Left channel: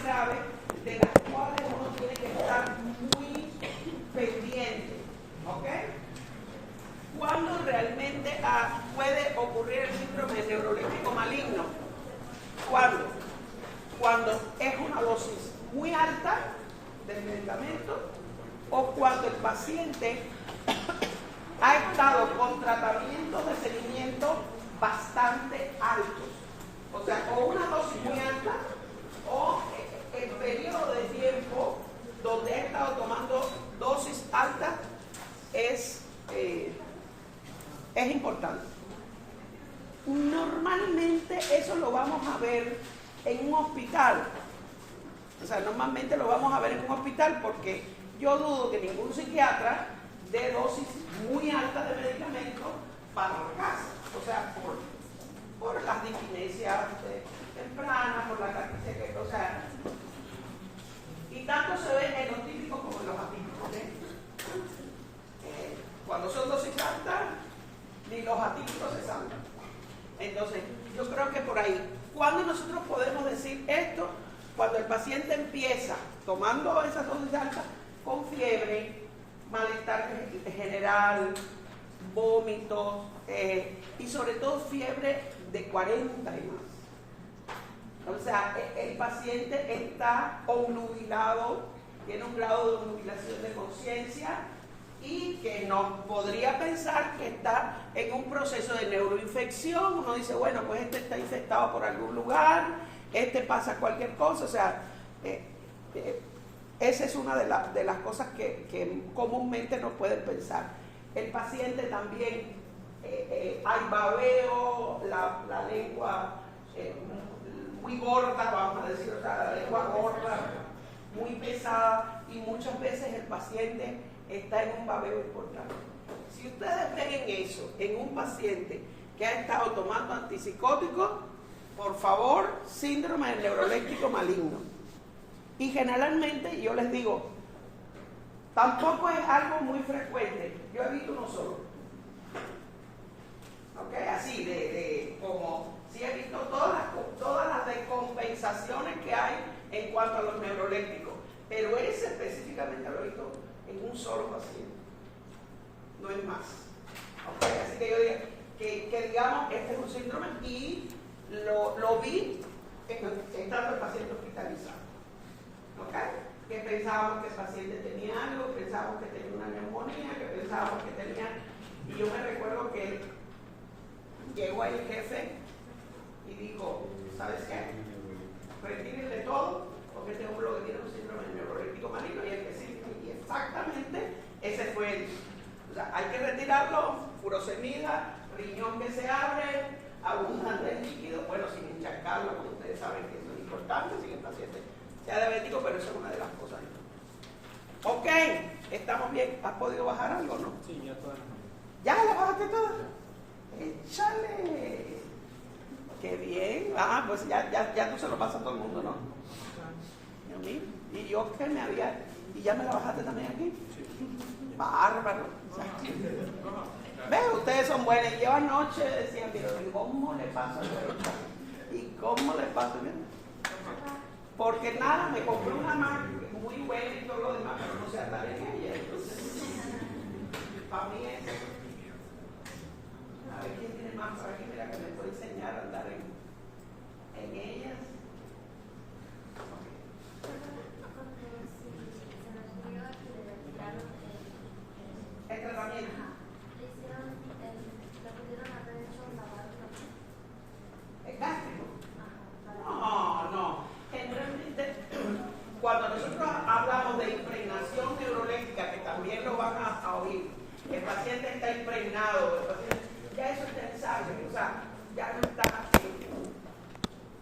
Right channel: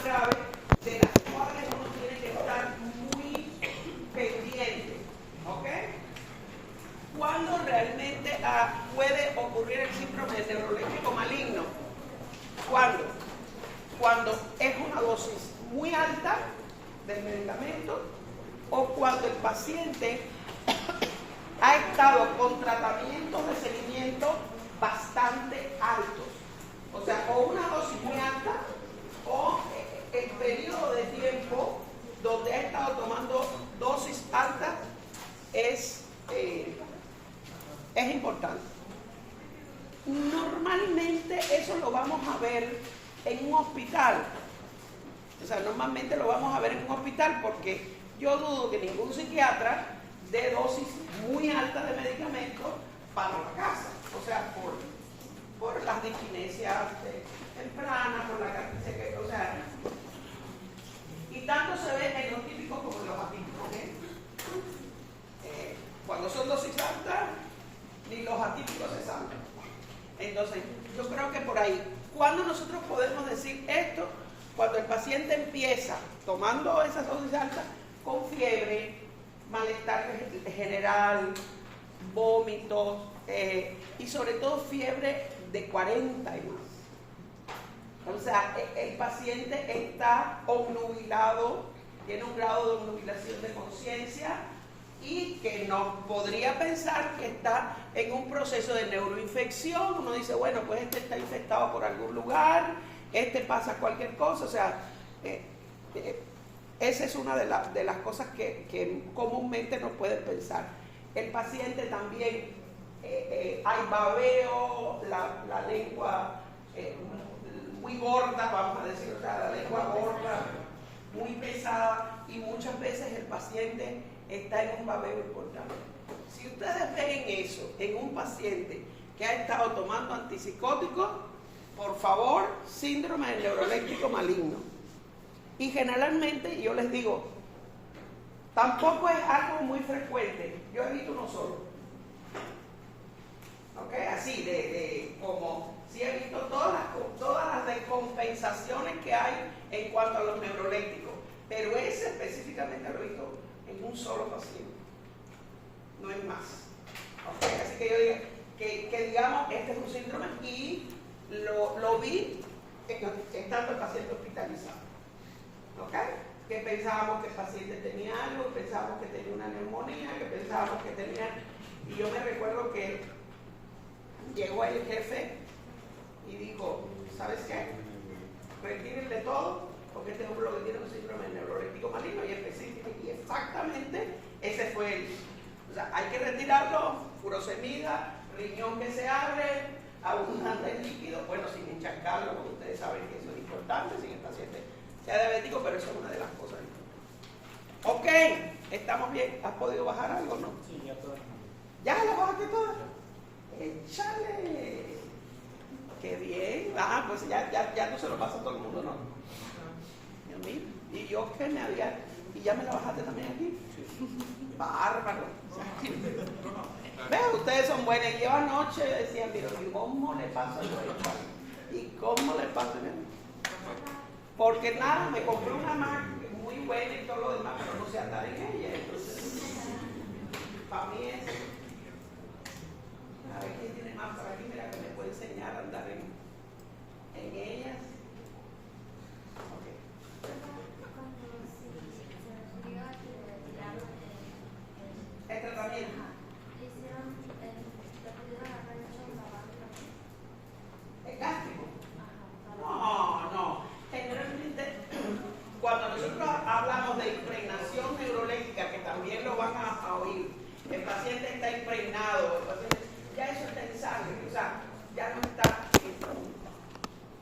más graves de las cuales uno tiene que estar muy pendiente. ¿Ok? ¿Cuándo realmente puede ocurrir el síndrome neuroléptico maligno? ¿Cuándo? Cuando es una dosis muy alta del medicamento o cuando el paciente ha estado con tratamientos de seguimiento bastante altos. O sea, o una dosis muy alta o el periodo de tiempo donde ha estado tomando dosis altas es importante. Normalmente eso lo vamos a ver en un hospital. O sea, normalmente lo vamos a ver en un hospital porque yo dudo que ningún psiquiatra dé dosis muy altas de medicamentos para la casa. O sea, por las disquinesias tempranas, por la carnicería que, o sea, y tanto se ve en los típicos como en los atípicos. Cuando son dosis altas, ni los atípicos se salvan. Entonces, yo creo que por ahí, ¿cuándo nosotros podemos decir esto? Cuando el paciente empieza tomando esas dosis altas con fiebre, malestar general, vómitos y sobre todo fiebre de 40 y más. O sea, el paciente está obnubilado, tiene un grado de obnubilación de conciencia y que no podría pensar que está en un proceso de neuroinfección. Uno dice, bueno, pues este está infectado por algún lugar, este pasa cualquier cosa. O sea, esa es una de las cosas que comúnmente no pueden pensar. El paciente también, hay babeo, la lengua muy gorda, vamos a decir, o sea, la lengua gorda, muy pesada, y muchas veces el paciente está en un babeo importante. Si ustedes ven eso en un paciente que ha estado tomando antipsicóticos, por favor, síndrome del neuroléptico maligno. Y generalmente, yo les digo, tampoco es algo muy frecuente. Yo he visto uno solo. ¿Ok? Así, como si he visto todas las descompensaciones que hay en cuanto a los neurolépticos. Pero ese específicamente lo he visto en un solo paciente. No hay más. ¿Ok? Así que yo digo que digamos, este es un síndrome y lo vi estando el paciente hospitalizado. ¿Ok? Que pensábamos que el paciente tenía algo, pensábamos que tenía una neumonía, que pensábamos que tenía... Y yo me recuerdo que llegó el jefe y dijo, ¿sabes qué? Retírenle todo, porque este hombre lo que tiene un síndrome neuroléptico maligno y exactamente ese fue el... O sea, hay que retirarlo, furosemida, riñón que se abre, abundante en líquido, bueno, sin encharcarlo, porque ustedes saben que eso es importante, sin el paciente sea diabético, pero eso es una de las cosas. Ok, estamos bien. ¿Has podido bajar algo, no? Sí, ya todo. ¿Ya la bajaste toda? ¡Échale! ¡Qué bien! Ah, pues ya tú se lo pasas a todo el mundo, ¿no? Y a mí, y yo que me había... ¿Y ya me la bajaste también aquí? Sí. Bárbaro. ¿Ves? Ustedes son buenos. Yo anoche decían, pero ¿cómo le pasa yo esto? ¿Y cómo le pasa? Porque nada, me compré una Mac muy buena y todo lo demás, pero no sé andar en ella. Entonces, para mí es... A ver quién tiene más por aquí, mira, que me puede enseñar a andar en ellas. El tratamiento. ¿El gástrico? No. Generalmente, cuando nosotros hablamos de impregnación neuroléctrica, que también lo van a oír, el paciente está impregnado, el paciente, ya eso está en sangre, o sea, ya no está.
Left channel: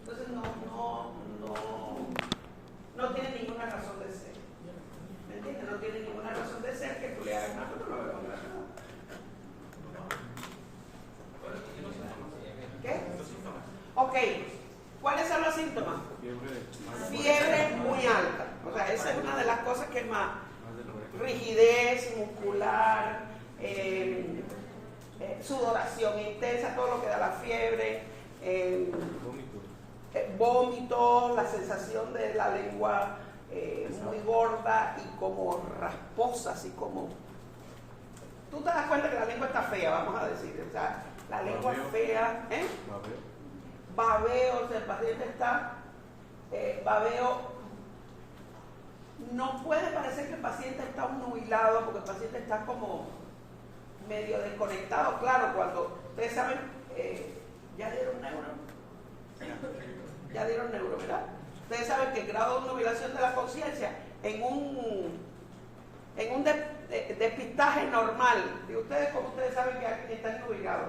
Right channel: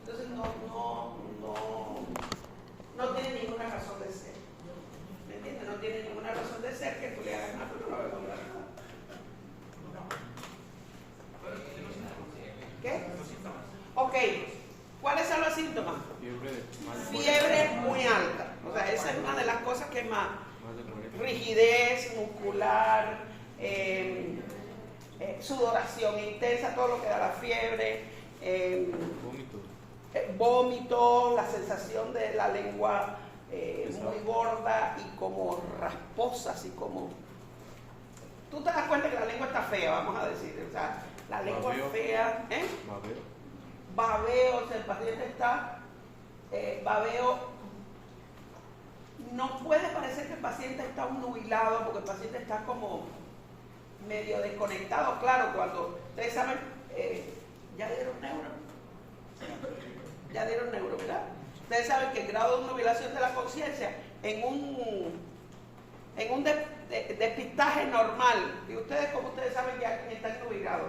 Entonces no tiene ninguna razón de ser. ¿Me entiendes? No tiene ninguna razón de ser que tú le hagas nada, no lo vas a comprar nada. ¿Qué? Ok. ¿Cuáles son los síntomas? Fiebre muy alta. O sea, esa es una de las cosas que más. Rigidez muscular, sudoración intensa, todo lo que da la fiebre, vómitos, la sensación de la lengua muy gorda y como rasposa, así como... Tú te das cuenta que la lengua está fea, vamos a decir, o sea, la lengua fea, babeo, o sea, el paciente está, babeo, no puede parecer que el paciente está obnubilado porque el paciente está como medio desconectado, claro, cuando ustedes saben, ya dieron neuro, ¿verdad? Ustedes saben que el grado de obnubilación de la conciencia en un despistaje normal, y ustedes, como ustedes saben que alguien está obnubilado.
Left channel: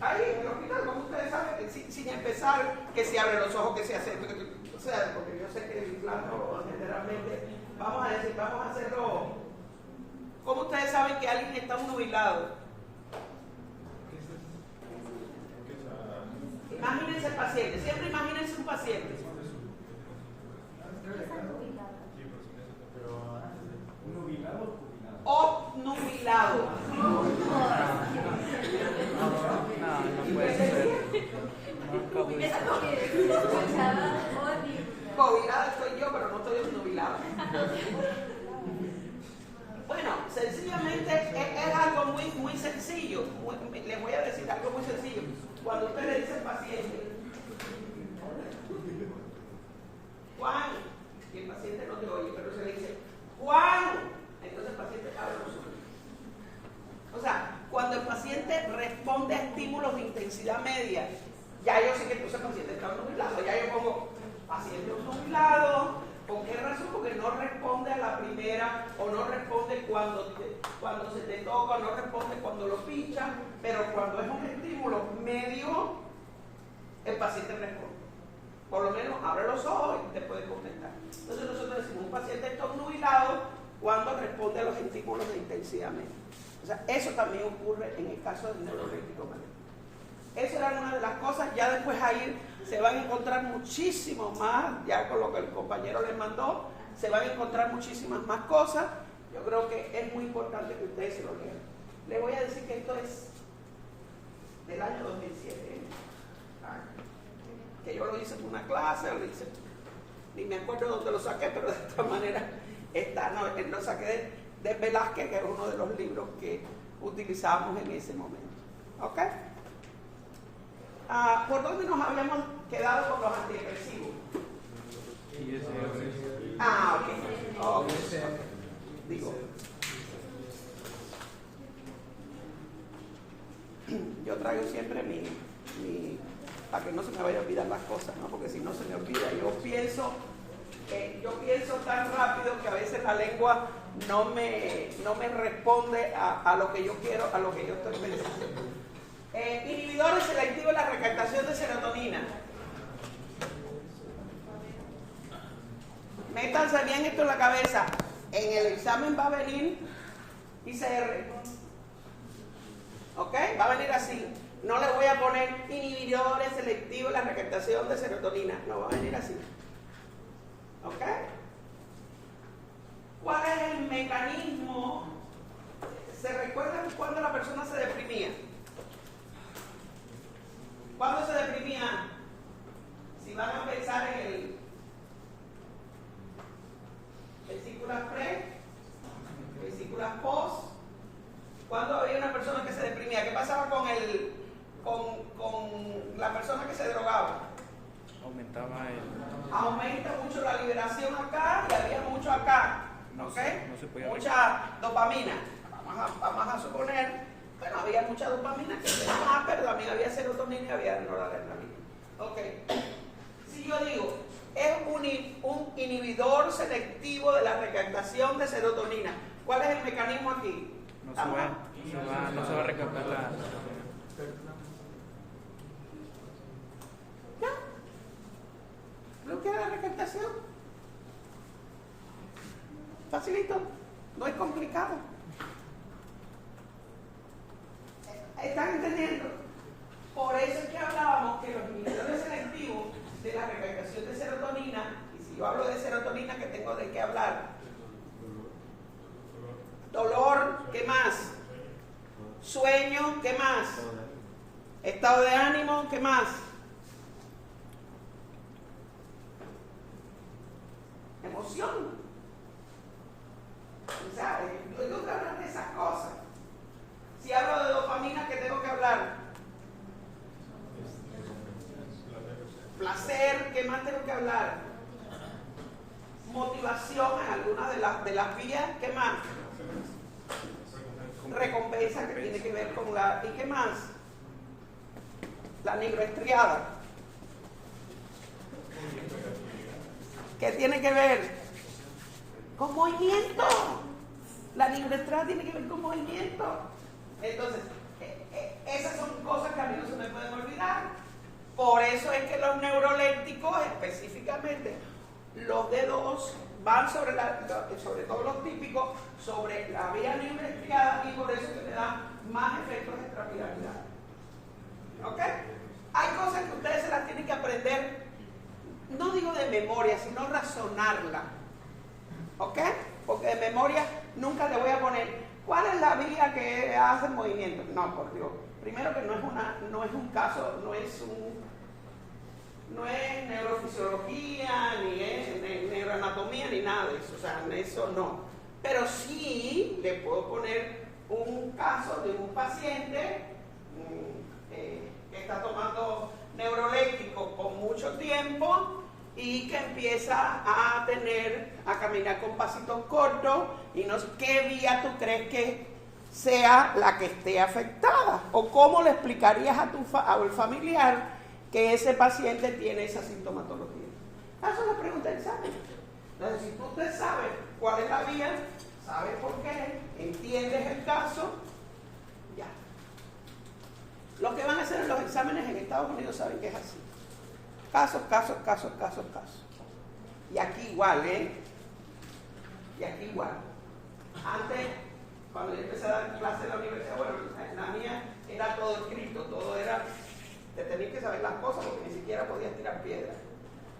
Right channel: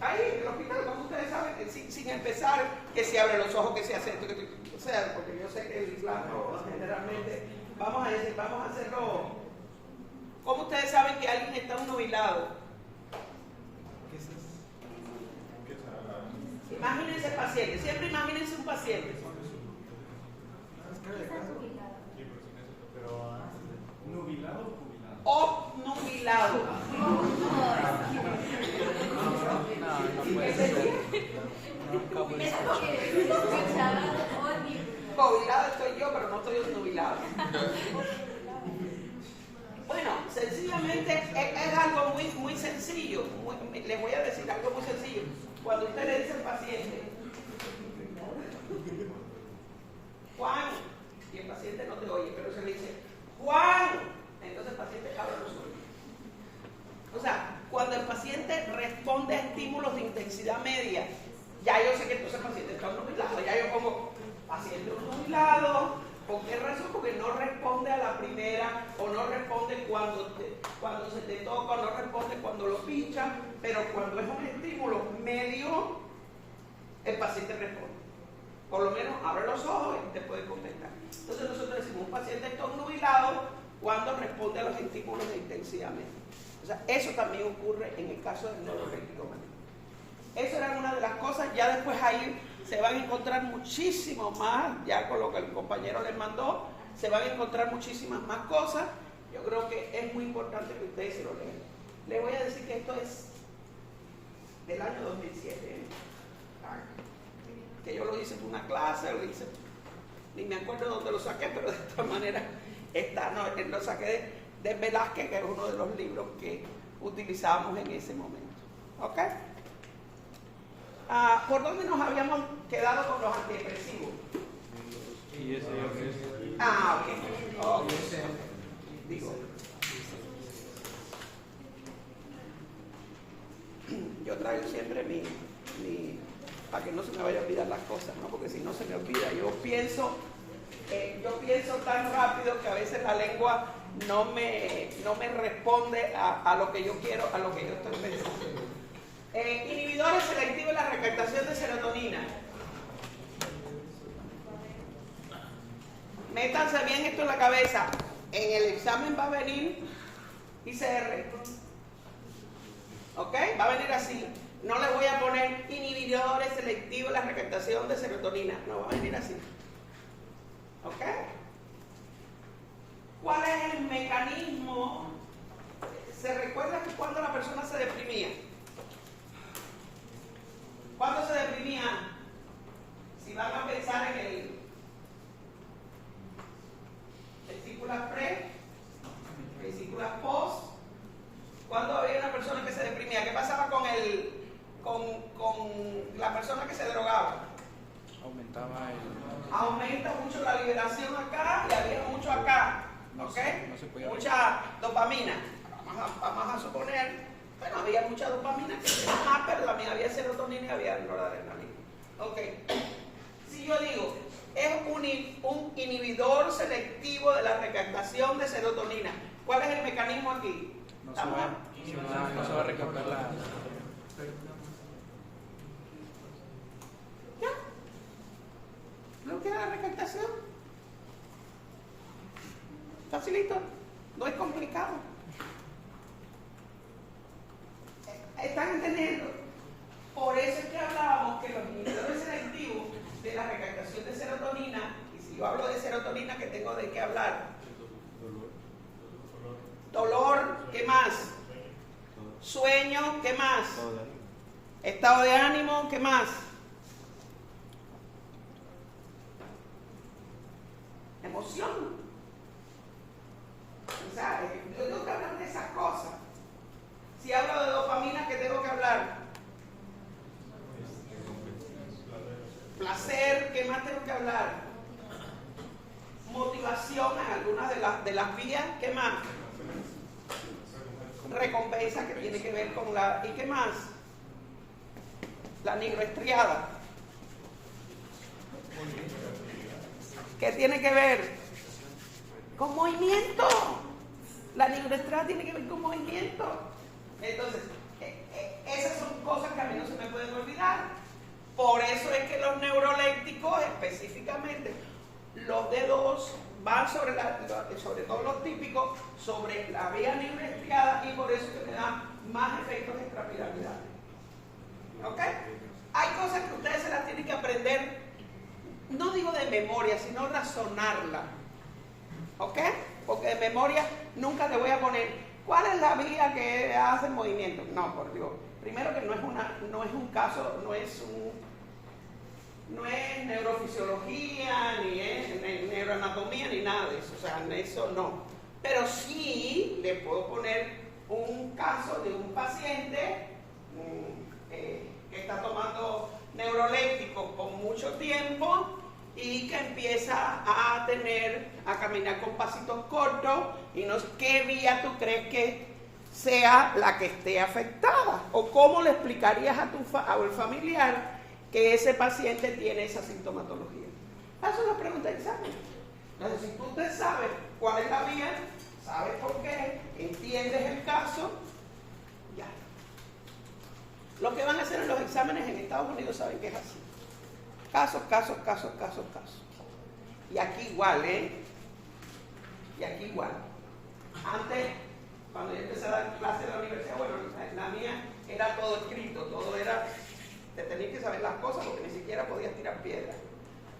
Ahí en el hospital, como ustedes saben, sin empezar, que se abren los ojos, que se hace, o sea, porque yo sé que el plano generalmente, vamos a hacerlo. ¿Cómo ustedes saben que alguien está obnubilado? Imagínense el paciente, siempre imagínense un paciente. ¿Nubilado o jubilado? Obnubilado. Jubilado estoy yo, pero no estoy obnubilado. Bueno, sencillamente es algo muy sencillo. Les voy a decir algo muy sencillo. Cuando usted le dice al paciente, Juan, y el paciente no te oye, pero se le dice, Juan, entonces el paciente abre los ojos. O sea, cuando el paciente responde a estímulos de intensidad media, ya yo sé que entonces el paciente está obnubilado, ya yo pongo paciente obnubilado. ¿Por qué razón? Porque no responde a la primera, o no responde cuando se te toca, o no responde cuando lo pinchan, pero cuando es un estímulo medio, el paciente responde. Por lo menos abre los ojos y te puede contestar. Entonces nosotros decimos, un paciente está obnubilado cuando responde a los estímulos de intensidad media. O sea, eso también ocurre en el caso del neuroléptico maníaco. Eso era una de las cosas. Ya después ahí se van a encontrar muchísimo más, ya con lo que el compañero les mandó, se van a encontrar muchísimas más cosas. Yo creo que es muy importante que ustedes se lo lean. Les voy a decir que esto es del año 2007, que yo lo hice en una clase, lo hice, ni me acuerdo dónde lo saqué, pero de esta manera está, no, lo saqué de Velázquez, que es uno de los libros que utilizábamos en ese momento. ¿Ok? ¿Por dónde nos habíamos quedado con los antidepresivos? Ok. Digo, yo traigo siempre para que no se me vaya a olvidar las cosas, ¿no? Porque si no se me olvida, yo pienso tan rápido que a veces la lengua no me responde a lo que yo quiero, a lo que yo estoy pensando. Inhibidores selectivos de la recaptación de serotonina. Métanse bien esto en la cabeza. En el examen va a venir ICR. ¿Ok? Va a venir así. No le voy a poner inhibidores selectivos de la recaptación de serotonina. No, va a venir así. ¿Ok? ¿Cuál es el mecanismo? ¿Se recuerda que cuando la persona se deprimía? ¿Cuándo se deprimía? Si van a pensar en el vesículas pre, vesículas post, ¿cuándo había una persona que se deprimía? ¿Qué pasaba con la persona que se drogaba? Aumenta mucho la liberación acá y había mucho acá, ¿ok? Mucha dopamina. Vamos a suponer. Bueno, había mucha dopamina, pero también había serotonina y había noradrenalina. Ok. Si yo digo, es un inhibidor selectivo de la recaptación de serotonina, ¿cuál es el mecanismo aquí? No se va a recaptar la... ¿Ya? ¿Bloquea la recaptación? Facilito, no es complicado. ¿Están entendiendo? Por eso es que hablábamos que los inhibidores selectivos de la recaptación de serotonina, y si yo hablo de serotonina, ¿qué tengo de qué hablar? Dolor, ¿qué más? Sueño, ¿qué más? Estado de ánimo, ¿qué más? Emoción. ¿Sabes? Yo tengo que hablar de esas cosas. Si hablo de dopamina, ¿qué tengo que hablar? Placer, ¿qué más tengo que hablar? Motivación en algunas de las vías, ¿qué más? Recompensa, que tiene que ver con la... ¿Y qué más? La nigroestriada. ¿Qué tiene que ver? Con movimiento. La nigroestriada tiene que ver con movimiento. Entonces, esas son cosas que a mí no se me pueden olvidar. Por eso es que los neurolépticos, específicamente los D2, van sobre todo los típicos, sobre la vía nigroestriada, y por eso que me dan más efectos extrapiramidales. ¿Ok? Hay cosas que ustedes se las tienen que aprender, no digo de memoria, sino razonarla. ¿Ok? Porque de memoria nunca te voy a poner ¿cuál es la vía que hace el movimiento? No, por Dios. Primero que no es un caso, no es neurofisiología, ni es neuroanatomía, ni nada de eso. O sea, eso no. Pero sí le puedo poner un caso de un paciente que está tomando neurolépticos con mucho tiempo y que empieza a caminar con pasitos cortos, y no sé qué vía tú crees que sea la que esté afectada, o cómo le explicarías al familiar que ese paciente tiene esa sintomatología. Esa es la pregunta de examen. Entonces, si tú te sabes cuál es la vía, sabes por qué, entiendes el caso, ya. Lo que van a hacer en los exámenes en Estados Unidos saben que es así. Casos. Y aquí igual, Y aquí igual. Antes, cuando yo empecé a dar clases en la universidad, bueno, la mía era todo escrito, todo era, te tenías que saber las cosas porque ni siquiera podías tirar piedra.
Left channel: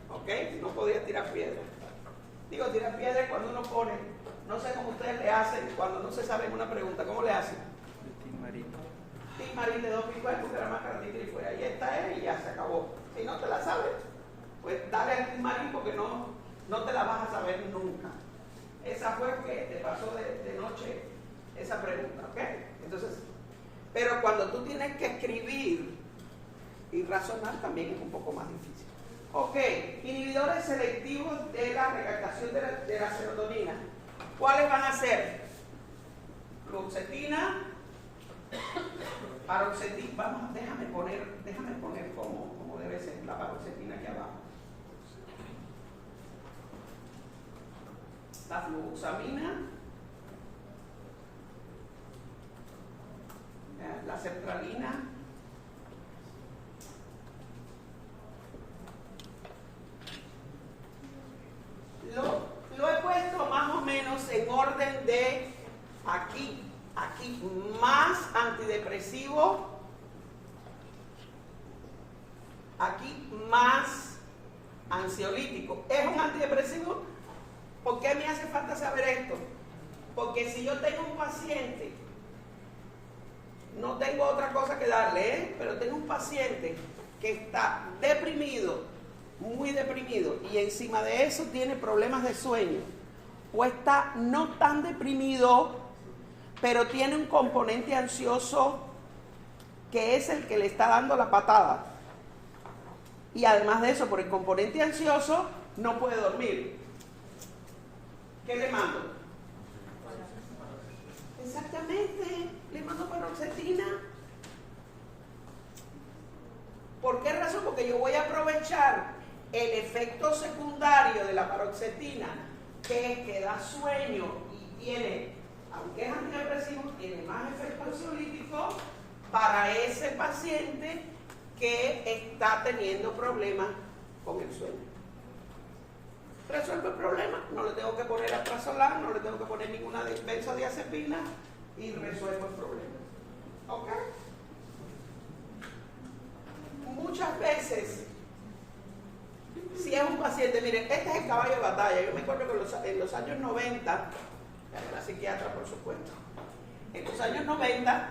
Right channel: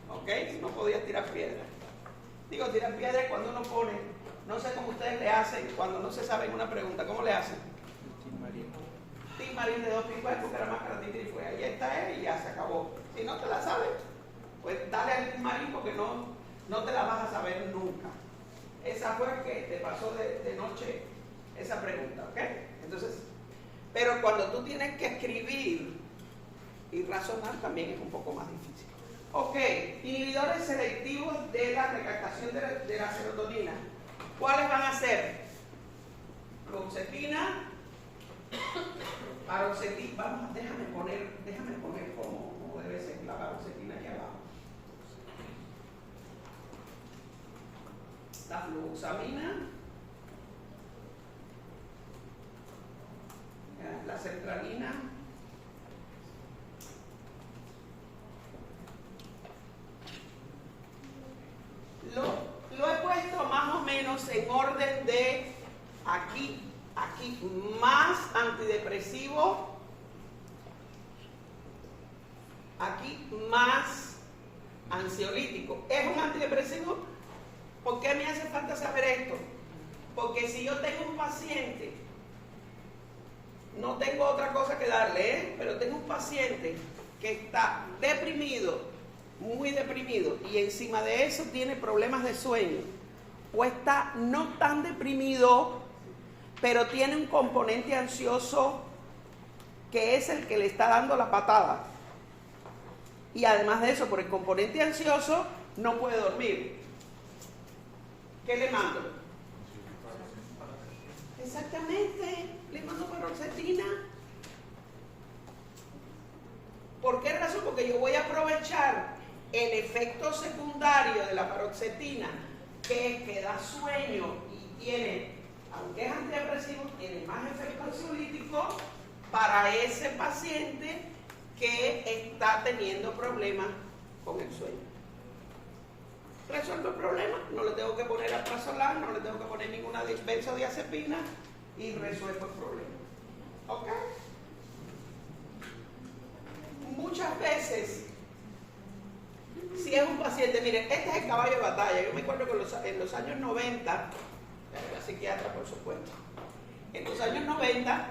¿Ok? No podías tirar piedra. Digo, tirar piedra es cuando uno pone, no sé cómo ustedes le hacen cuando no se sabe una pregunta, ¿cómo le hacen? Tim Marín de 2 picos de Bucaramanga, y fue, ahí está y ya se acabó. Si no te la sabes, pues dale al Tim Marín porque no te la vas a saber nunca. Esa fue que te pasó de noche esa pregunta, ¿ok? Entonces, pero cuando tú tienes que escribir y razonar también es un poco más difícil. Ok, inhibidores selectivos de la recaptación de la serotonina. ¿Cuáles van a ser? Fluoxetina, paroxetina. Vamos, déjame poner como debe ser la paroxetina aquí abajo. La fluoxamina, la sertralina, lo he puesto más o menos en orden de aquí más antidepresivo, aquí más ansiolítico. ¿Es un antidepresivo? ¿Por qué me hace falta saber esto? Porque si yo tengo un paciente, no tengo otra cosa que darle, pero tengo un paciente que está deprimido, muy deprimido, y encima de eso tiene problemas de sueño, o está no tan deprimido, pero tiene un componente ansioso que es el que le está dando la patada. Y además de eso, por el componente ansioso, no puede dormir. ¿Qué le mando? Exactamente, le mando paroxetina. ¿Por qué razón? Porque yo voy a aprovechar el efecto secundario de la paroxetina, que es que da sueño y tiene, aunque es antidepresivo, tiene más efecto ansiolítico para ese paciente que está teniendo problemas con el sueño. Resuelve el problema, no le tengo que poner alprazolam, no le tengo que poner ninguna benzodiazepina y resuelvo el problema. ¿Ok? Muchas veces, si es un paciente, miren, este es el caballo de batalla. Yo me acuerdo que en los años 90, ya era psiquiatra por supuesto, en los años 90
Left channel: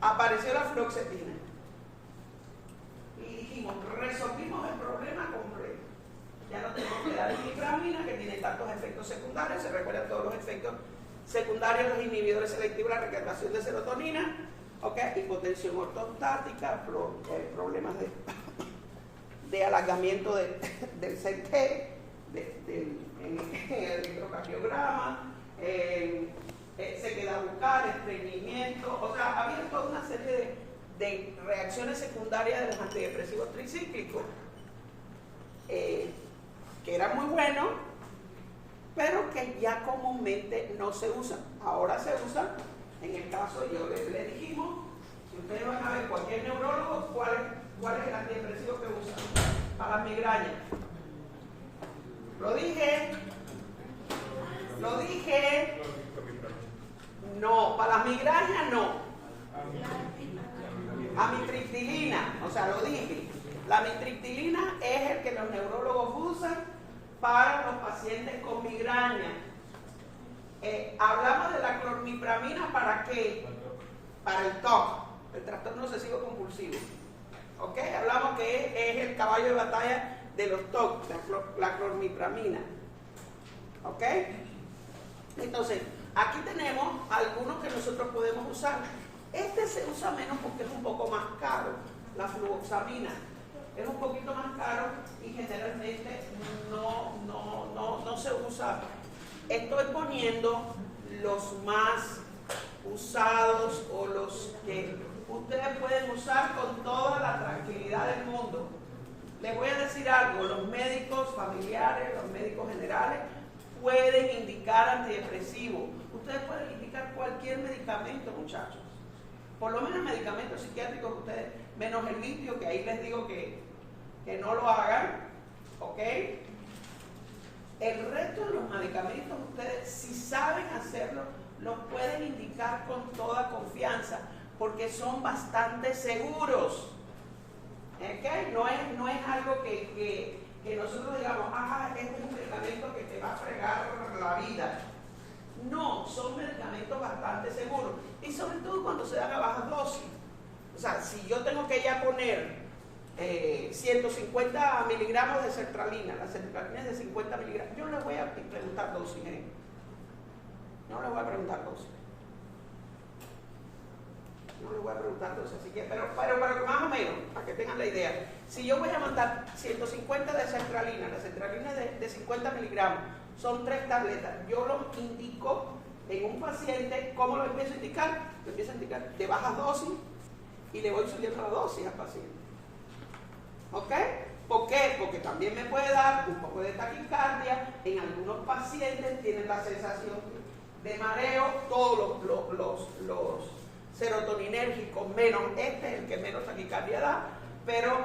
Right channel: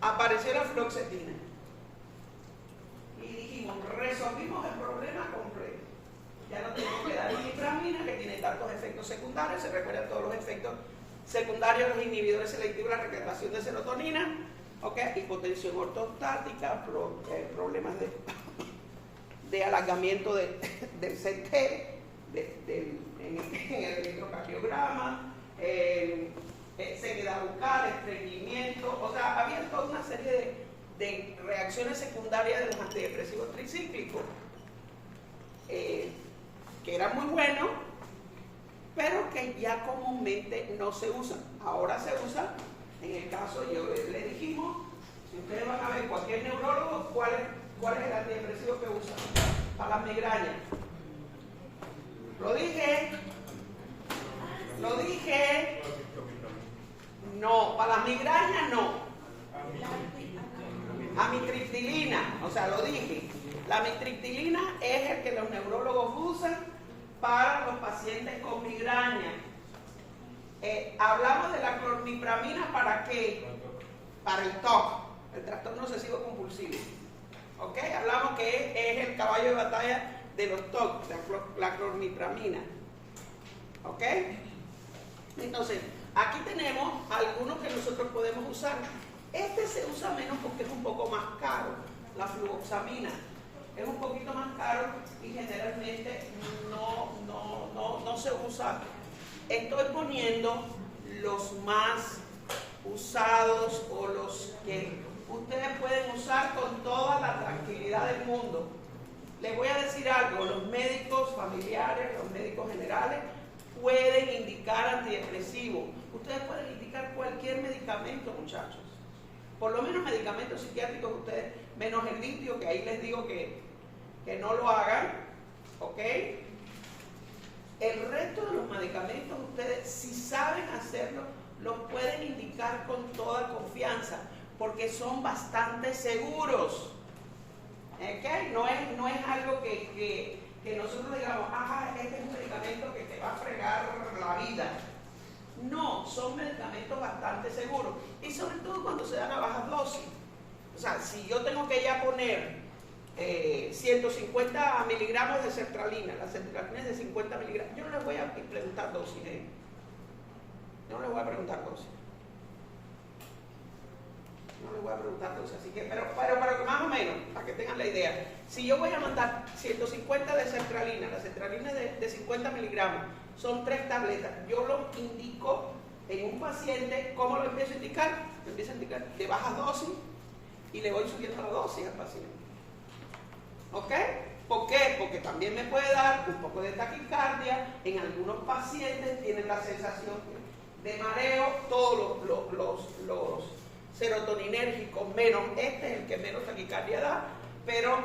apareció la fluoxetina. y dijimos, resolvimos el problema completo. Ya no tenemos que dar imipramina, que tiene tantos efectos secundarios, se recuerdan todos los efectos secundarios, los inhibidores selectivos, la recaptación de serotonina, ¿okay? Hipotensión ortostática, problemas de alargamiento del CT, en el electrocardiograma, sequedad bucal, estreñimiento, o sea, había toda una serie de reacciones secundarias de los antidepresivos tricíclicos, que eran muy buenos, pero que ya comúnmente no se usan. Ahora se usan, en el caso, yo le dijimos, si ustedes van a ver cualquier neurólogo, ¿cuál es el antidepresivo que usan? Para las migrañas. Lo dije. No, para las migrañas no. Amitriptilina, o sea, lo dije. La amitriptilina es el que los neurólogos usan para los pacientes con migraña. Hablamos de la clormipramina, ¿para qué? Para el TOC, el trastorno obsesivo compulsivo. ¿Ok? Hablamos que es el caballo de batalla de los TOC, la clormipramina. ¿Ok? Entonces, aquí tenemos algunos que nosotros podemos usar. Este se usa menos porque es un poco más caro, la fluoxamina. Es un poquito más caro y generalmente no se usa. Estoy poniendo los más usados o los que ustedes pueden usar con toda la tranquilidad del mundo. Les voy a decir algo, los médicos familiares, los médicos generales pueden indicar antidepresivos. Ustedes pueden indicar cualquier medicamento, muchachos. Por lo menos medicamentos psiquiátricos ustedes, menos el litio, que ahí les digo que no lo hagan, ¿ok? El resto de los medicamentos ustedes, si saben hacerlo, los pueden indicar con toda confianza, porque son bastante seguros. ¿Okay? No es algo que nosotros digamos, ajá, este es un medicamento que te va a fregar la vida. No, son medicamentos bastante seguros. Y sobre todo cuando se dan a bajas dosis. O sea, si yo tengo que ya poner 150 miligramos de sertralina, la sertralina es de 50 miligramos, yo no les voy a preguntar dosis, No les voy a preguntar dosis. No les voy a preguntar dosis, así que, pero más o menos, para que tengan la idea. Si yo voy a mandar 150 de sertralina, la sertralina es de 50 miligramos, son 3 tabletas, yo lo indico en un paciente. ¿Cómo lo empiezo a indicar? Lo empiezo a indicar de bajas dosis y le voy subiendo la dosis al paciente. ¿Ok? ¿Por qué? Porque también me puede dar un poco de taquicardia. En algunos pacientes tienen la sensación de mareo, todos los serotoninérgicos, menos este es el que menos taquicardia da, pero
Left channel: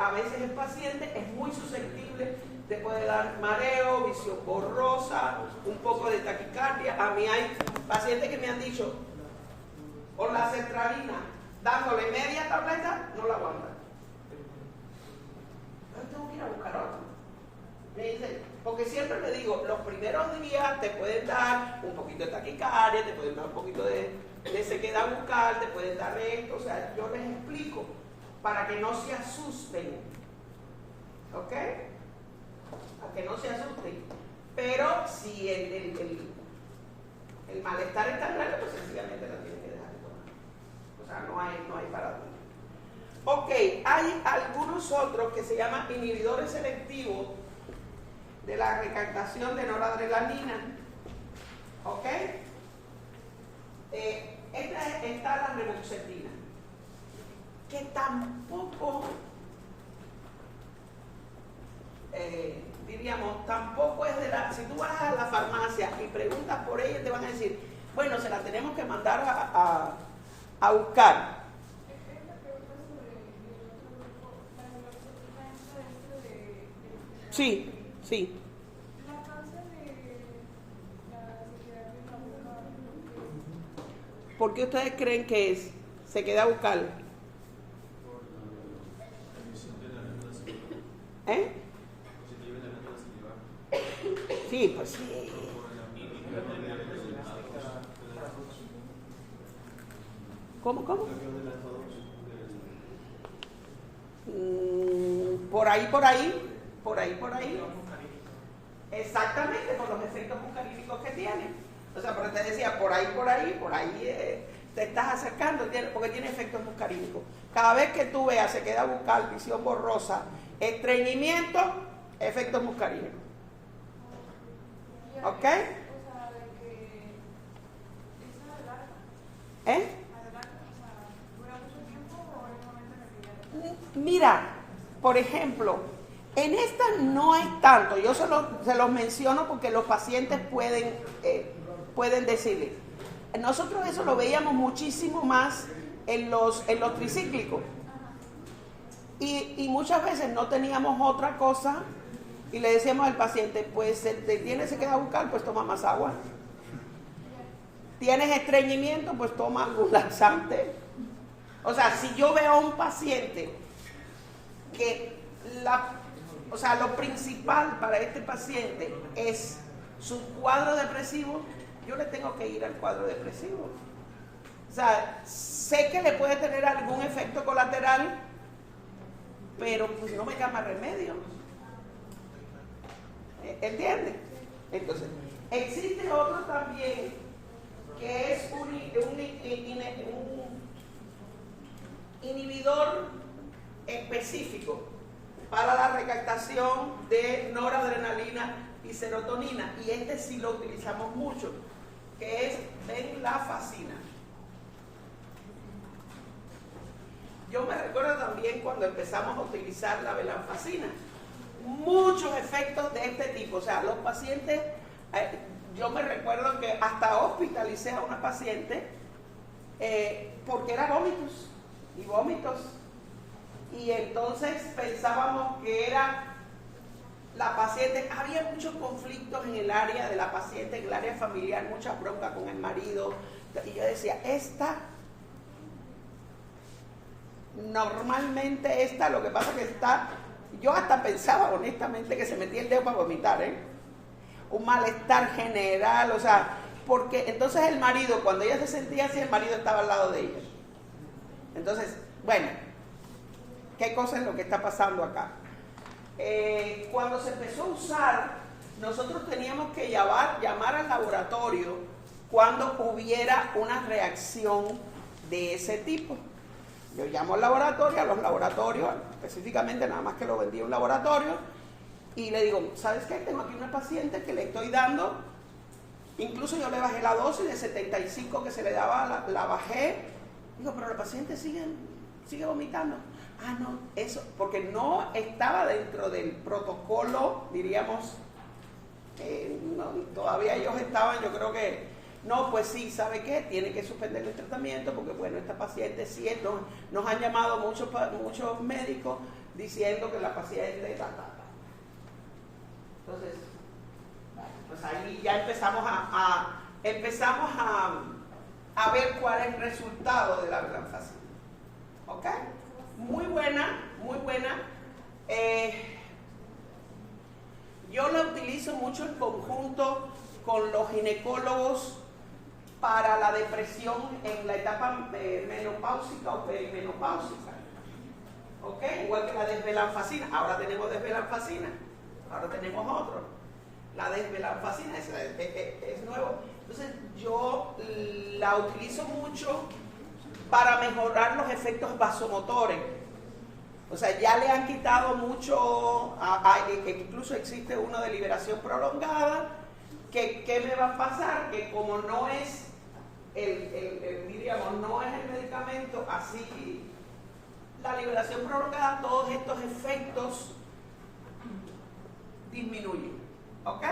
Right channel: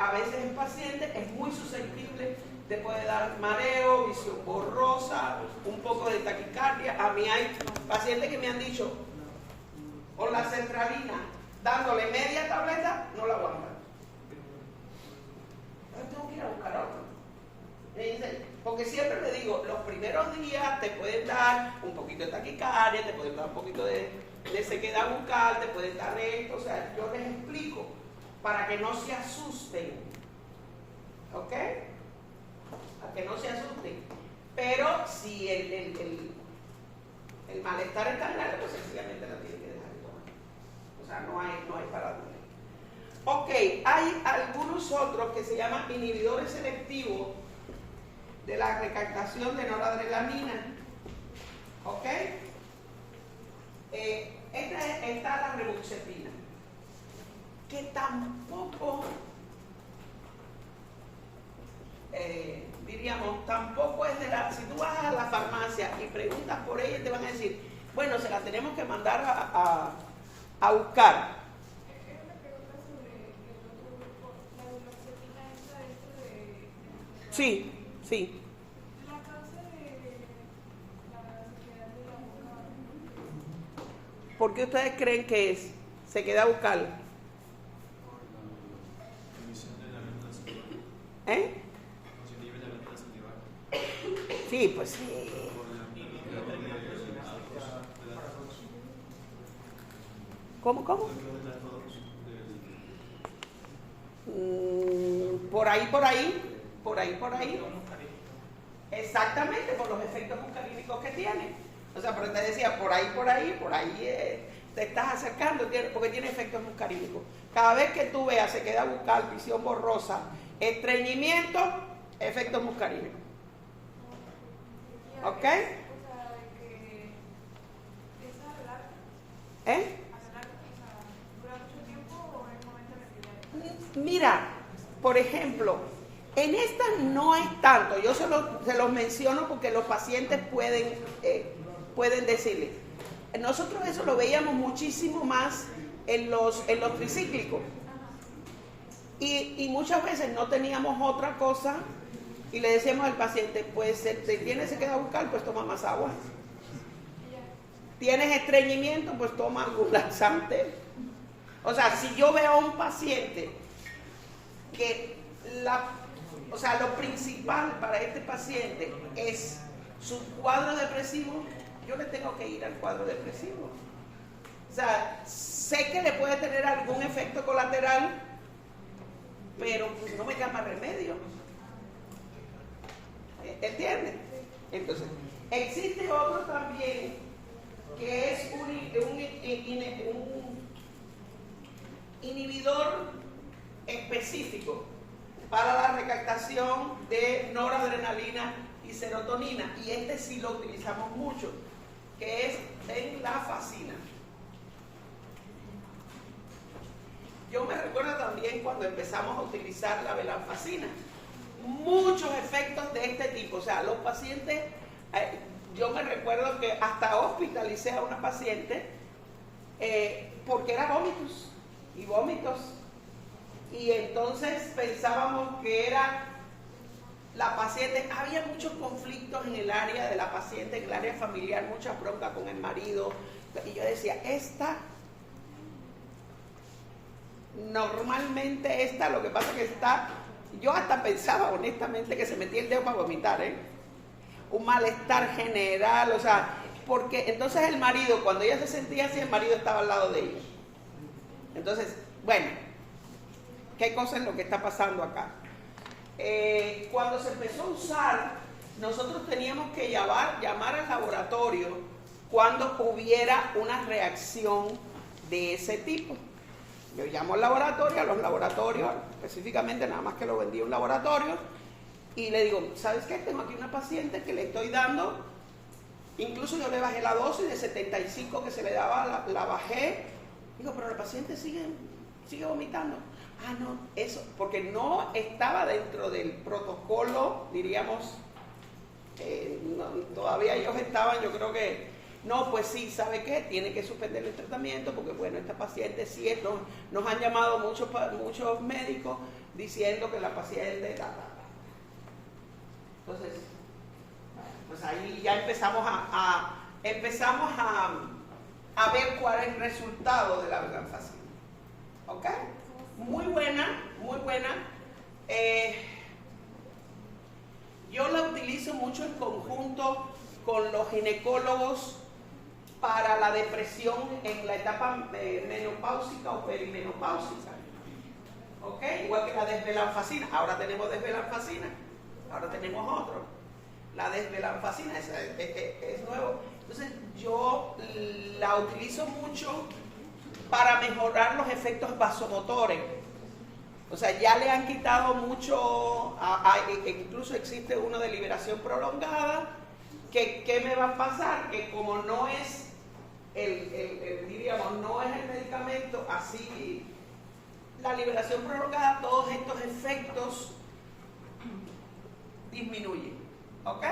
a veces el paciente es muy susceptible, te puede dar mareo, visión borrosa, un poco de taquicardia. A mí hay pacientes que me han dicho, con la sertralina, dándole media tableta, no la aguantan. Entonces tengo que ir a buscar otro. Me dicen, porque siempre le digo, los primeros días te pueden dar un poquito de taquicardia, te pueden dar un poquito de sequedad bucal, te pueden dar esto, o sea, yo les explico para que no se asusten, ¿ok? Para que no se asusten. Pero si el malestar es tan grande, pues sencillamente lo tienen que dejar de tomar. O sea, no hay para dónde. Ok, hay algunos otros que se llaman inhibidores selectivos de la recaptación de noradrenalina. ¿Ok? Está la reboxetina, que tampoco, tampoco es de la... Si tú vas a la farmacia y preguntas por ella, te van a decir, bueno, se la tenemos que mandar a buscar. Sí. La causa de la sequedad de la boca, ¿por qué ustedes creen que es sequedad bucal? Sí, pues sí. ¿Cómo? Por ahí. Exactamente, por los efectos muscarínicos que tiene. O sea, pero te decía, por ahí, te estás acercando, porque tiene efectos muscarínicos. Cada vez que tú veas, se queda bucal, visión borrosa, estreñimiento, efectos muscarínicos. ¿Ok? O sea, de que es adelarga. Adelarga, o sea, dura mucho tiempo o en el momento en el que ya le... Mira, por ejemplo, en esta no es tanto, yo se los menciono porque los pacientes pueden decirle. Nosotros eso lo veíamos muchísimo más en los tricíclicos. Y muchas veces no teníamos otra cosa y le decíamos al paciente, pues te tienes que quedar bucal, pues toma más agua. Tienes estreñimiento, pues toma algún laxante. O sea, si yo veo a un paciente que lo principal para este paciente es su cuadro depresivo, yo le tengo que ir al cuadro depresivo. O sea, sé que le puede tener algún efecto colateral, pero pues no me llama remedio. ¿Entiendes? Entonces, existe otro también que es un inhibidor específico para la recaptación de noradrenalina y serotonina, y este sí lo utilizamos mucho, que es venlafaxina. Yo me recuerdo también cuando empezamos a utilizar la venlafaxina, muchos efectos de este tipo. O sea, los pacientes, yo me recuerdo que hasta hospitalicé a una paciente porque era vómitos, y entonces pensábamos que era la paciente. Había muchos conflictos en el área de la paciente, en el área familiar, mucha bronca con el marido, y yo decía, normalmente lo que pasa es que yo hasta pensaba honestamente que se metía el dedo para vomitar, un malestar general, o sea, porque entonces el marido, cuando ella se sentía así, el marido estaba al lado de ella. Entonces, bueno, ¿qué cosa es lo que está pasando acá? Cuando se empezó a usar, nosotros teníamos que llamar al laboratorio cuando hubiera una reacción de ese tipo. Yo llamo al laboratorio, a los laboratorios, específicamente nada más que lo vendía un laboratorio, y le digo, ¿sabes qué? Tengo aquí una paciente que le estoy dando, incluso yo le bajé la dosis de 75 que se le daba, la bajé. Digo, pero la paciente sigue vomitando. Ah, no, eso, porque no estaba dentro del protocolo, diríamos, todavía ellos estaban, yo creo que, no, pues sí, ¿sabe qué? Tiene que suspender el tratamiento porque, bueno, esta paciente sí, nos han llamado muchos médicos diciendo que la paciente, Entonces, bueno, pues ahí ya empezamos a ver cuál es el resultado de la venlafaxina. ¿Ok? Muy buena. Yo la utilizo mucho en conjunto con los ginecólogos para la depresión en la etapa menopáusica o perimenopáusica. ¿Ok? Igual que la desvenlafaxina. Ahora tenemos desvenlafaxina. Ahora tenemos otro. La desvenlafaxina es nuevo. Entonces yo la utilizo mucho para mejorar los efectos vasomotores. O sea, ya le han quitado mucho, incluso existe uno de liberación prolongada, ¿qué me va a pasar? Que como no es no es el medicamento, así la liberación prolongada, todos estos efectos disminuyen, ¿ok?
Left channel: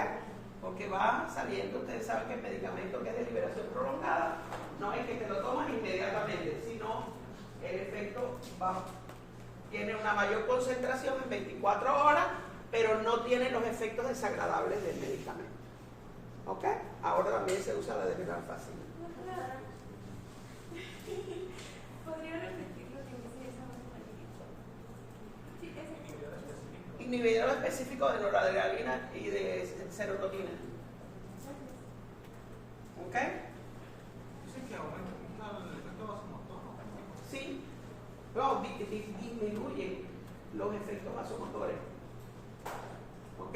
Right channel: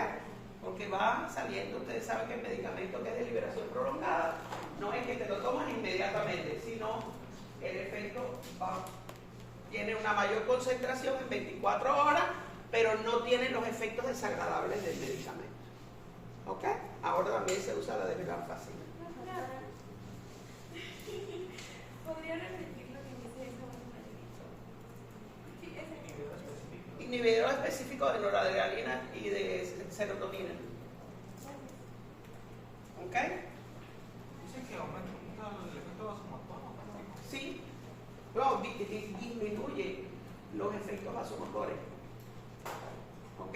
Porque va saliendo, ustedes saben que el medicamento que es de liberación prolongada no es que te lo tomas inmediatamente, sino el efecto tiene una mayor concentración en 24 horas, pero no tiene los efectos desagradables del medicamento. ¿Ok? Ahora también se usa la desvenlafaxina. ¿Podría repetir lo que dice esa sí, ese. Inhibidor específico de noradrenalina y de serotonina. ¿Ok? Dice que aumenta el efecto vasomotor. Sí. No, disminuye. los efectos vasomotores. ¿Ok?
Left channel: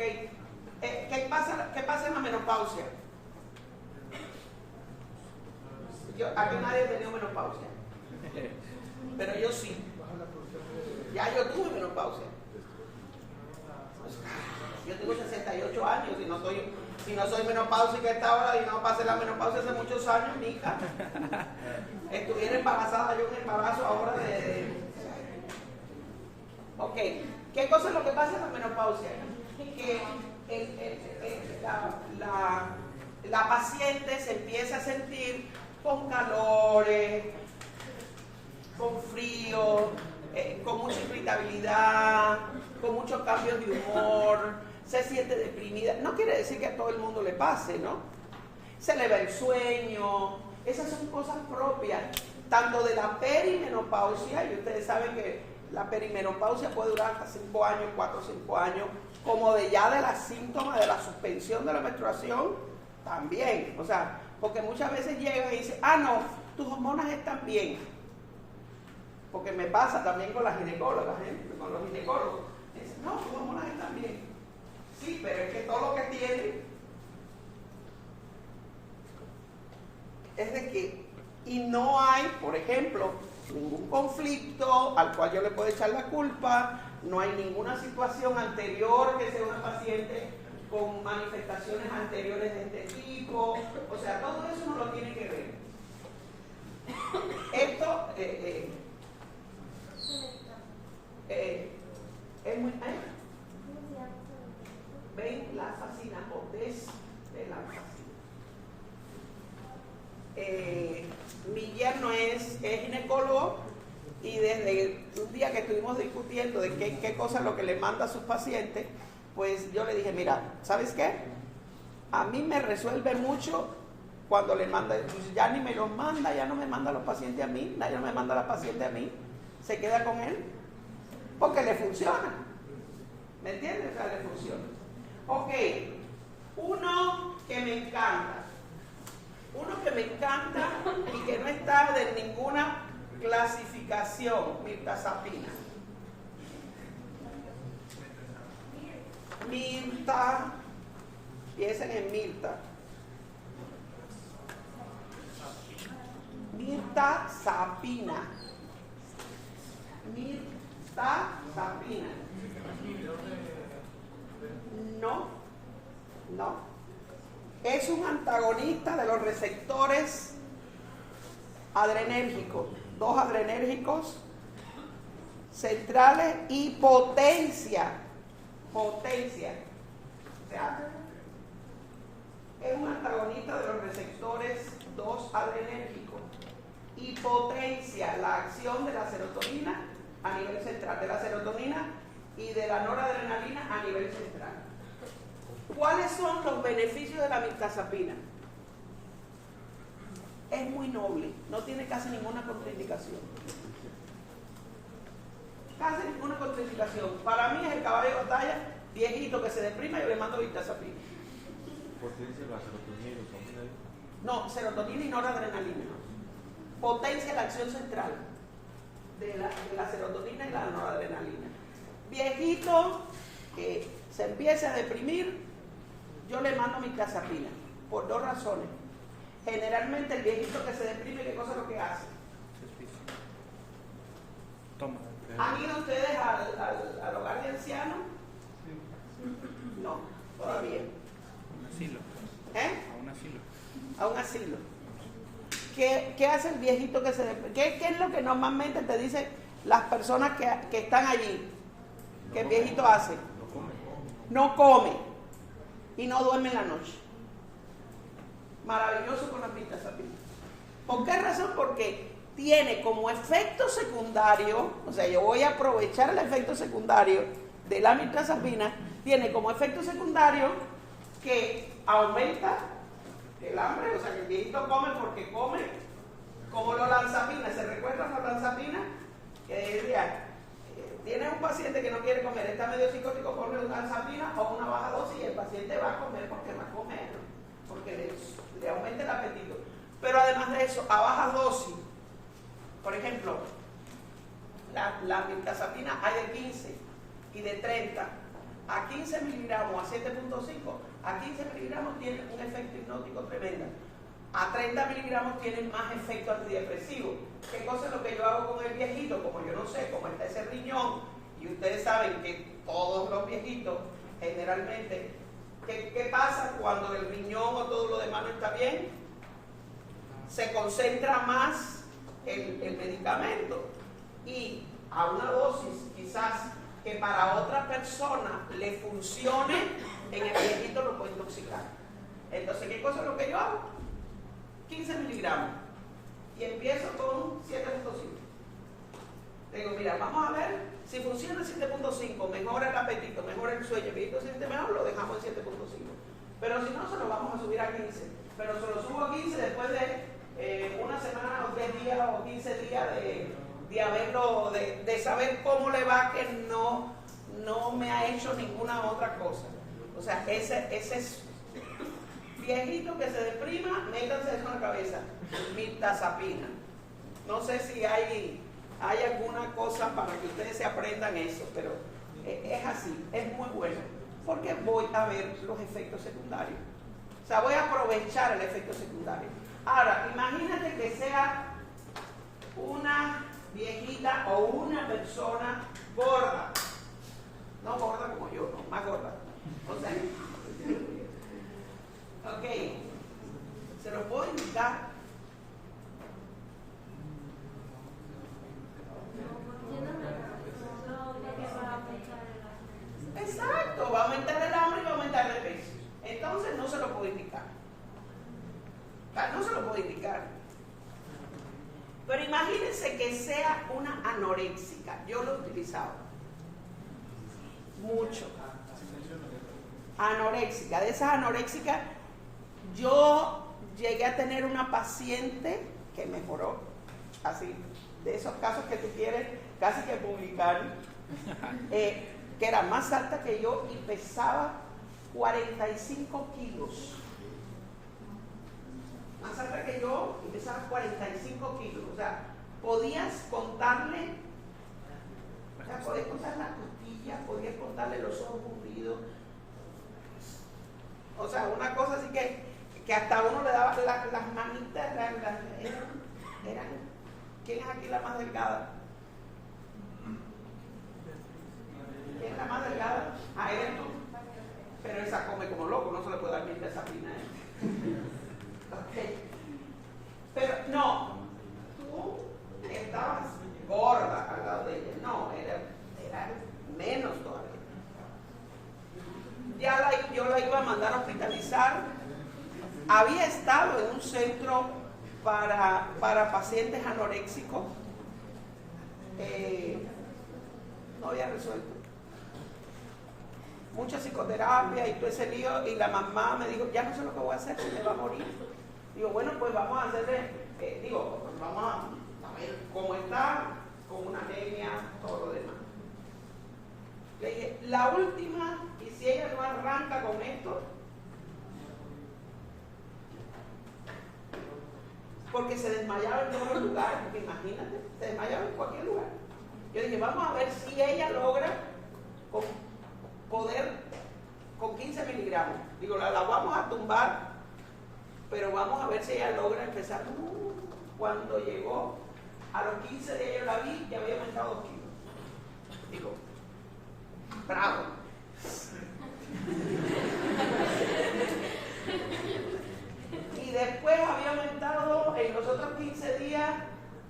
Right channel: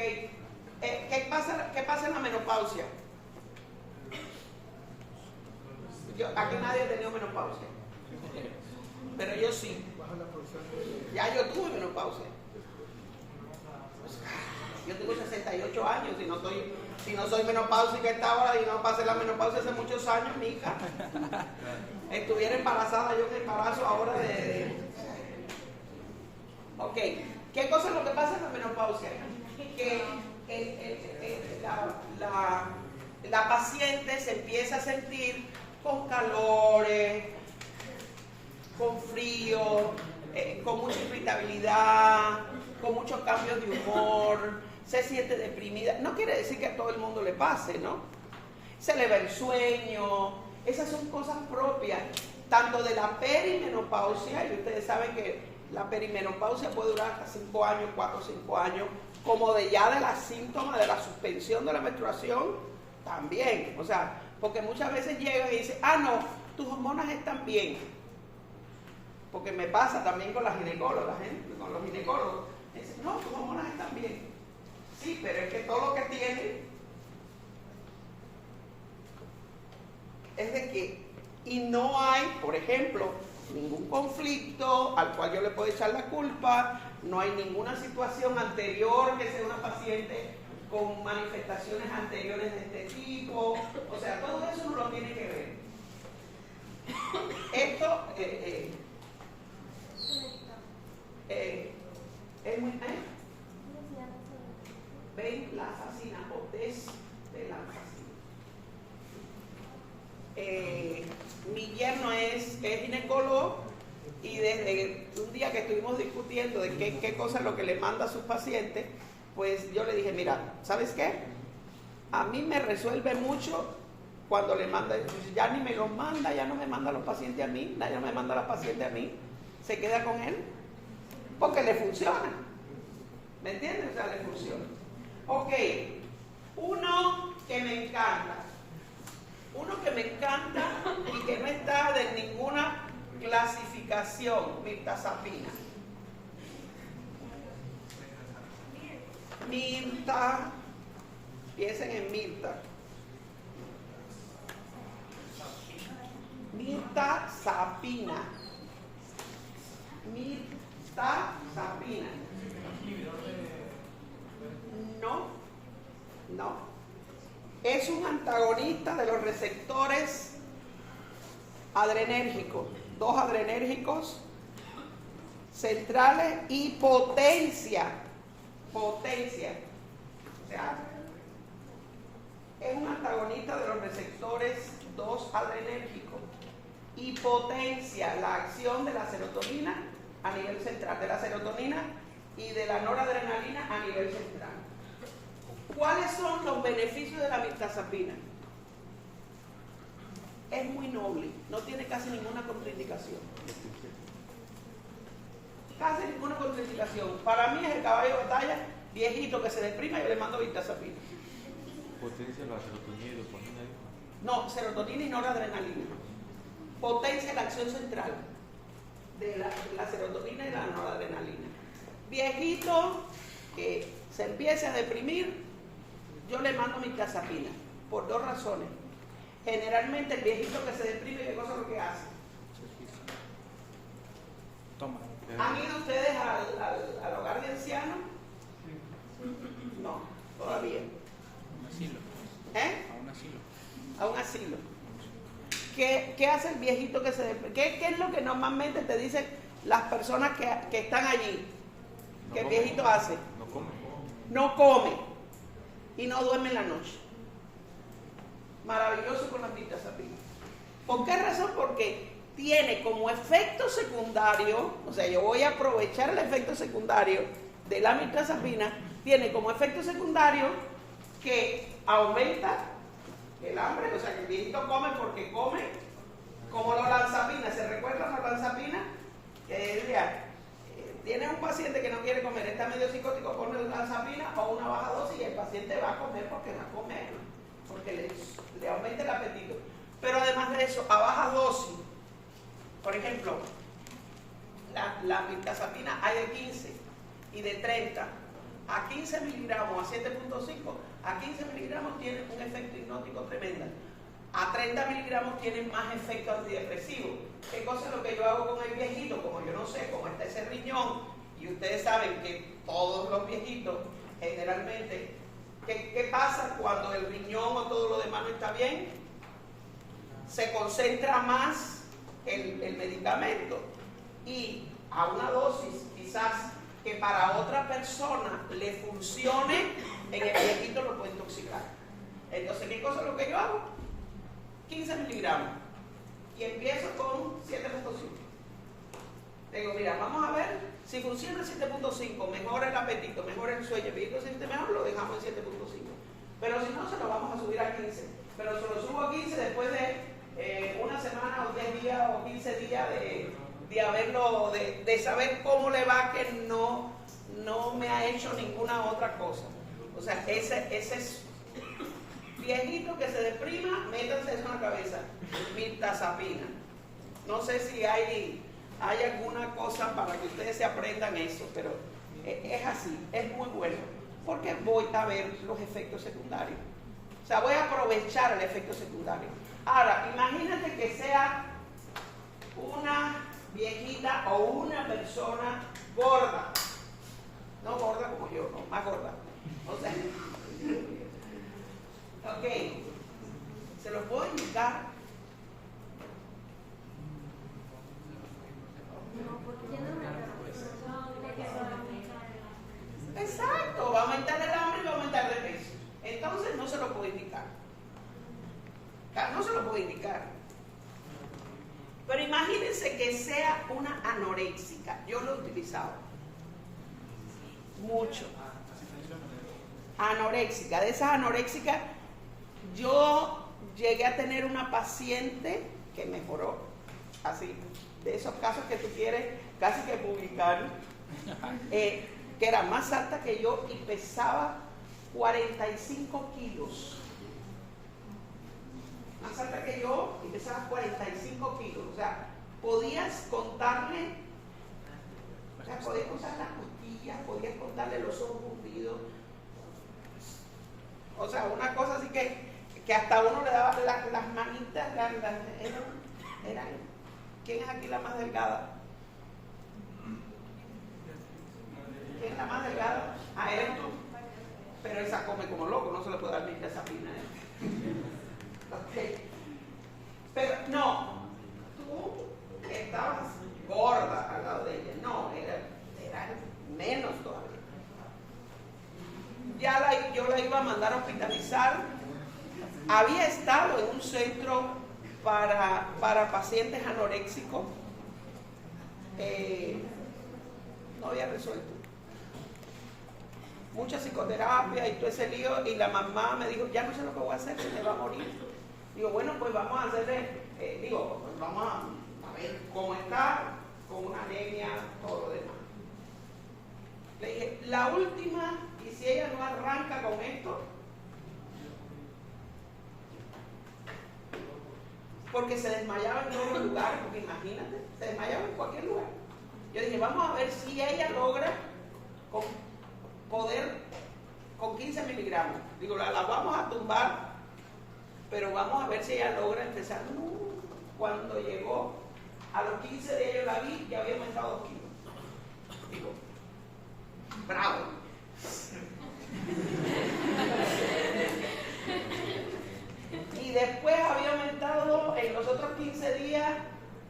¿Qué pasa en la menopausia? Aquí nadie ha tenido menopausia, pero yo sí. Ya yo tuve menopausia. Yo tengo 68 años y si no soy menopáusica esta hora y no pasé la menopausia hace muchos años, mi hija. Estuviera embarazada yo en embarazo ahora Ok, ¿qué cosa es lo que pasa en la menopausia? Que la paciente se empieza a sentir con calores, con frío, con mucha irritabilidad, con muchos cambios de humor, se siente deprimida. No quiere decir que a todo el mundo le pase, ¿no? Se le va el sueño. Esas son cosas propias, tanto de la perimenopausia, y ustedes saben que la perimenopausia puede durar hasta 5 años, 4 o 5 años, como de los síntomas de la suspensión de la menstruación, también. O sea, porque muchas veces llegan y dicen, no, tus hormonas están bien. Porque me pasa también con las ginecólogas, con los ginecólogos. Dicen, no, tus hormonas están bien. Sí, pero es que todo lo que tienen es de que, y no hay, por ejemplo, ningún conflicto al cual yo le puedo echar la culpa, no hay ninguna situación anterior que sea una paciente con manifestaciones anteriores de este tipo, o sea, todo eso no lo tiene que ver. Esto es muy... ven la fascina o desvelanfacina. Mi yerno es ginecólogo y desde un día que estuvimos discutiendo de qué cosa es lo que le manda a sus pacientes, pues yo le dije, mira, ¿sabes qué? A mí me resuelve mucho cuando le manda, ya ni me los manda, ya no me manda a los pacientes a mí, ya no me manda a los pacientes a mí, se queda con él, porque le funciona. ¿Me entiendes? O sea, le funciona. Ok, uno que me encanta y que no está de ninguna clasificación, mirtazapina. Mirta, piensen en Mirta. Mirtazapina. Mirtazapina. No. Es un antagonista de los receptores adrenérgicos. 2 adrenérgicos centrales y potencia. O sea, es un antagonista de los receptores 2 adrenérgicos y potencia la acción de la serotonina a nivel central, de la serotonina y de la noradrenalina a nivel central. ¿Cuáles son los beneficios de la mirtazapina? Es muy noble, no tiene casi ninguna contraindicación. Casi ninguna contraindicación. Para mí es el caballo de batalla, viejito que se deprima, yo le mando mirtazapina. ¿Potencia la serotonina y dopamina? No, serotonina y noradrenalina. Potencia la acción central de la serotonina y la noradrenalina. Viejito que se empiece a deprimir, yo le mando mirtazapina, por 2 razones. Generalmente el viejito que se deprime, ¿qué cosa es lo que hace? Toma. ¿Han ido ustedes al hogar de ancianos? No, todavía. A un asilo. ¿Eh? A un asilo. A un asilo. ¿Qué hace el viejito que se deprime? ¿Qué es lo que normalmente te dicen las personas que están allí? ¿Qué el viejito hace? No come y no duerme en la noche. Maravilloso con la mirtazapina. ¿Por qué razón? Porque tiene como efecto secundario, o sea, yo voy a aprovechar el efecto secundario de la mirtazapina, tiene como efecto secundario que aumenta el hambre, o sea, que el viejito come porque come, como los lanzapinas. ¿Se recuerdan los lanzapinas? Tiene un paciente que no quiere comer, está medio psicótico, pone una lanzapina o una baja dosis y el paciente va a comer porque va a comer, porque le aumenta el apetito. Pero además de eso, a baja dosis, por ejemplo, la mirtazapina hay de 15, y de 30 a 15 miligramos a 7.5, a 15 miligramos tiene un efecto hipnótico tremendo. A 30 miligramos tienen más efecto antidepresivo. ¿Qué cosa es lo que yo hago con el viejito? Como yo no sé cómo está ese riñón, y ustedes saben que todos los viejitos, generalmente, ¿qué pasa cuando el riñón o todo lo demás no está bien? Se concentra más el medicamento, y a una dosis quizás que para otra persona le funcione, en el viejito lo puede intoxicar. Entonces, ¿qué cosa es lo que yo hago? 15 miligramos y empiezo con 7.5. Digo, mira, vamos a ver si funciona 7.5, mejora el apetito, mejora el sueño, el viejito se siente mejor, lo dejamos en 7.5. Pero si no, se lo vamos a subir a 15. Pero se lo subo a 15 después de una semana o 10 días o 15 días de haberlo, de saber cómo le va, que no me ha hecho ninguna otra cosa. O sea, ese es viejito que se deprima, métanse eso en la cabeza, mirtazapina. No sé si hay alguna cosa para que ustedes se aprendan eso, pero es así, es muy bueno, porque voy a ver los efectos secundarios. O sea, voy a aprovechar el efecto secundario. Ahora, imagínate que sea una viejita o una persona gorda. No gorda como yo, no, más gorda. O sea, ok, se lo puedo indicar. Exacto, va a aumentar el hambre y va a aumentar el peso. Entonces no se lo puedo indicar. No se lo puedo indicar. Pero imagínense que sea una anoréxica. Yo lo he utilizado mucho. Anoréxica. De esas anoréxicas, yo llegué a tener una paciente que mejoró. Así, de esos casos que tú quieres casi que publicar, que era más alta que yo y pesaba 45 kilos. Más alta que yo y pesaba 45 kilos. O sea, podías contarle, o sea, podías contar las costillas, podías contarle los ojos hundidos. O sea, una cosa así que hasta uno le daba las manitas, eran, ¿quién es aquí la más delgada? ¿Quién es la más delgada? Ah, eres tú. Pero esa come como loco, no se le puede dar ni pesapina. Okay. Pero no, tú estabas gorda al lado de ella. No, era menos todavía. Yo la iba a mandar a hospitalizar. Había estado en un centro para pacientes anoréxicos. No había resuelto. Mucha psicoterapia y todo ese lío, y la mamá me dijo, ya no sé lo que voy a hacer, se me va a morir. Digo, bueno, pues vamos a hacerle, pues vamos a ver cómo está, con una anemia, todo lo demás. Le dije, la última, y si ella no arranca con esto, porque se desmayaba en todos los lugares, porque imagínate, se desmayaba en cualquier lugar. Yo dije, vamos a ver si ella logra poder con 15 miligramos. Digo, la vamos a tumbar, pero vamos a ver si ella logra empezar. Cuando llegó a los 15 de ella, yo la vi y había aumentado 2 kilos. Digo, bravo. Y después había aumentado en los otros 15 días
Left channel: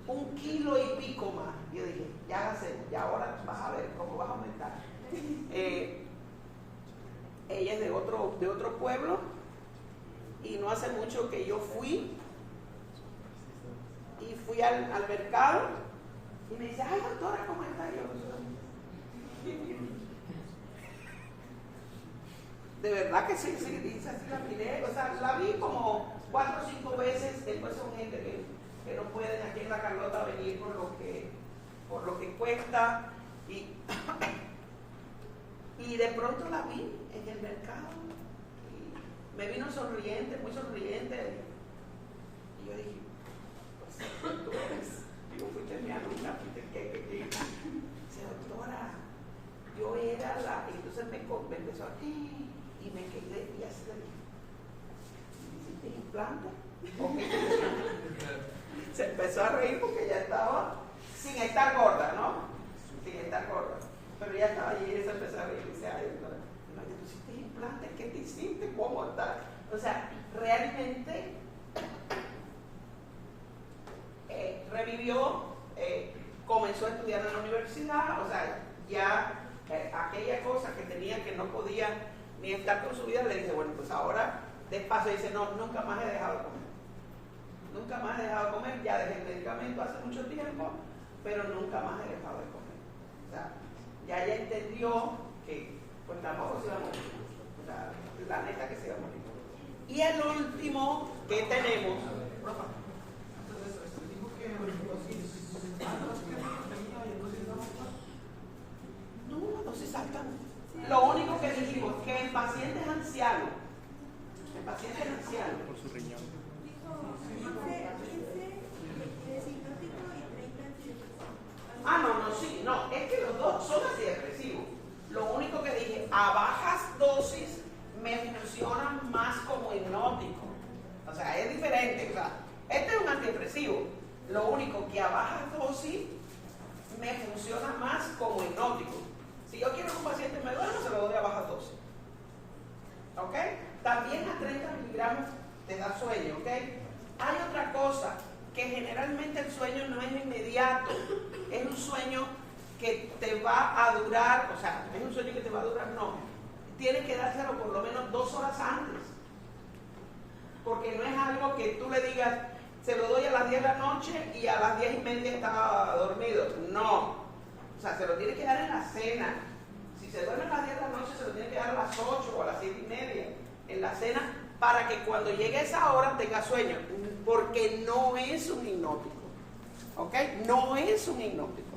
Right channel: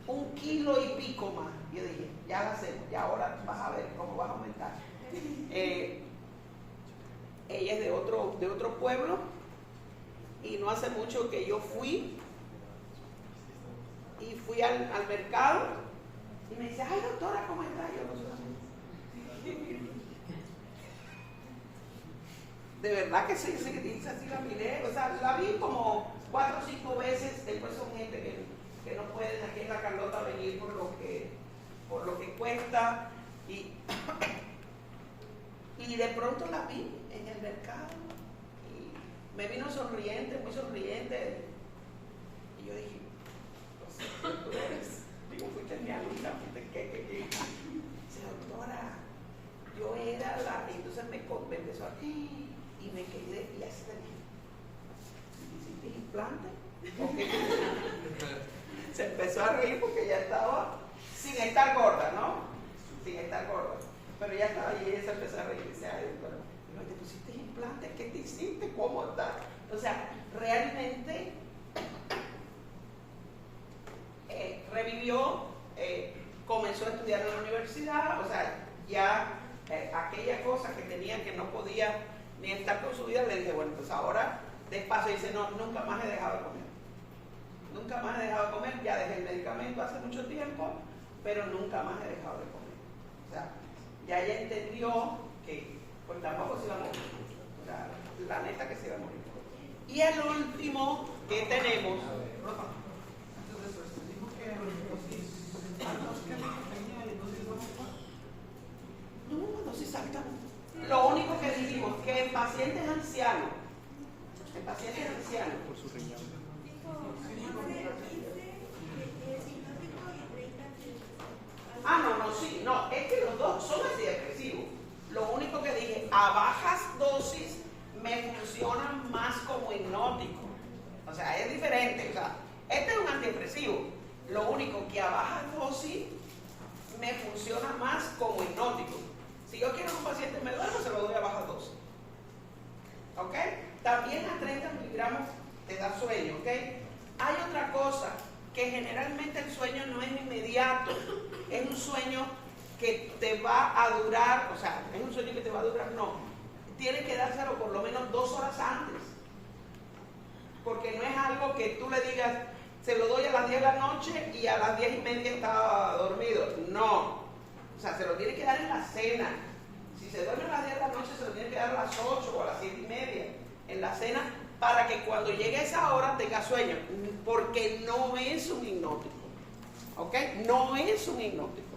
1 kilo y pico más. Yo dije, ya la hacemos, ya ahora vas a ver cómo vas a aumentar. Ella es de otro pueblo, y no hace mucho que yo fui al mercado y me dice, ay doctora, ¿cómo está? De verdad que sí, dice así, la miré, o sea, la vi como 4 o 5 veces. Después son gente que no pueden aquí en la Carlota venir por lo que cuesta, y de pronto la vi en el mercado y me vino sonriente, muy sonriente, y yo dije, pues tú eres, digo, fuiste mi alumna, dice, doctora, yo era la, entonces me empezó aquí y me quedé y así le dije, ¿hiciste implante? Se empezó a reír porque ya estaba sin estar gorda, ¿no? Sin estar gorda. Pero ya estaba ahí y ella se empezó a reír y dice, ay, doctora, ¿no te pusiste implante? ¿Qué te hiciste? ¿Cómo estás? O sea, realmente revivió, comenzó a estudiar en la universidad, o sea, ya aquella cosa que tenía que no podía ni estar con su vida, le dije, bueno, pues ahora despacio, dice, no, nunca más he dejado de comer. Nunca más he dejado de comer, ya dejé el medicamento hace mucho tiempo, pero nunca más he dejado de comer. O sea, ya ella entendió que pues tampoco se iba a morir. O sea, la neta que se iba a morir. Y el último que tenemos. No, dosis alta. Lo único que dijimos que en pacientes ancianos, Por su riñón. No, sí, no, es que los dos son antidepresivos. Lo único que dije, a bajas dosis me funcionan más como hipnótico. O sea, es diferente. O sea, este es un antidepresivo. Lo único que a bajas dosis me funciona más como hipnótico. Si yo quiero que un paciente me duerma, se lo doy a bajas dosis. ¿Ok? También a 30 miligramos te da sueño. ¿Ok? Hay otra cosa, que generalmente el sueño no es inmediato, es un sueño que te va a durar, o sea, es un sueño que te va a durar, no, tienes que dárselo por lo menos 2 horas antes, porque no es algo que tú le digas, se lo doy a las 10 de la noche y a las 10:30 estaba dormido, no, o sea, se lo tiene que dar en la cena. Si se duerme a las 10 de la noche, se lo tiene que dar a las 8 o a las 7:30 en la cena, para que cuando llegue esa hora tenga sueño, porque no es un hipnótico, ¿ok? No es un hipnótico,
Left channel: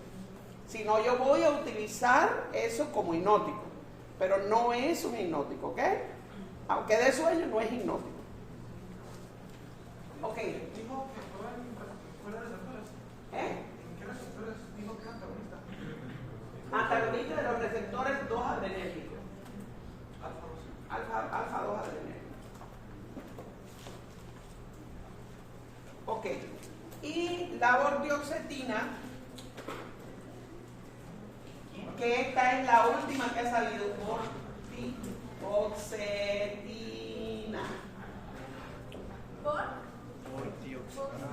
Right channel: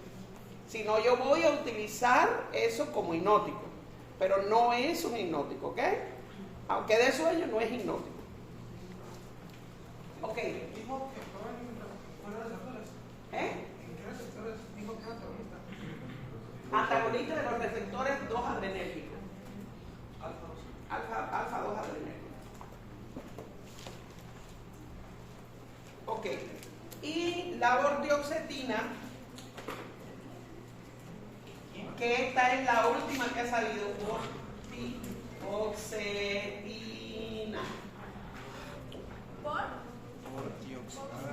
sino yo voy a utilizar eso como hipnótico, pero no es un hipnótico, ¿ok? Aunque dé sueño, no es hipnótico. Ok. Dijo que fuera de las horas. ¿En qué receptores dijo que antagonista? Antagonista de los receptores 2 adrenérgicos. Alfa 2 adrenérgicos. Ok, y la bortioxetina, que esta es la última que ha salido, bortioxetina.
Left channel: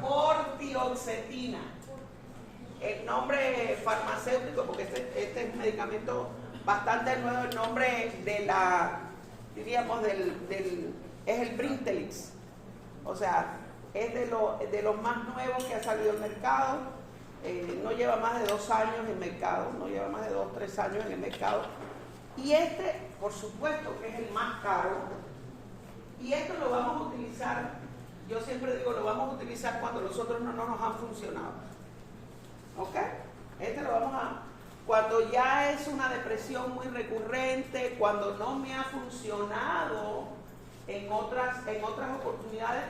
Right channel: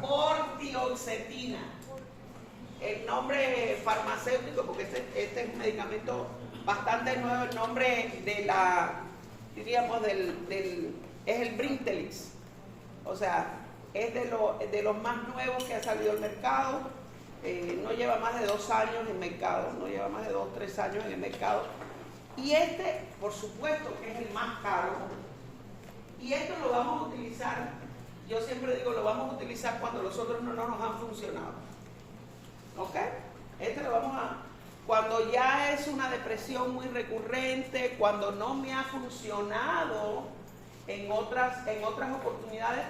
Bortioxetina. El nombre farmacéutico, porque este es un medicamento bastante nuevo, el nombre de la, diríamos, es el Brintelix. O sea, es de los más nuevos que ha salido al mercado, no lleva más de 2 años en mercado, no lleva más de 2 o 3 años en el mercado. Y este, por supuesto, que es el más caro, y esto lo vamos a utilizar, yo siempre digo, lo vamos a utilizar cuando los otros no nos han funcionado. ¿Ok? Este lo vamos a, cuando ya es una depresión muy recurrente, cuando no me ha funcionado en otras oportunidades,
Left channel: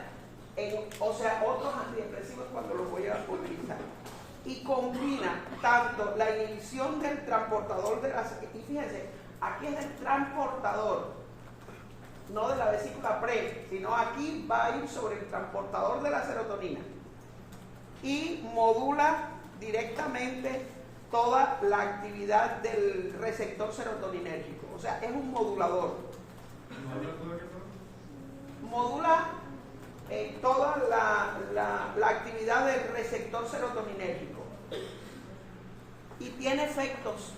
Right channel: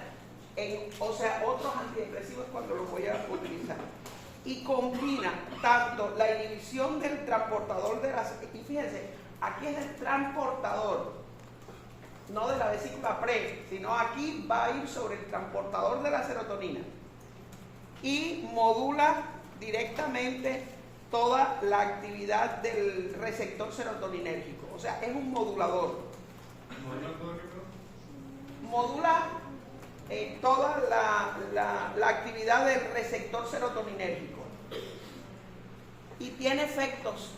o sea, otros antidepresivos cuando los voy a utilizar. Y combina tanto la inhibición del transportador de las... Y fíjense, aquí es el transportador, no de la vesícula pre, sino aquí va a ir sobre el transportador de la serotonina. Y modula directamente toda la actividad del receptor serotoninérgico. O sea, es un modulador. Modula toda la actividad del receptor serotoninérgico y tiene efectos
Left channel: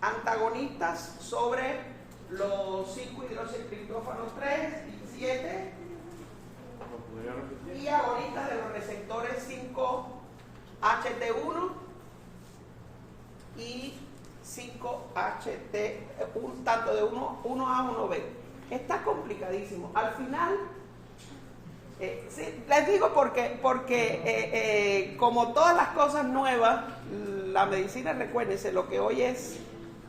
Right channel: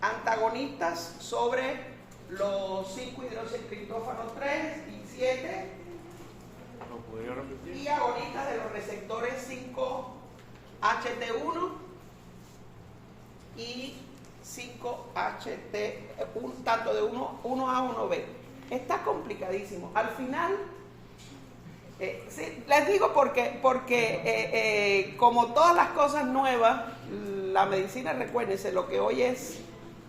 antagonistas sobre los 5-hidroxitriptófano 3 y 7 y agonistas de los receptores 5-HT1 y 5-HT, tanto de 1A 1B. Está complicadísimo. Al final, sí, les digo porque como todas las cosas nuevas, la medicina, recuérdense, lo que hoy es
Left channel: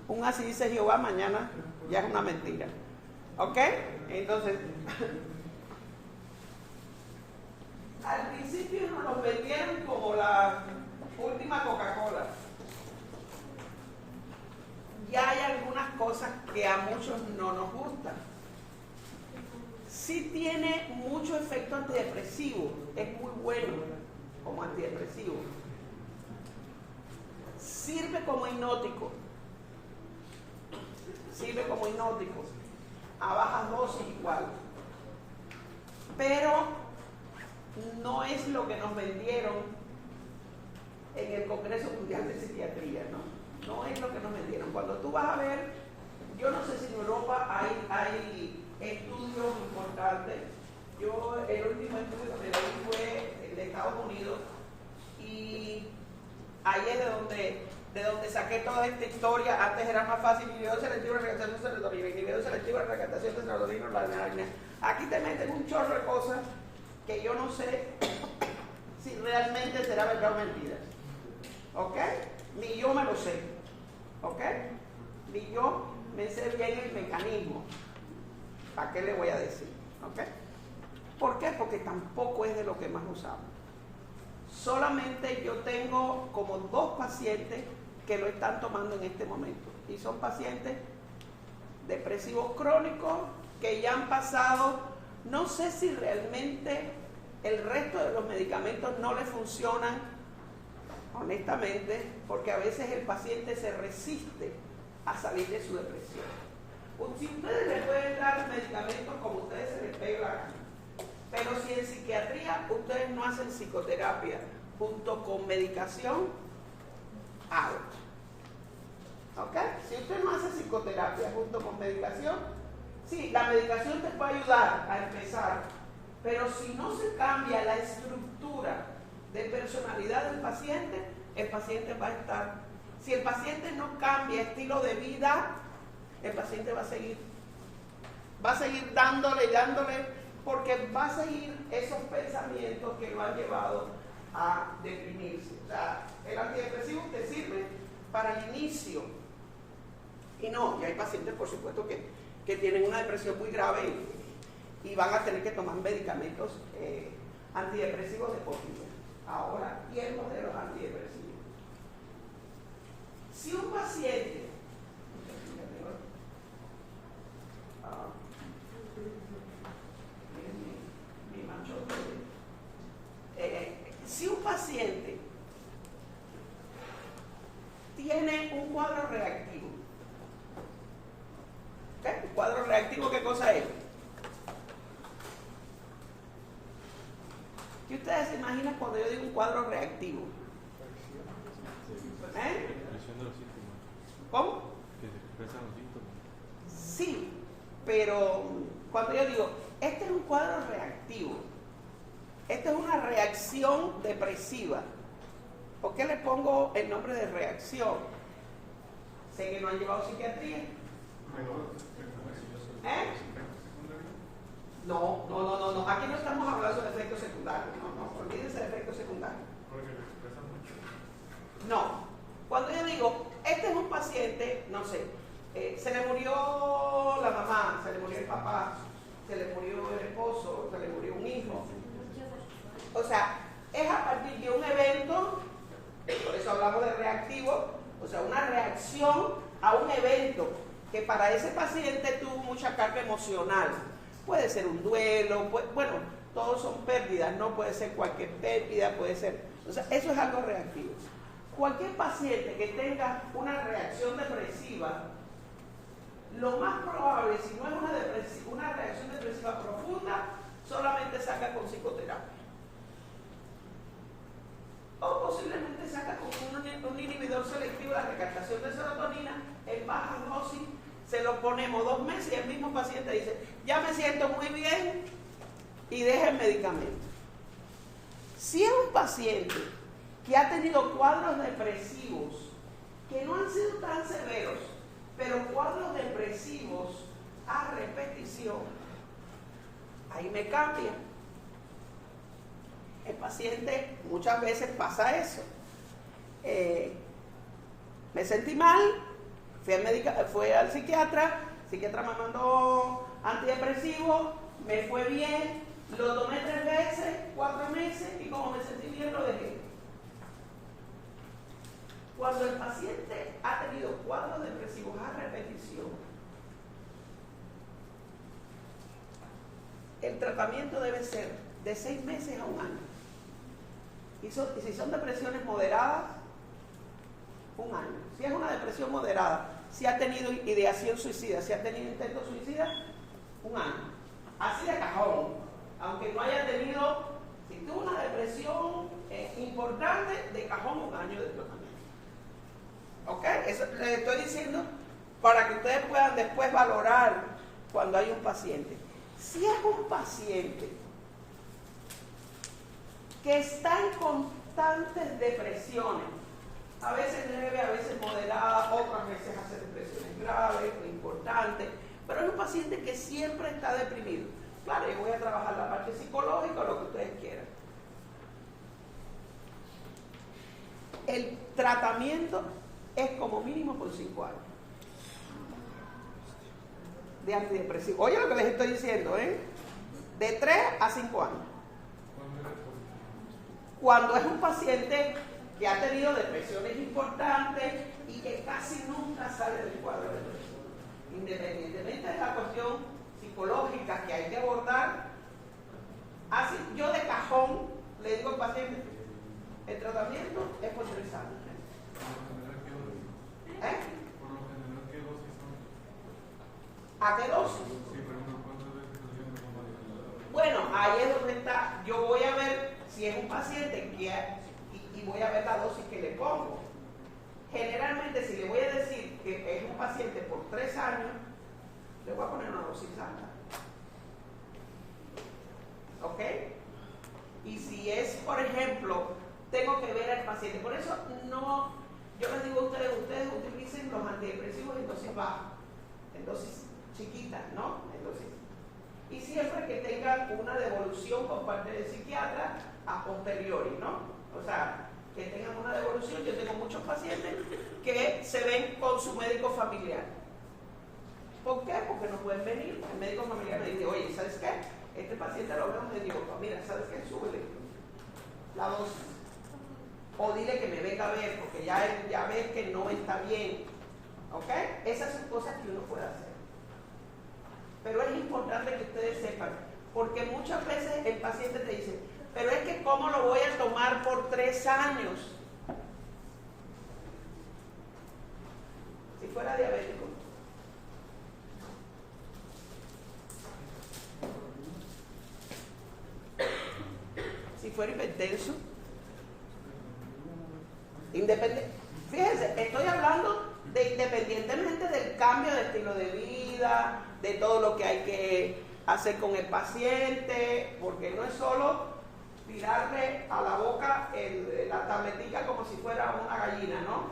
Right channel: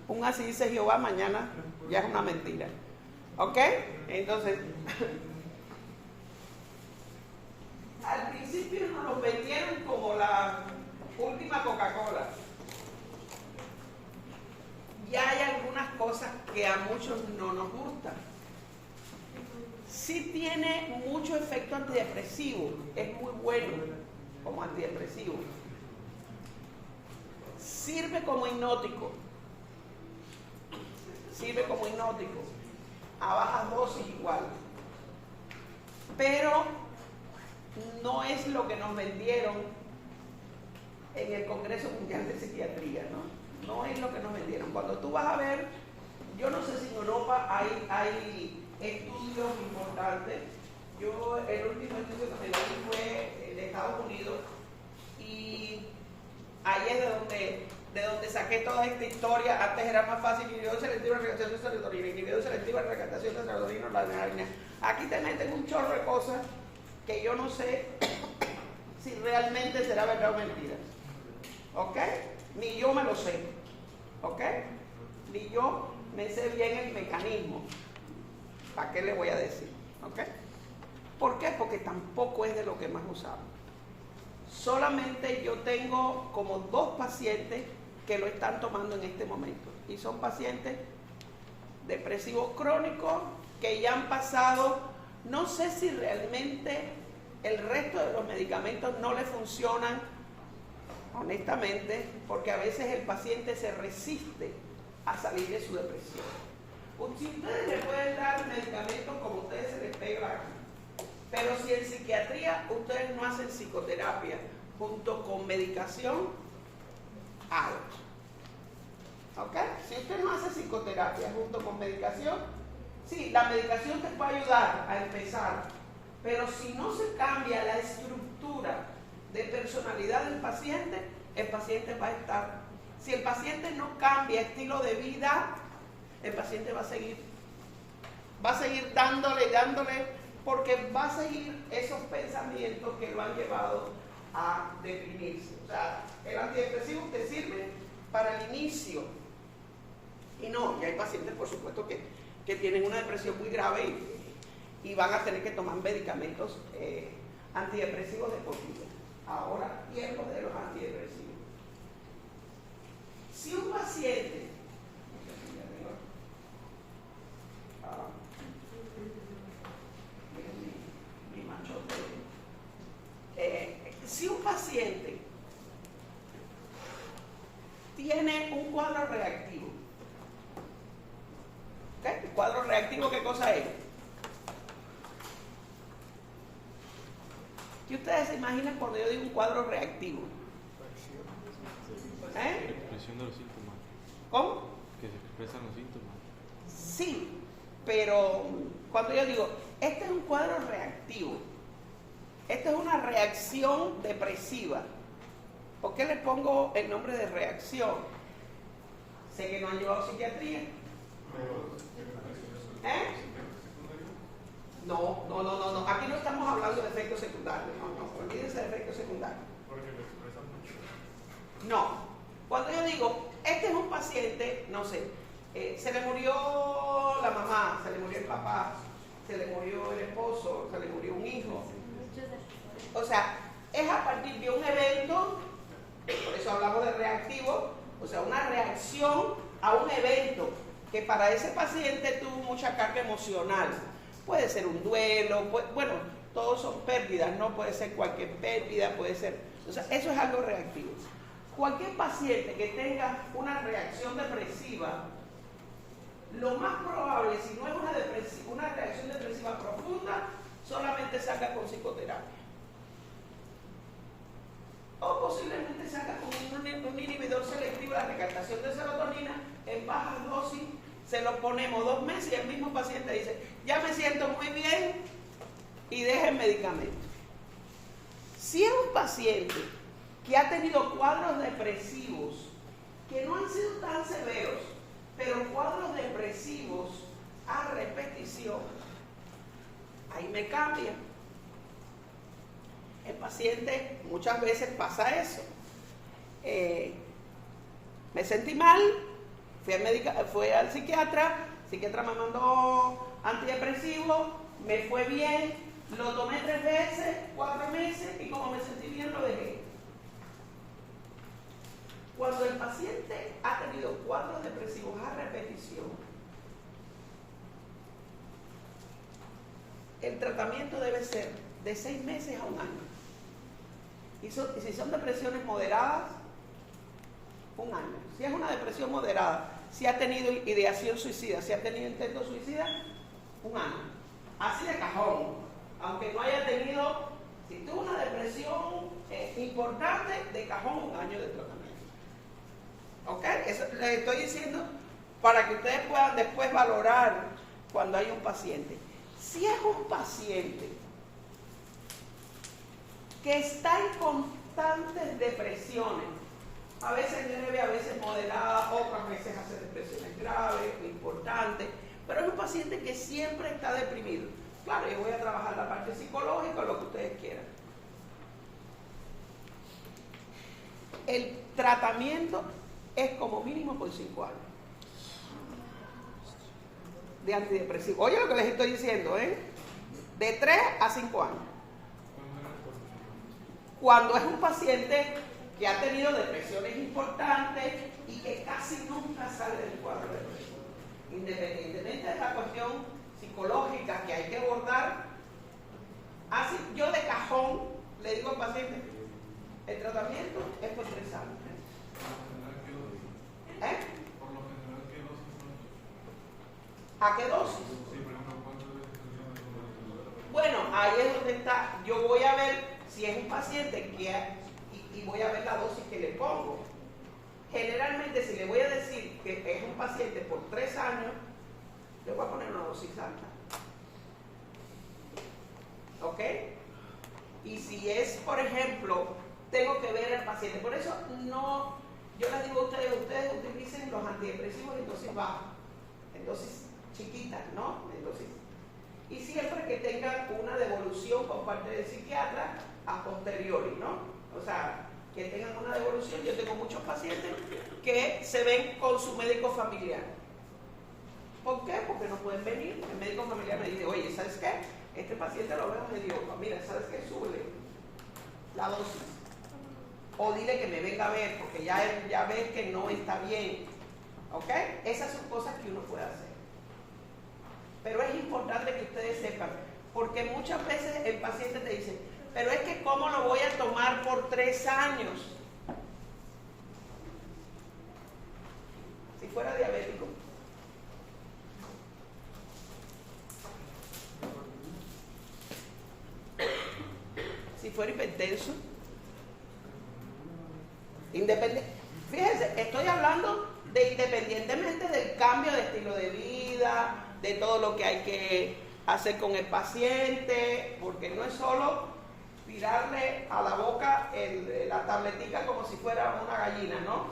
un así dice Jehová, mañana ya es una mentira. ¿Ok? Entonces, al principio nos los vendieron como la última Coca-Cola. ya hay algunas cosas que a muchos no nos gustan. Sí tiene mucho efecto antidepresivo, es muy bueno como antidepresivo. Sirve como hipnótico, a bajas dosis igual. Pero no es lo que nos vendieron en el Congreso Mundial de Psiquiatría, ¿no? No es lo que nos vendieron. Cuando tú vas a ver, yo no sé si en Europa hay estudios importantes. Yo, el último estudio que me leí fue de Estados Unidos y ahí es de donde saqué toda esta historia. Antes era más fácil, inhibidor selectivo de recaptación de serotonina, inhibidor selectivo de recaptación de serotonina, la adrenalina. Aquí te meten un chorro de cosas que yo no sé si realmente será verdad o mentira. ¿Ok? Ni yo me lo sé. ¿Ok? Ni yo me sé bien el mecanismo. ¿Para qué le voy a decir? ¿Ok? ¿Por qué? Porque tampoco es de lo que más usamos. Solamente yo tengo como 2 pacientes que lo están tomando en este momento. Y son pacientes depresivos crónicos que ya han pasado, no sé si realmente el resto de los medicamentos no les funcionan, honestamente, porque a veces el paciente se resiste a salir de su depresión. Si ustedes le pueden dar medicamentos como ustedes se les pegue la gana, pero si en psiquiatría ustedes no hacen psicoterapia junto con medicación, háganlo. ¿Ok? Si usted no hace psicoterapia junto con medicación, sí, la medicación te puede ayudar a empezar, pero si no se cambia la estructura de personalidad del paciente, el paciente va a estar. Si el paciente no cambia estilo de vida, el paciente va a seguir dándole, porque va a seguir esos pensamientos que lo han llevado a deprimirse. O sea, el antidepresivo te sirve para el inicio. Y no, y hay pacientes, por supuesto, que tienen una depresión muy grave y van a tener que tomar medicamentos antidepresivos de por vida. Ahora, tiempos de los antidepresivos. Si un paciente si un paciente tiene un cuadro reactivo, ¿okay? ¿El cuadro reactivo qué cosa es? ¿Qué ustedes se imaginan cuando yo digo un cuadro reactivo? Expresión de los síntomas. ¿Cómo? Que se expresan los síntomas. Sí, pero cuando yo digo, este es un cuadro reactivo, esta es una reacción depresiva. ¿Por qué le pongo el nombre de reacción? Sé que no han llevado psiquiatría. No. Aquí no estamos hablando de efectos secundarios. No. Olvídense de efectos secundarios. No. Cuando yo digo, este es un paciente, no sé, se le murió la mamá, se le murió el papá, se le murió el esposo, se le murió un hijo. O sea, es a partir de un evento, por eso hablamos de reactivo, o sea, una reacción a un evento que para ese paciente tuvo mucha carga emocional. Puede ser un duelo, bueno, todos son pérdidas, no puede ser cualquier pérdida, puede ser, o sea, eso es algo reactivo. Cualquier paciente que tenga una reacción depresiva, lo más probable, si no es una reacción depresiva profunda, solamente salga con psicoterapia. O posiblemente salga con un inhibidor selectivo de la recaptación de serotonina en baja dosis, se lo ponemos 2 meses y el mismo paciente dice, ya me siento muy bien y deja el medicamento. Si es un paciente que ha tenido cuadros depresivos que no han sido tan severos, pero cuadros depresivos a repetición, ahí me cambia. El paciente muchas veces pasa eso. Me sentí mal, fui al psiquiatra, el psiquiatra me mandó antidepresivo, me fue bien, lo tomé 3 veces, 4 meses y como me sentí bien lo dejé. Cuando el paciente ha tenido cuadros depresivos a repetición, el tratamiento debe ser de 6 meses a 1 año. Y si son depresiones moderadas, 1 año. Si es una depresión moderada, si ha tenido ideación suicida, si ha tenido intento suicida, 1 año. Así de cajón. Aunque no haya tenido, si tuvo una depresión importante, de cajón 1 año de tratamiento. ¿Ok? Eso les estoy diciendo para que ustedes puedan después valorar cuando hay un paciente. Si es un paciente que está en constantes depresiones, a veces leve, a veces moderada, otras veces hace depresiones graves, importantes, pero es un paciente que siempre está deprimido. Claro, yo voy a trabajar la parte psicológica, lo que ustedes quieran. El tratamiento es como mínimo por 5 años de antidepresivo. Oye lo que les estoy diciendo, ¿eh? De 3 a 5 años. Cuando es un paciente que ha tenido depresiones importantes y que casi nunca sale del cuadro depresivo. Independientemente de la cuestión psicológica que hay que abordar, así yo de cajón le digo al paciente, el tratamiento es por 3 años. ¿Eh? Por lo general, ¿qué dosis son? ¿A qué dosis? Sí, por ejemplo, ¿cuántas veces al día? Bueno, ahí es donde está. Yo voy a ver si es un paciente y voy a ver la dosis que le pongo. Generalmente, si le voy a decir que es un paciente por 3 años, le voy a poner una dosis alta. ¿Ok? Y si es, por ejemplo, tengo que ver al paciente. Por eso no, yo les digo a ustedes utilicen los antidepresivos en dosis baja, en dosis chiquitas, ¿no? En dosis. Y siempre que tengan una devolución por parte del psiquiatra a posteriori, ¿no? O sea, que tengan una devolución. Yo tengo muchos pacientes que se ven con su médico familiar. ¿Por qué? Porque no pueden venir. El médico familiar me dice, oye, ¿sabes qué? Este paciente lo veo medio, mira, ¿sabes qué? Súbele la dosis. O dile que me venga a ver, porque ya ves que no está bien. ¿Ok? Esas son cosas que uno puede hacer. Pero es importante que ustedes sepan, porque muchas veces el paciente te dice, pero es que ¿cómo lo voy a tomar por 3 años? Si fuera diabético. Si fuera hipertenso. Fíjense, estoy hablando de independientemente del cambio de estilo de vida, de todo lo que hay que hacer con el paciente, porque no es solo tirarle a la boca la tabletica como si fuera una gallina, ¿no?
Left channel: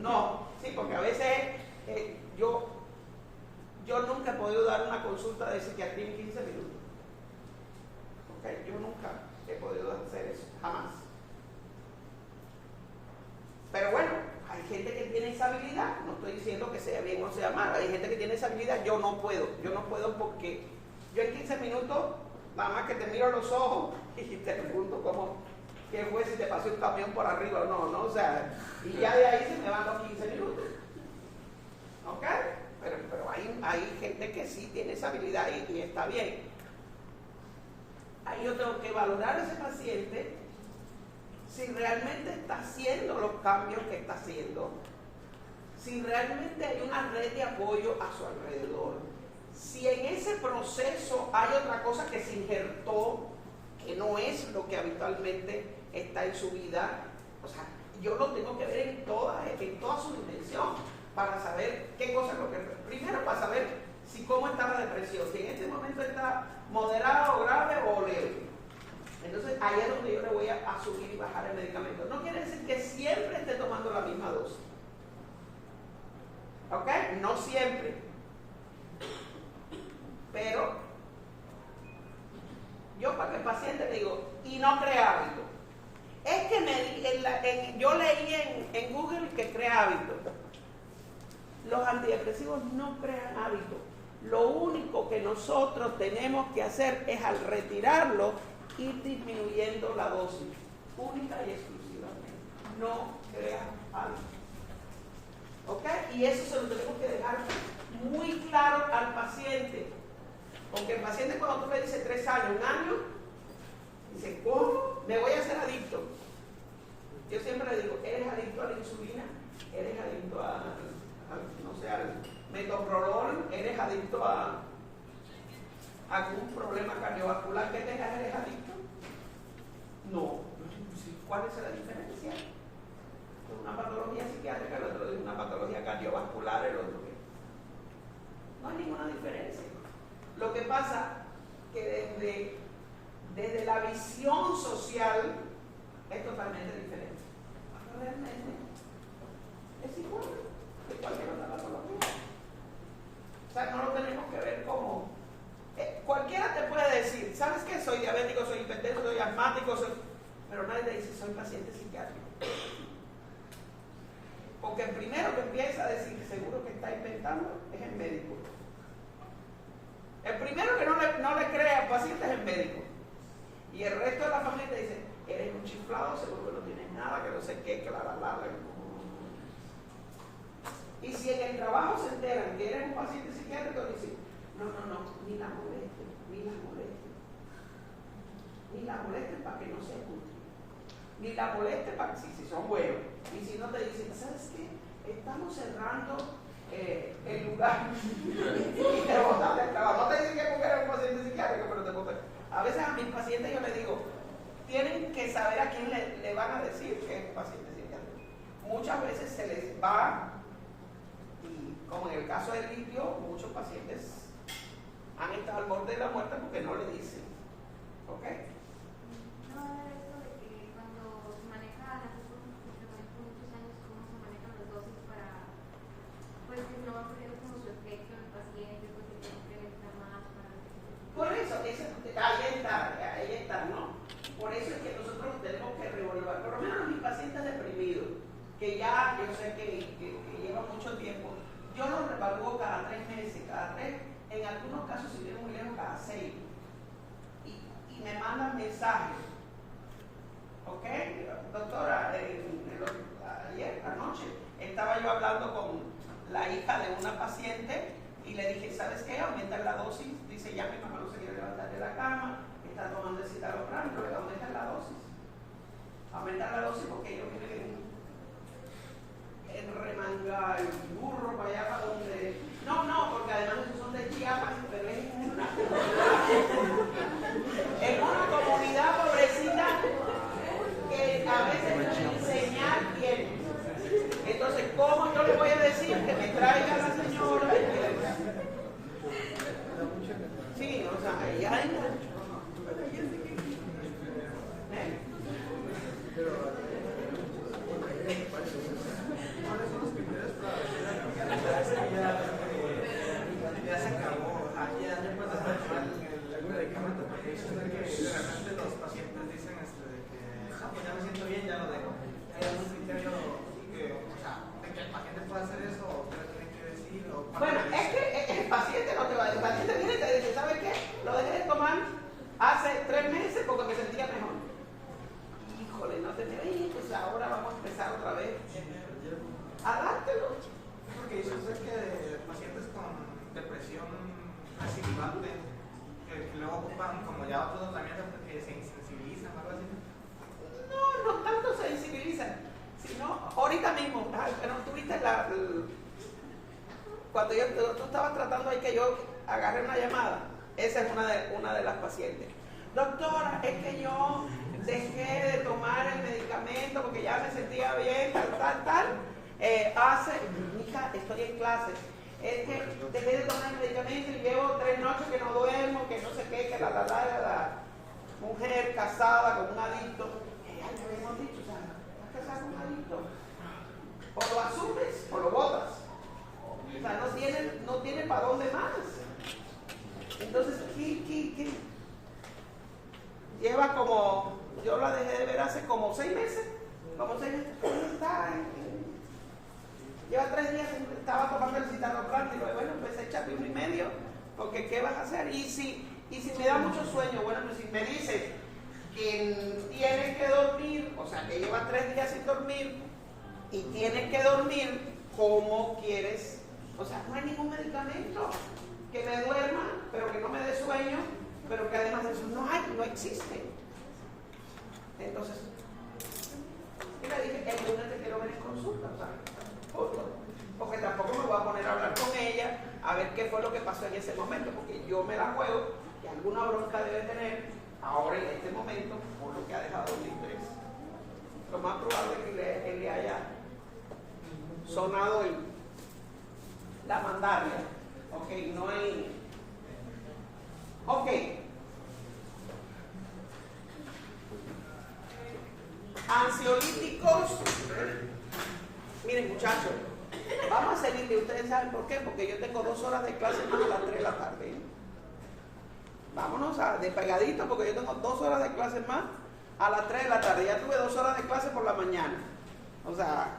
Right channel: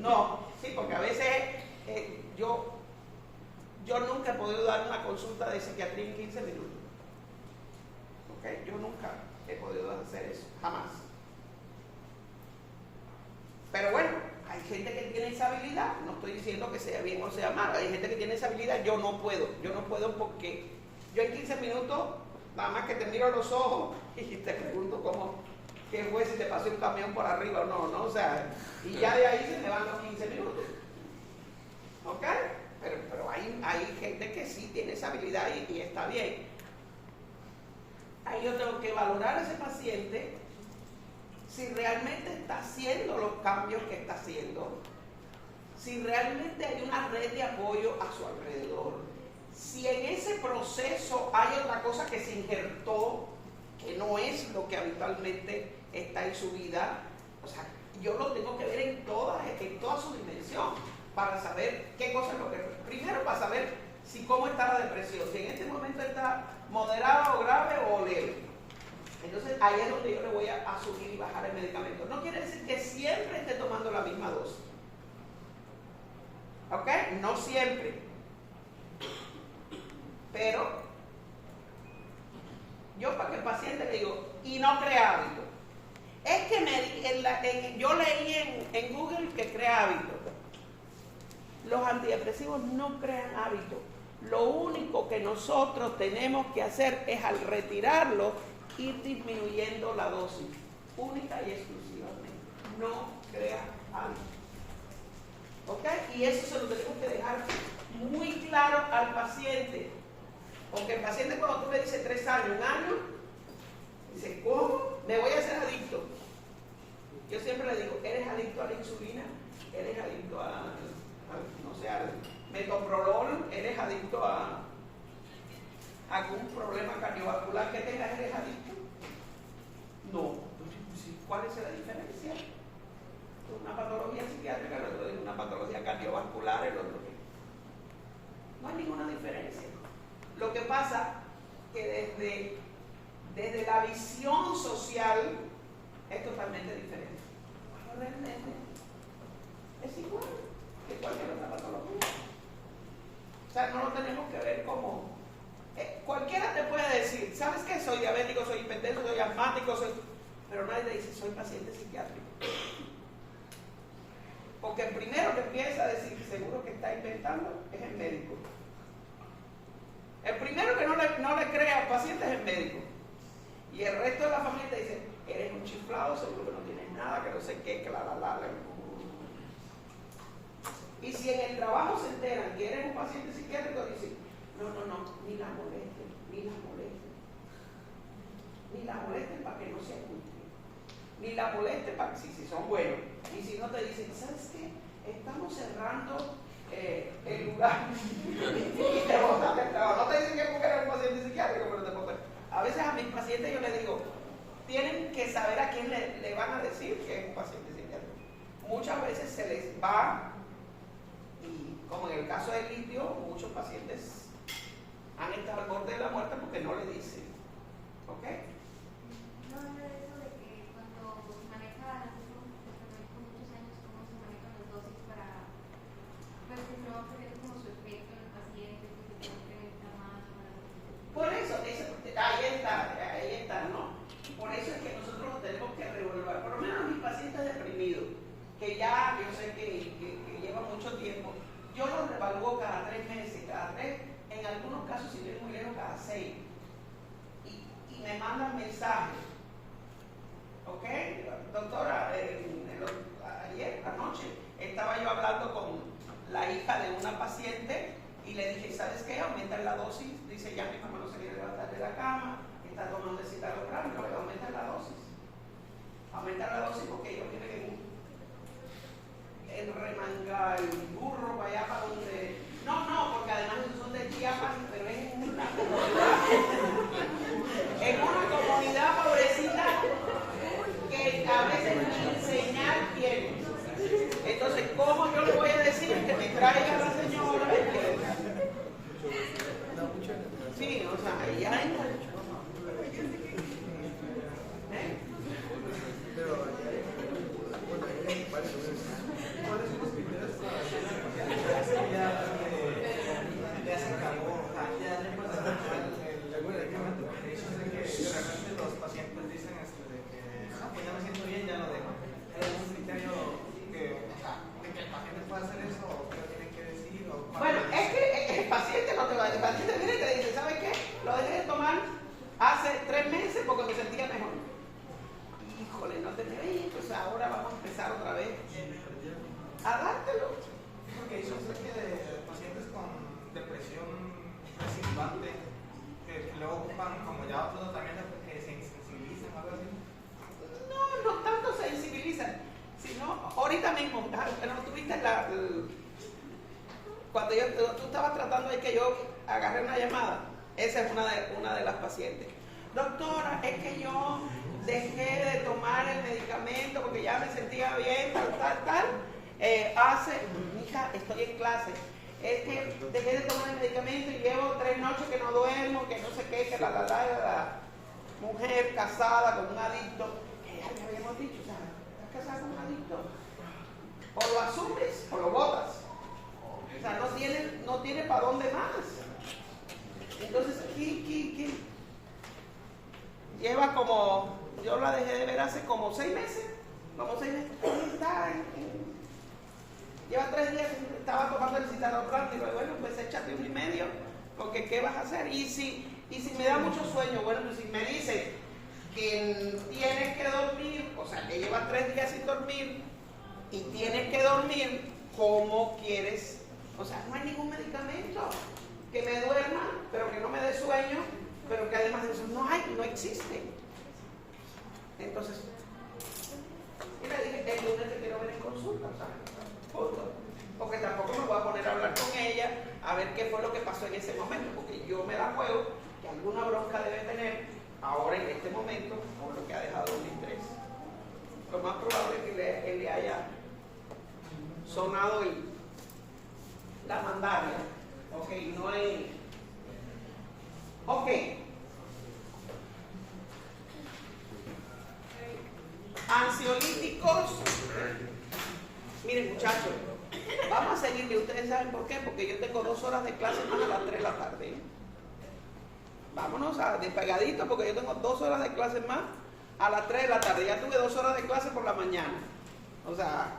No, sí, porque a veces yo nunca he podido dar una consulta de psiquiatría en 15 minutos. ¿Ok? Yo nunca he podido hacer eso, jamás. Pero bueno, hay gente que tiene esa habilidad, no estoy diciendo que sea bien o sea mal, hay gente que tiene esa habilidad, yo no puedo porque yo en 15 minutos, nada más que te miro a los ojos y te pregunto qué fue, si te pasó un camión por arriba o no, o sea, y ya de ahí se me van los 15 minutos. ¿Ok? Pero hay gente que sí tiene esa habilidad y está bien. Ahí yo tengo que valorar a ese paciente si realmente está haciendo los cambios que está haciendo, si realmente hay una red de apoyo a su alrededor, si en ese proceso hay otra cosa que se injertó, que no es lo que habitualmente está en su vida. O sea, yo lo tengo que ver en toda su dimensión para saber qué cosa es lo que... Primero para saber cómo está la depresión, si en este momento está moderada o grave o leve. Entonces ahí es donde yo le voy a subir y bajar el medicamento. No quiere decir que siempre esté tomando la misma dosis. ¿Ok? No siempre. Pero yo para que el paciente le digo, y no crea hábito. Es que yo leí en Google que crea hábito. Los antidepresivos no crean hábito. Lo único que nosotros tenemos que hacer es al retirarlo, ir disminuyendo la dosis, única y exclusivamente. No crea hábito. ¿Ok? Y eso se lo tenemos que dejar muy claro al paciente. Porque el paciente, cuando tú le dices 3 años, 1 año, dice, ¿cómo? Me voy a hacer adicto. Yo siempre le digo, ¿eres adicto a la insulina? ¿Eres adicto no sé, al metoprolol? ¿Eres adicto a algún problema cardiovascular que tengas? ¿Eres adicto? No. ¿Cuál es la diferencia? Una patología psiquiátrica, el otro es una patología cardiovascular, el otro que no hay ninguna diferencia. Lo que pasa que desde la visión social es totalmente diferente. Pero realmente es igual que cualquier otra patología. O sea, no lo tenemos que ver como cualquiera te puede decir, ¿sabes qué? Soy diabético, soy hipertenso, soy asmático, pero nadie le dice soy paciente psiquiátrico. Porque el primero que empieza a decir seguro que está inventando es el médico. El primero que no le cree al paciente es el médico. Y el resto de la familia te dice, eres un chiflado, seguro que no tienes nada, que no sé qué, que la. Y si en el trabajo se enteran que eres un paciente psiquiátrico, dicen, no, ni la molesten, ni la molesten para que no se oculte. Ni la molesten para que si son buenos. Y si no te dicen, ¿sabes qué? Estamos cerrando el lugar y te botan del trabajo. No te dicen que eres un paciente psiquiátrico, pero te botan. A veces a mis pacientes yo les digo, tienen que saber a quién le van a decir que es un paciente psiquiátrico. Muchas veces se les va, y como en el caso del litio, muchos pacientes han estado al borde de la muerte porque no le dicen. ¿Ok? No era eso de que cuando se maneja por muchos años, cómo se manejan las dosis para, pues que no va a tener como su efecto en el paciente, porque siempre está más para. Por eso, ahí está, ¿no? Por eso es que nosotros tenemos que reevaluar, por lo menos mis pacientes deprimidos, que ya yo sé que llevan mucho tiempo, yo los reevalúo cada 3 meses, en algunos casos, si vienen muy lejos, cada 6. Y me mandan mensajes. ¿Ok? Doctora, ayer, anoche, estaba yo hablando con la hija de una paciente y le dije, ¿sabes qué? Aumenta la dosis. Dice, ya mi mamá no se quiere levantar de la cama, está tomando el citalopram, no le va a aumentar la dosis. Aumentar la dosis porque ellos tienen el remanga, el burro para allá para donde. No, porque además esos son de Chiapas, pero es en una comunidad pobrecita que a veces ni señal tiene. Entonces, ¿cómo yo le voy a decir que me traiga a la señora? Sí, o sea, ahí hay. ¿Cuáles son los criterios para ya se acabó? Ya no puedes aceptar el medicamento, porque eso es de que de repente los pacientes dicen pues ya me siento bien, ya lo dejo. ¿Hay algún criterio que, o sea, de que el paciente pueda hacer eso o qué tiene que decir? Bueno, es que el paciente no te va a decir, el paciente viene y te dice, ¿sabes qué? Lo dejé de tomar hace 3 meses porque me sentía mejor. Híjole, no te creí, pues ahora vamos a empezar otra vez a dártelo. Porque dicen que de pacientes con depresión participante que luego ocupan como ya otros tratamientos que se insensibilizan o algo así. No tanto se sensibilizan, sino ahorita mismo, pero tuviste cuando tú estabas tratando ahí que yo agarré una llamada, esa es una de las pacientes. Doctora, es que yo dejé de tomar el medicamento porque ya me sentía bien, tal. Mija, estoy en clase. Es que dejé de tomar el medicamento y llevo 3 noches que no duermo, que no sé qué, que la mujer casada con un adicto. Ya le habíamos dicho, o sea, estás casada con un adicto. O lo asumes o lo botas. O sea, no tiene para dónde más. Entonces, ¿qué? Lleva como, yo la dejé de ver hace como 6 meses. Lleva 3 días que estaba tomando el citalopram. Digo, bueno, pues échate 1 y medio, porque ¿qué vas a hacer? Y si me da mucho sueño, bueno, pues si me dices que tienes que dormir, o sea, que lleva 3 días sin dormir y tienes que dormir, ¿cómo quieres? O sea, no hay ningún medicamento que me duerma, pero que no me dé sueño, pero que además de eso no existe. Entonces, y le dije, el lunes te quiero ver en consulta, ¿sabes? Punto. Porque tampoco me voy a poner a hablar con ella a ver qué fue lo que pasó en ese momento, porque yo me la juego que alguna bronca debe tener ahora en este momento por lo que ha dejado el interés. Lo más probable es que él le haya sonado la mandaria. Ok, no hay. Ok. Ansiolíticos. Miren, muchachos, vamos a seguirle. Ustedes saben por qué, porque yo tengo 2 horas de clase más a las 3 de la tarde, ¿eh? Vámonos de pegadito, porque yo tengo 2 horas de clase más a las 3 de la tarde. Ya tuve 2 horas de clase por la mañana. O sea,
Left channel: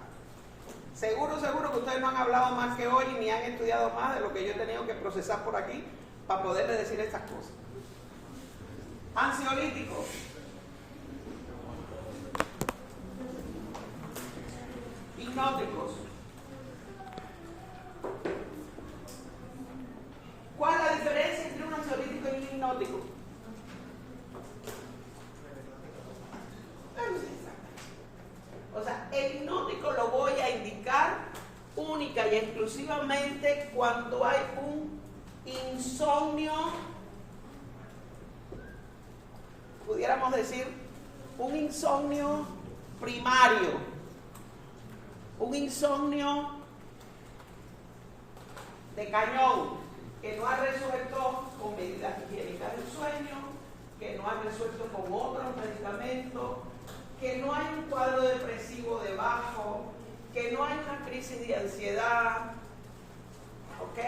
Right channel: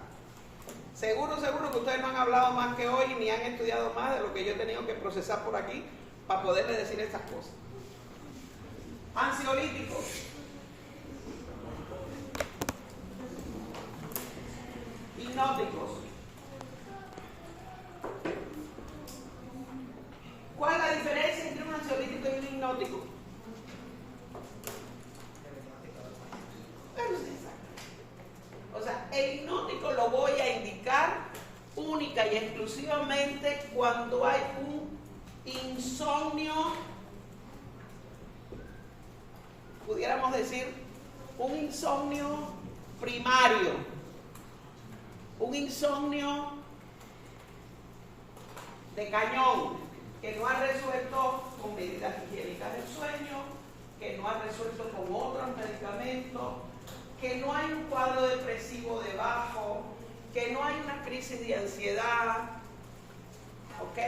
seguro que ustedes no han hablado más que hoy ni han estudiado más de lo que yo he tenido que procesar por aquí para poderles decir estas cosas. Ansiolíticos. Hipnóticos. ¿Cuál es la diferencia entre un ansiolítico y un hipnótico? O sea, el hipnótico lo voy a indicar única y exclusivamente cuando hay un insomnio, pudiéramos decir, un insomnio primario, un insomnio de cañón, que no ha resuelto con medidas higiénicas del sueño, que no ha resuelto con otros medicamentos, que no hay un cuadro depresivo debajo, que no hay una crisis de ansiedad, ¿ok?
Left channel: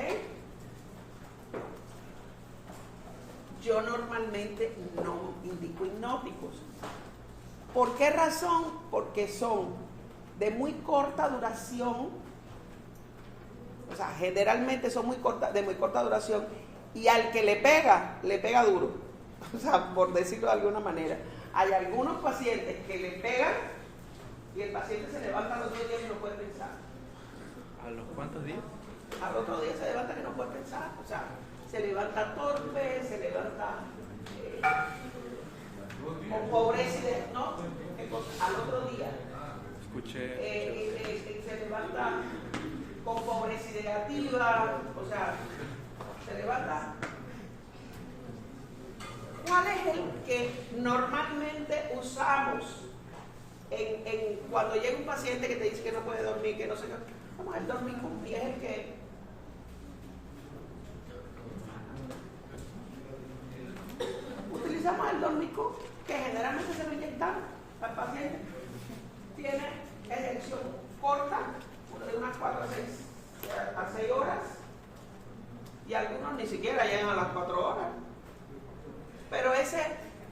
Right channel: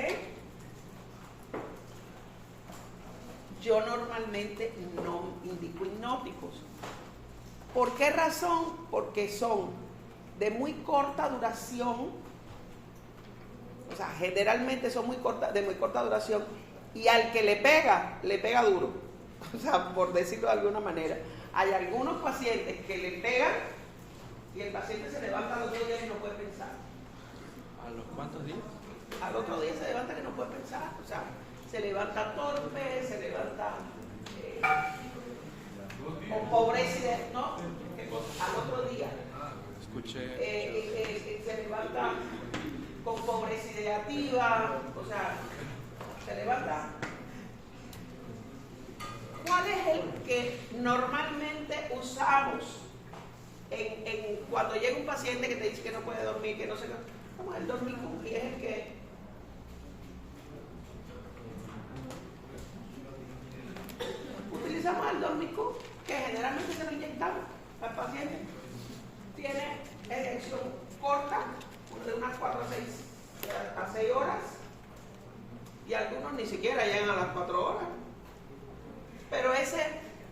Yo normalmente no indico hipnóticos. ¿Por qué razón? Porque son de muy corta duración, o sea, generalmente son de muy corta duración, y al que le pega duro, o sea, por decirlo de alguna manera. Hay algunos pacientes que le pegan y el paciente se levanta al otro día y no puede pensar. ¿A los cuántos días? Al otro día se levanta y no puede pensar, o sea, se levanta torpe, se levanta con pobreza, ¿no? Al otro día. Escuché. Se levanta con pobreza ideativa, o sea, se levanta. ¿Cuál es el que normalmente usamos cuando llega un paciente que te dice que no puede dormir, que no sé qué? Vamos, el dormicum, y es el que utilizamos el dormicum, que generalmente se lo inyectamos al paciente. Tiene erección corta, de unas 4 a 6 horas, y algunos ni siquiera llegan a las 4 horas. Pero ese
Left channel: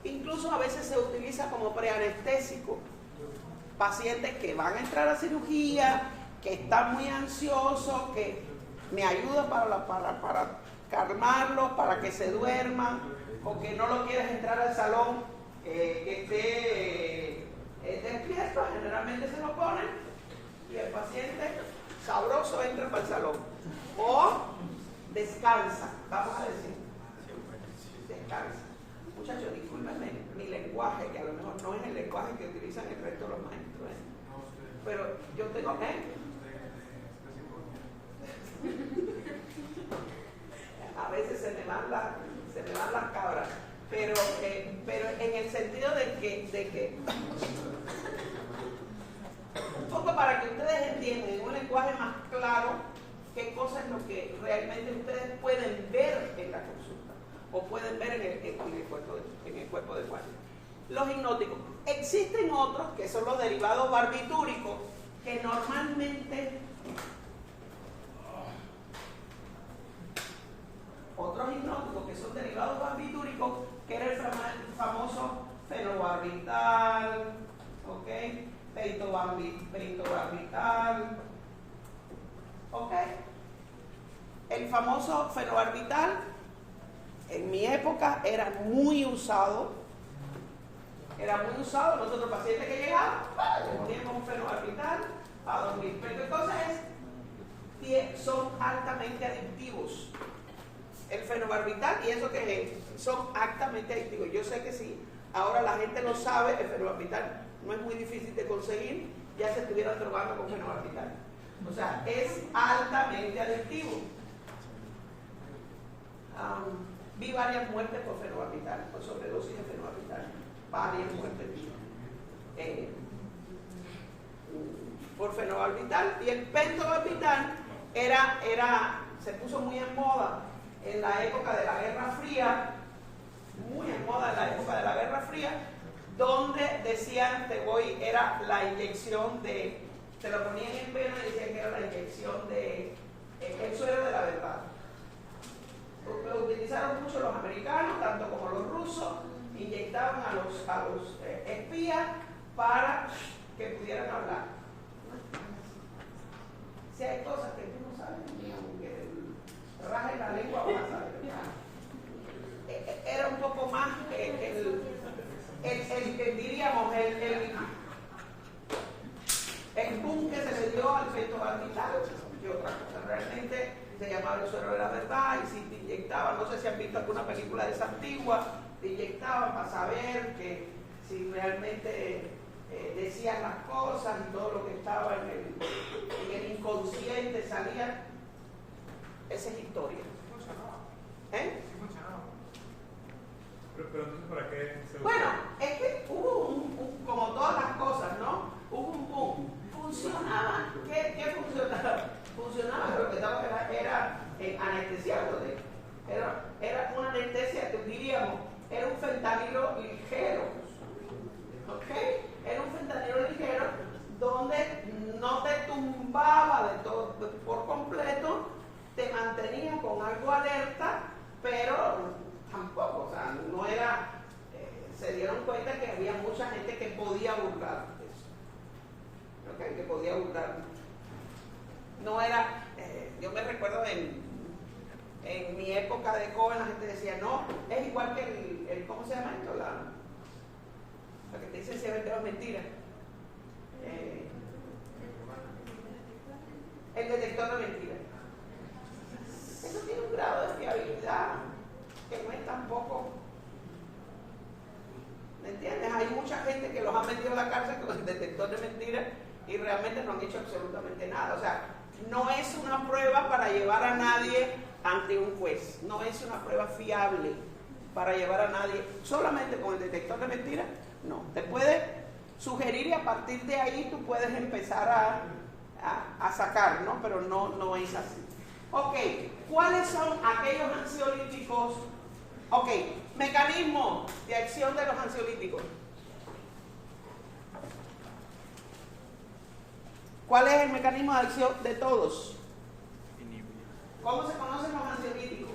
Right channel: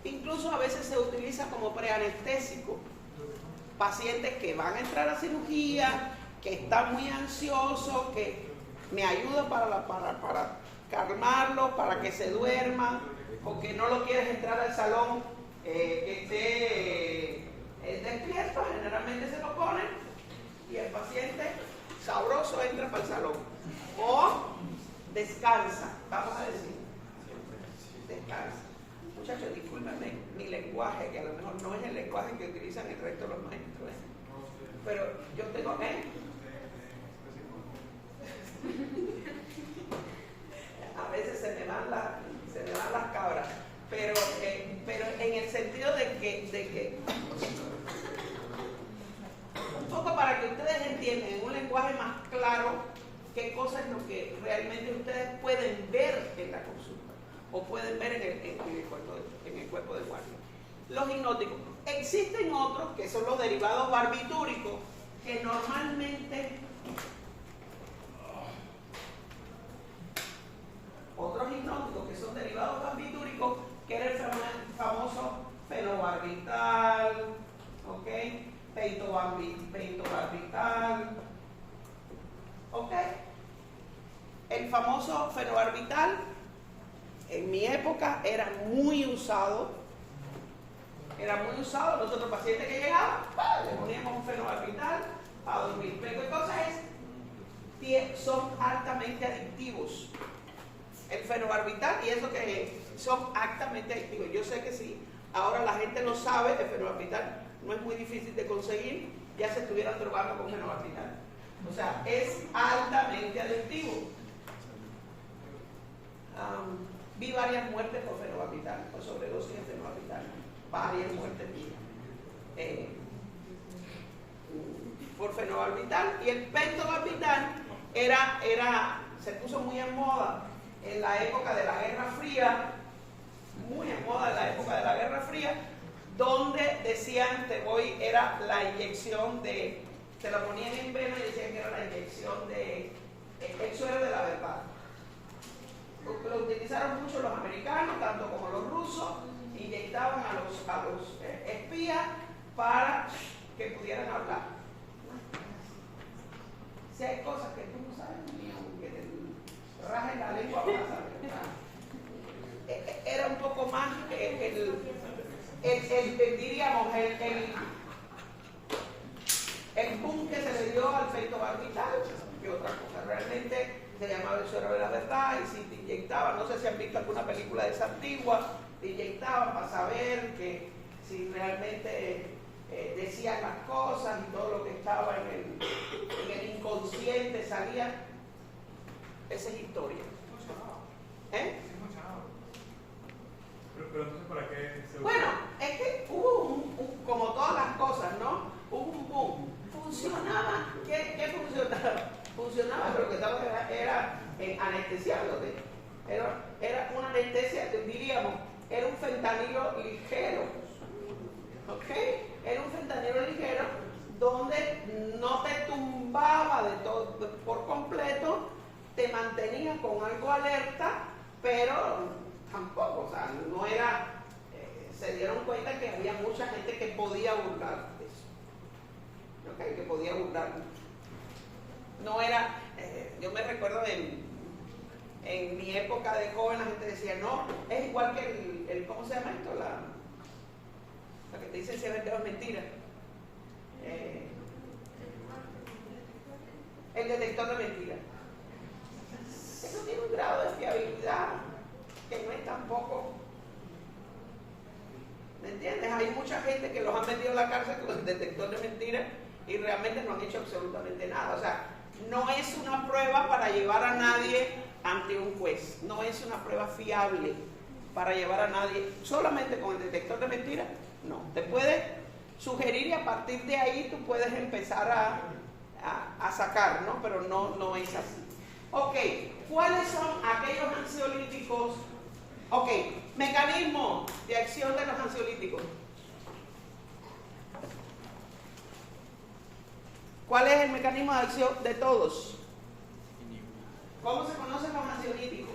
incluso a veces se utiliza como preanestésico. Pacientes que van a entrar a cirugía, que están muy ansiosos, que me ayuda para calmarlos, para que se duerman, o que no lo quieres entrar al salón, que esté despierto, generalmente se lo ponen y el paciente sabroso entra para el salón. O descansa, vamos a decir, descansa. Muchachos, discúlpenme mi lenguaje, que a lo mejor no es el lenguaje que utilizan el resto de los maestros, pero yo tengo que... A veces se me van las cabras, pero en el sentido de que un poco para que ustedes entiendan en un lenguaje más claro qué cosa es lo que realmente ustedes pueden ver en la consulta o pueden ver en el cuerpo de guardia. Los hipnóticos. Existen otros que son los derivados barbitúricos, que normalmente otros hipnóticos que son derivados barbitúricos, que era el famoso fenobarbital, ¿ok? Pentobarbital, ¿ok? El famoso fenobarbital en mi época era muy usado. Nosotros pacientes que llegaban, le poníamos un fenobarbital para dormir. Pero ¿qué cosa es son altamente adictivos. El fenobarbital y eso que son altamente adictivos. Yo sé que si ahora la gente lo sabe, el fenobarbital no es muy difícil de conseguir, ya se estuvieran drogando con fenobarbital. O sea, es altamente adictivo. Vi varias muertes por fenobarbital, por sobredosis de fenobarbital. Varias muertes por fenobarbital. Y el pentobarbital se puso muy en moda en la época de la Guerra Fría, muy en moda en la época de la Guerra Fría, donde decían era la inyección de, se lo ponían en el pelo y decían que era la inyección de el suero de la verdad. Lo utilizaron mucho los americanos, tanto como los rusos, inyectaban a los espías para que pudieran hablar. Si hay cosas que tú no sabes, ni aunque rajes la lengua para saber. Era un poco más diríamos, el boom que se le dio al pentobarbital que otra cosa. Realmente se llamaba el suero de la verdad y si te inyectaban, no sé si han visto alguna película de esa antigua, te inyectaban para saber que si realmente decían las cosas y todo lo que estaba en el inconsciente salía. Esa es historia. ¿Eh? Pero entonces, ¿para qué se usa? Bueno, es que hubo como todas las cosas, ¿no? Hubo un boom. Funcionaba. ¿Qué funcionaba? Funcionaba, pero que era anestesiándote. Era una anestesia que diríamos, era un fentanilo ligero. ¿Ok? Era un fentanilo ligero donde no te tumbaba de todo por completo, te mantenía con algo alerta, pero tampoco, o sea, no era, se dieron cuenta que había mucha gente que podía burlar eso, ¿okay? Que podía burlar. No era, yo me recuerdo en mi época de joven la gente decía, no, es igual que el ¿cómo se llama esto? La que te dicen si es verdad o mentira. El detector de mentiras. Eso tiene un grado de fiabilidad que no es tampoco, ¿me entiendes? Hay mucha gente que los han metido en la cárcel con el detector de mentiras y realmente no han hecho absolutamente nada. O sea, no es una prueba para llevar a nadie ante un juez, no es una prueba fiable para llevar a nadie solamente con el detector de mentiras. No, te puede sugerir y a partir de ahí tú puedes empezar a sacar, ¿no? Pero no es así. Ok, ¿cuáles son aquellos ansiolíticos? Ok, mecanismo de acción de los ansiolíticos. ¿Cuál es el mecanismo de acción de todos? ¿Cómo se conocen los ansiolíticos?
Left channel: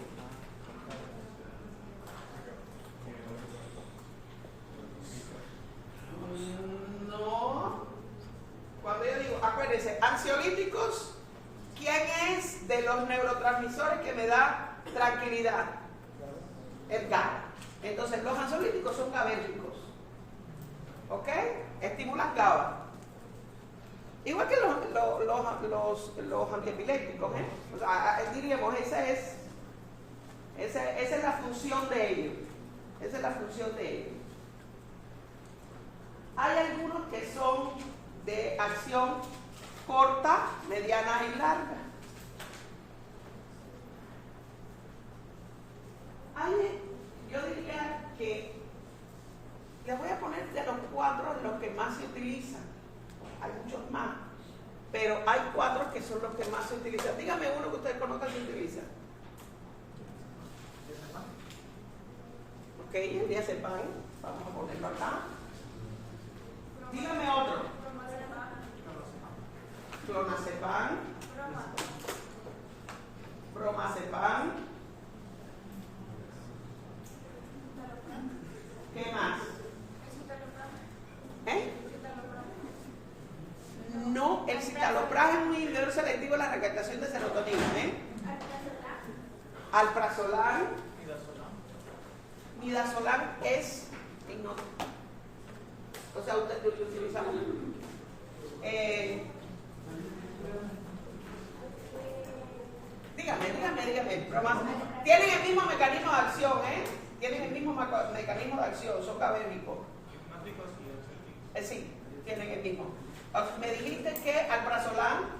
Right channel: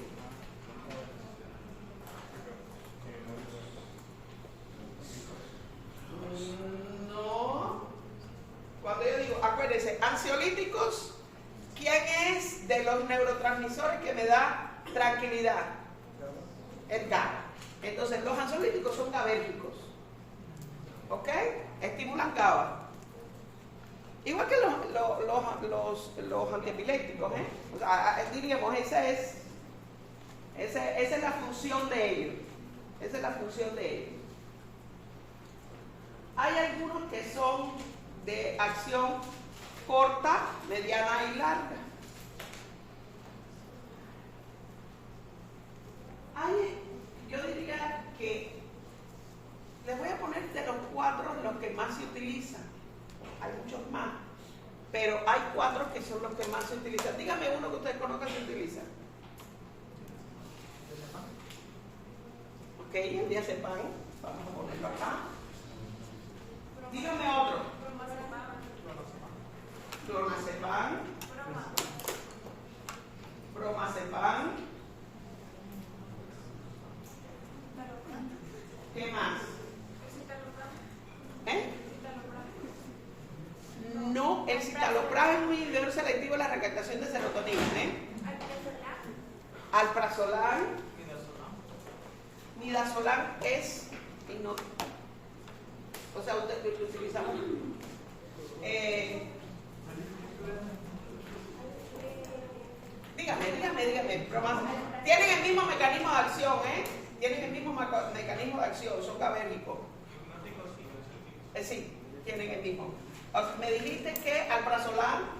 No. Cuando yo digo, acuérdense, ansiolíticos, ¿quién es de los neurotransmisores que me da tranquilidad? El GABA. Entonces, los ansiolíticos son GABérgicos. ¿Ok? Estimulan GABA. Igual que los antiepilépticos, ¿eh? O sea, diríamos, esa es la función de ellos. Esa es la función de ellos. Hay algunos que son de acción corta, mediana y larga. Yo diría que les voy a poner de los 4 los que más se utilizan. Hay muchos más, pero hay 4 que son los que más se utilizan. Dígame uno que ustedes conozcan que se utiliza. Ok, el diazepam, vamos a ponerlo acá. Dígame otro. Clonazepam, bromazepam. ¿Qué más? ¿Eh? No, el citalopram es un inhibidor selectivo de la recaptación de serotonina. Alprazolam. Midazolam es hipnótico. O sea, utilizamos Dígame. Pero tienen el mismo mecanismo de acción, ¿eh? Tienen el mismo mecanismo de acción, son gabérricos. Sí, tienen el mismo. Me dijiste que alprazolam.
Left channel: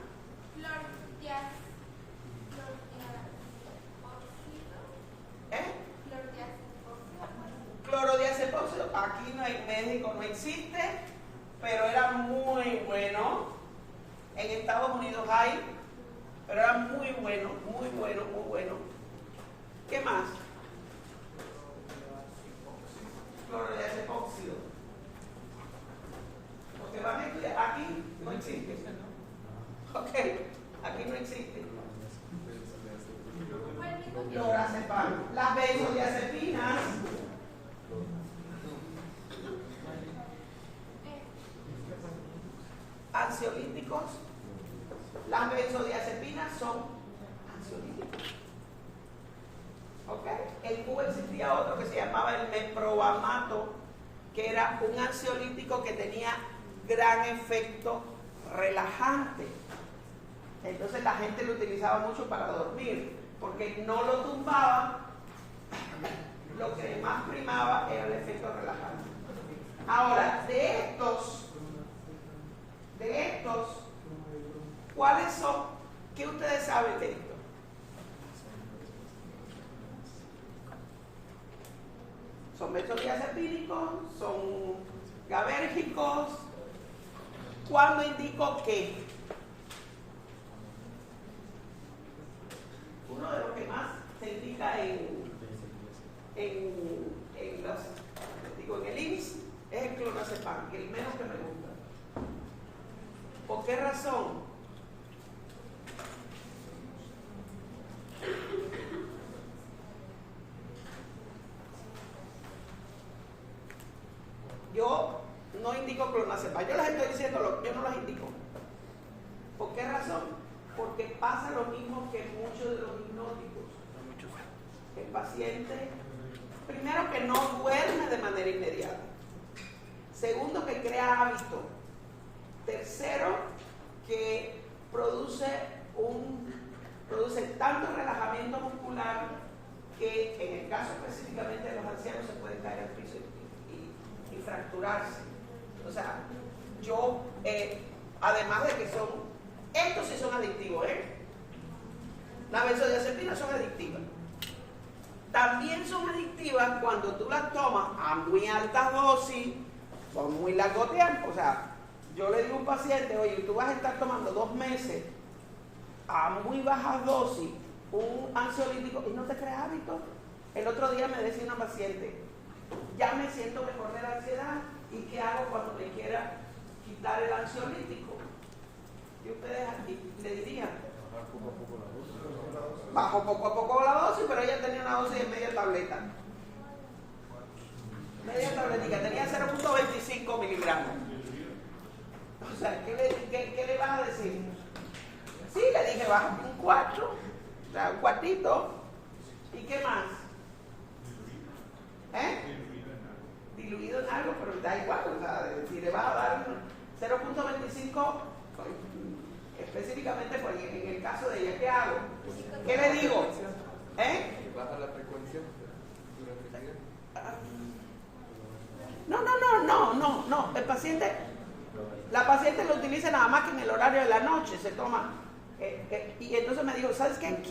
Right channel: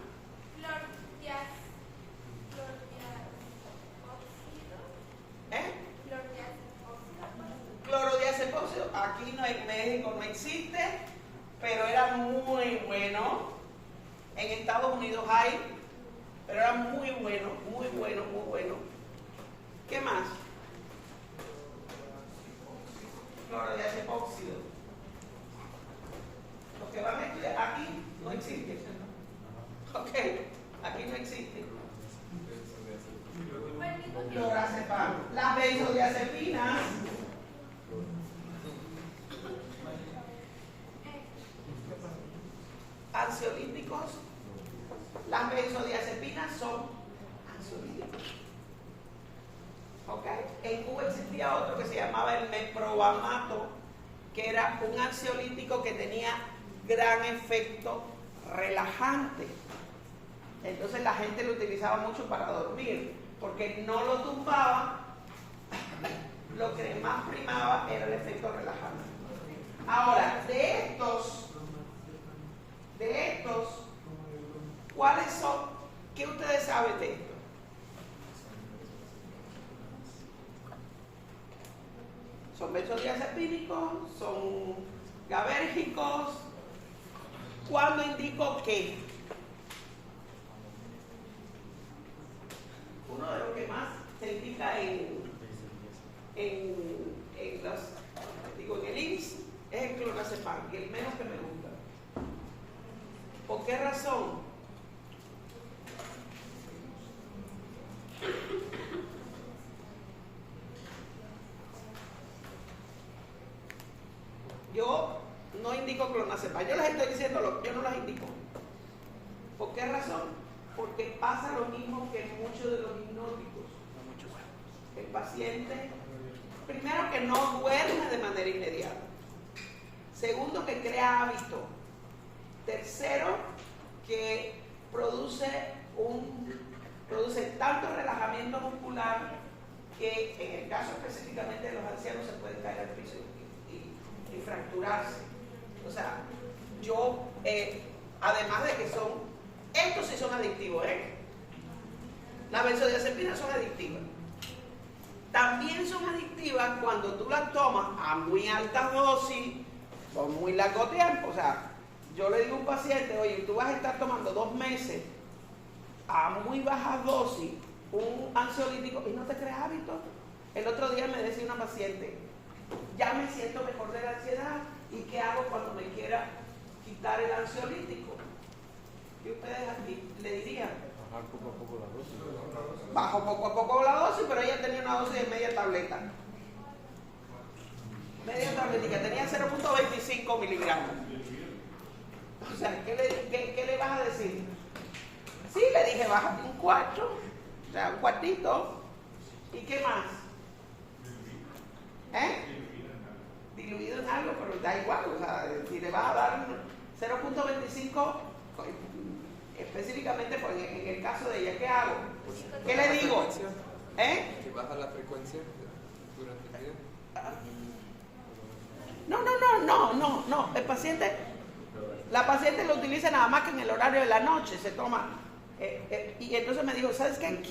Clorodiazepóxido. Aquí no, en México no existe, pero era muy bueno. En Estados Unidos hay, pero era muy bueno. ¿Qué más? Clorodiazepóxido. Lo que van a estudiar aquí no existe. Ok, aquí no existe. Clorazepam. Las benzodiazepinas. Ansiolíticos. Las benzodiazepinas son ansiolíticos. ¿Ok? En Cuba existía otro que se llamaba el meprobamato, que era un ansiolítico que tenía gran efecto relajante. Entonces la gente lo utilizaba mucho para dormir, porque no lo tumbaba, lo que más primaba era el efecto relajante. Ahora, de estos, ¿cuáles son? ¿Qué ustedes saben de esto? Son benzodiazepínicos, son gabérgicos. ¿Cuándo indico qué? Uno de los que más se indica en el IMSS es el clonazepam, que es el menos que me gusta. ¿Por qué razón? Yo no indico clonazepam, yo les estoy diciendo, yo no las indico. ¿Por qué razón? Porque pasa lo mismo que en muchos de los hipnóticos. El paciente, primero, que no duerme de manera inmediata. Segundo, que crea hábito. Tercero, que produce tanto relajamiento muscular que en el caso específicamente de los ancianos se pueden caer al piso y fracturarse. O sea, yo, además de que estos sí son adictivos, las benzodiazepinas son adictivas. También son adictivas cuando tú las tomas a muy altas dosis, por muy largo tiempo. O sea, yo le digo a un paciente, oye, tú vas a estar tomando 2 meses a muy bajas dosis un ansiolítico y no te creas hábito. El otro día me decía una paciente, ya me siento mejor de la ansiedad, ¿y qué hago cuando me quiera quitar el ansiolítico? Y ustedes aquí le dirían, bajo poco a poco la dosis, pero ella tenía una dosis de media tableta. Media tabletica, tenía 0.25 miligramos. O sea, ¿qué le vas a decir? Sí, le dije, baja un cuarto, o sea, un cuartito. ¿Y qué más? Diluido en algo, pero da igual. O sea, si le vas a dar 0.25, específicamente pues, en el caso de ella, ¿qué hago? ¿Qué le digo? Que baja la frecuencia durante el día. No. La paciente lo utiliza nada más que en el horario de la noche, se toma. Y entonces me dijo, ¿sabes qué?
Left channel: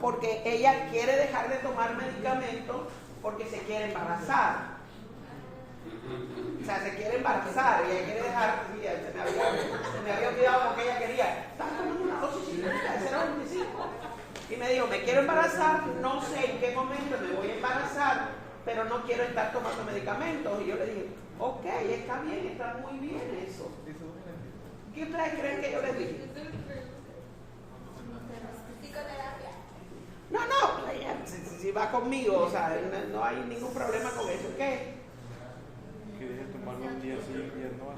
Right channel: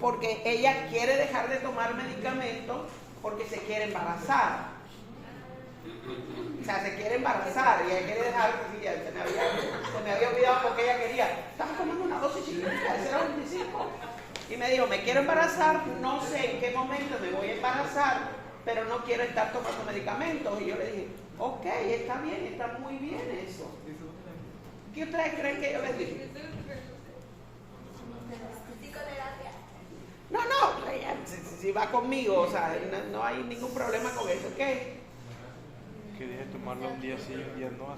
Porque ella quiere dejar de tomar medicamentos porque se quiere embarazar. O sea, se quiere embarazar y ella quiere dejar, se me había olvidado porque ella quería. Estaba tomando una dosis chiquita de 0.25. Y me dijo, me quiero embarazar, no sé en qué momento me voy a embarazar, pero no quiero estar tomando medicamentos. Y yo le dije, ok, está bien, está muy bien eso. ¿Qué ustedes creen que yo les dije? Psicoterapia. No, si va conmigo, o sea, no hay ningún problema con eso. ¿Qué? Que deje de tomarlo un día sí y un día no.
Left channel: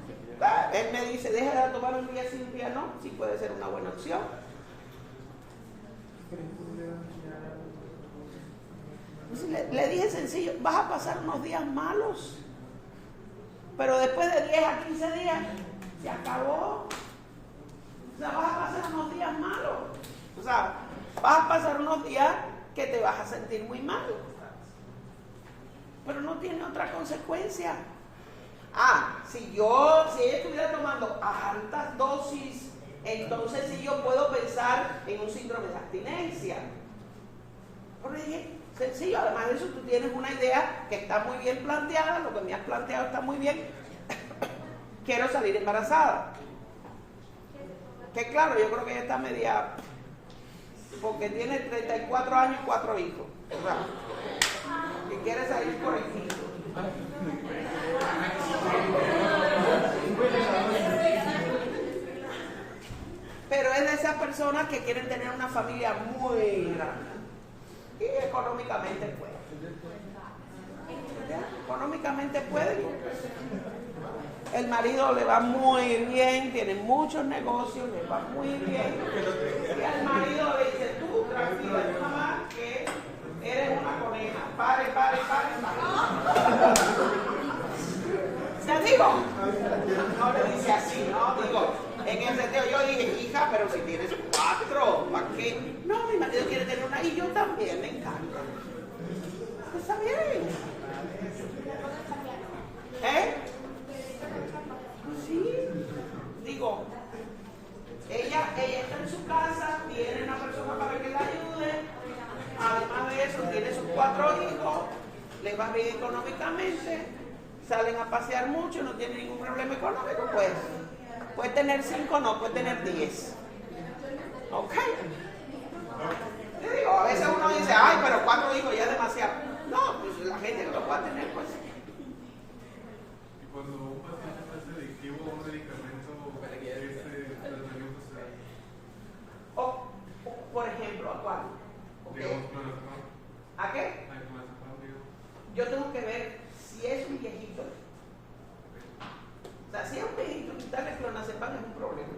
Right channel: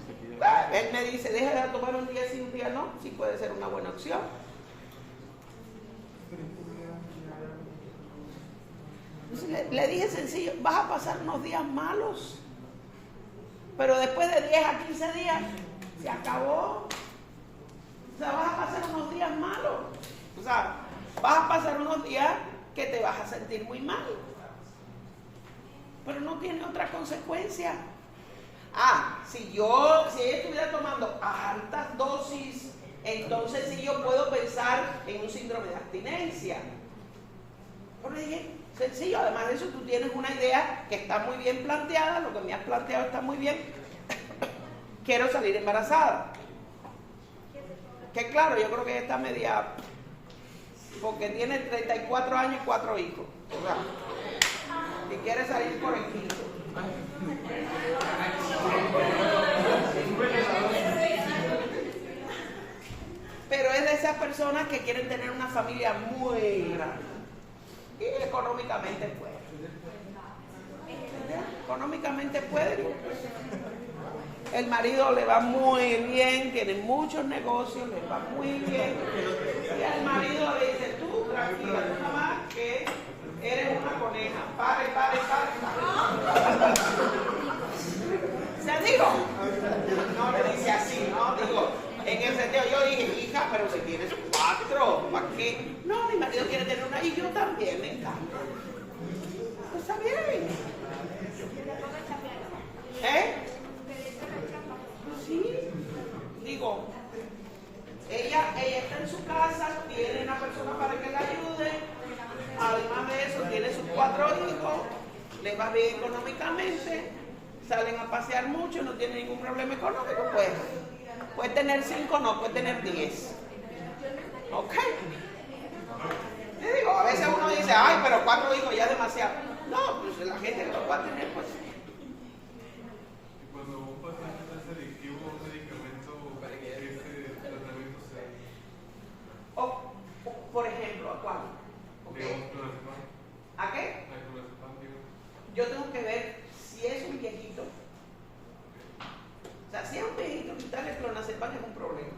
Hasta que Él me dice, deja de tomar un día sí, un día no. Sí puede ser una buena opción. Entonces, le dije sencillo, vas a pasar unos días malos, pero después de 10 a 15 días se acabó. O sea, vas a pasar unos días malos. O sea, vas a pasar unos días que te vas a sentir muy mal. Pero no tiene otra consecuencia. Si ella estuviera tomando altas dosis, entonces sí yo puedo pensar en un síndrome de abstinencia. Porque es sencillo, además de eso tú tienes una idea que está muy bien planteada, lo que me has planteado está muy bien. Quiero salir embarazada. Que claro, yo creo que ella está media, porque tiene 34 años y 4 hijos. O sea, que quiere salir por el quinto. Pero es de esas personas que quieren tener una familia muy grande y económicamente pueden. Económicamente pueden. El marido le va muy bien, tiene muchos negocios, le va muy bien. Y al marido le dice, tú tranquila, tu mamá, que eres una coneja. Pare. O sea, digo, no le dice así, ¿no? Digo, en el sentido, yo dije, hija, pero si tienes 4, ¿para qué? No, mi marido quiere tener una y yo también, me encanta. Pues está bien. Sí, digo, ella está en su casa, tiene una persona para que la ayude, además de eso tiene sus 4 hijos, le va bien económicamente, salen a pasear mucho, no tiene ningún problema económico, pues puede tener 5, no, puede tener 10. ¿Ok? Te digo, a veces uno dice, ay, pero 4 hijos ya es demasiado. No, pues la gente que lo puede tener, pues. Y cuando un paciente está selectivo a un medicamento, ¿este tratamiento se da? O, por ejemplo, ¿a cuál? Okay. Digamos, clonazepam. ¿A qué? A clonazepam, digamos. Yo tengo que ver si es un viejito. O sea, si es un viejito, quitarle clonazepam es un problema.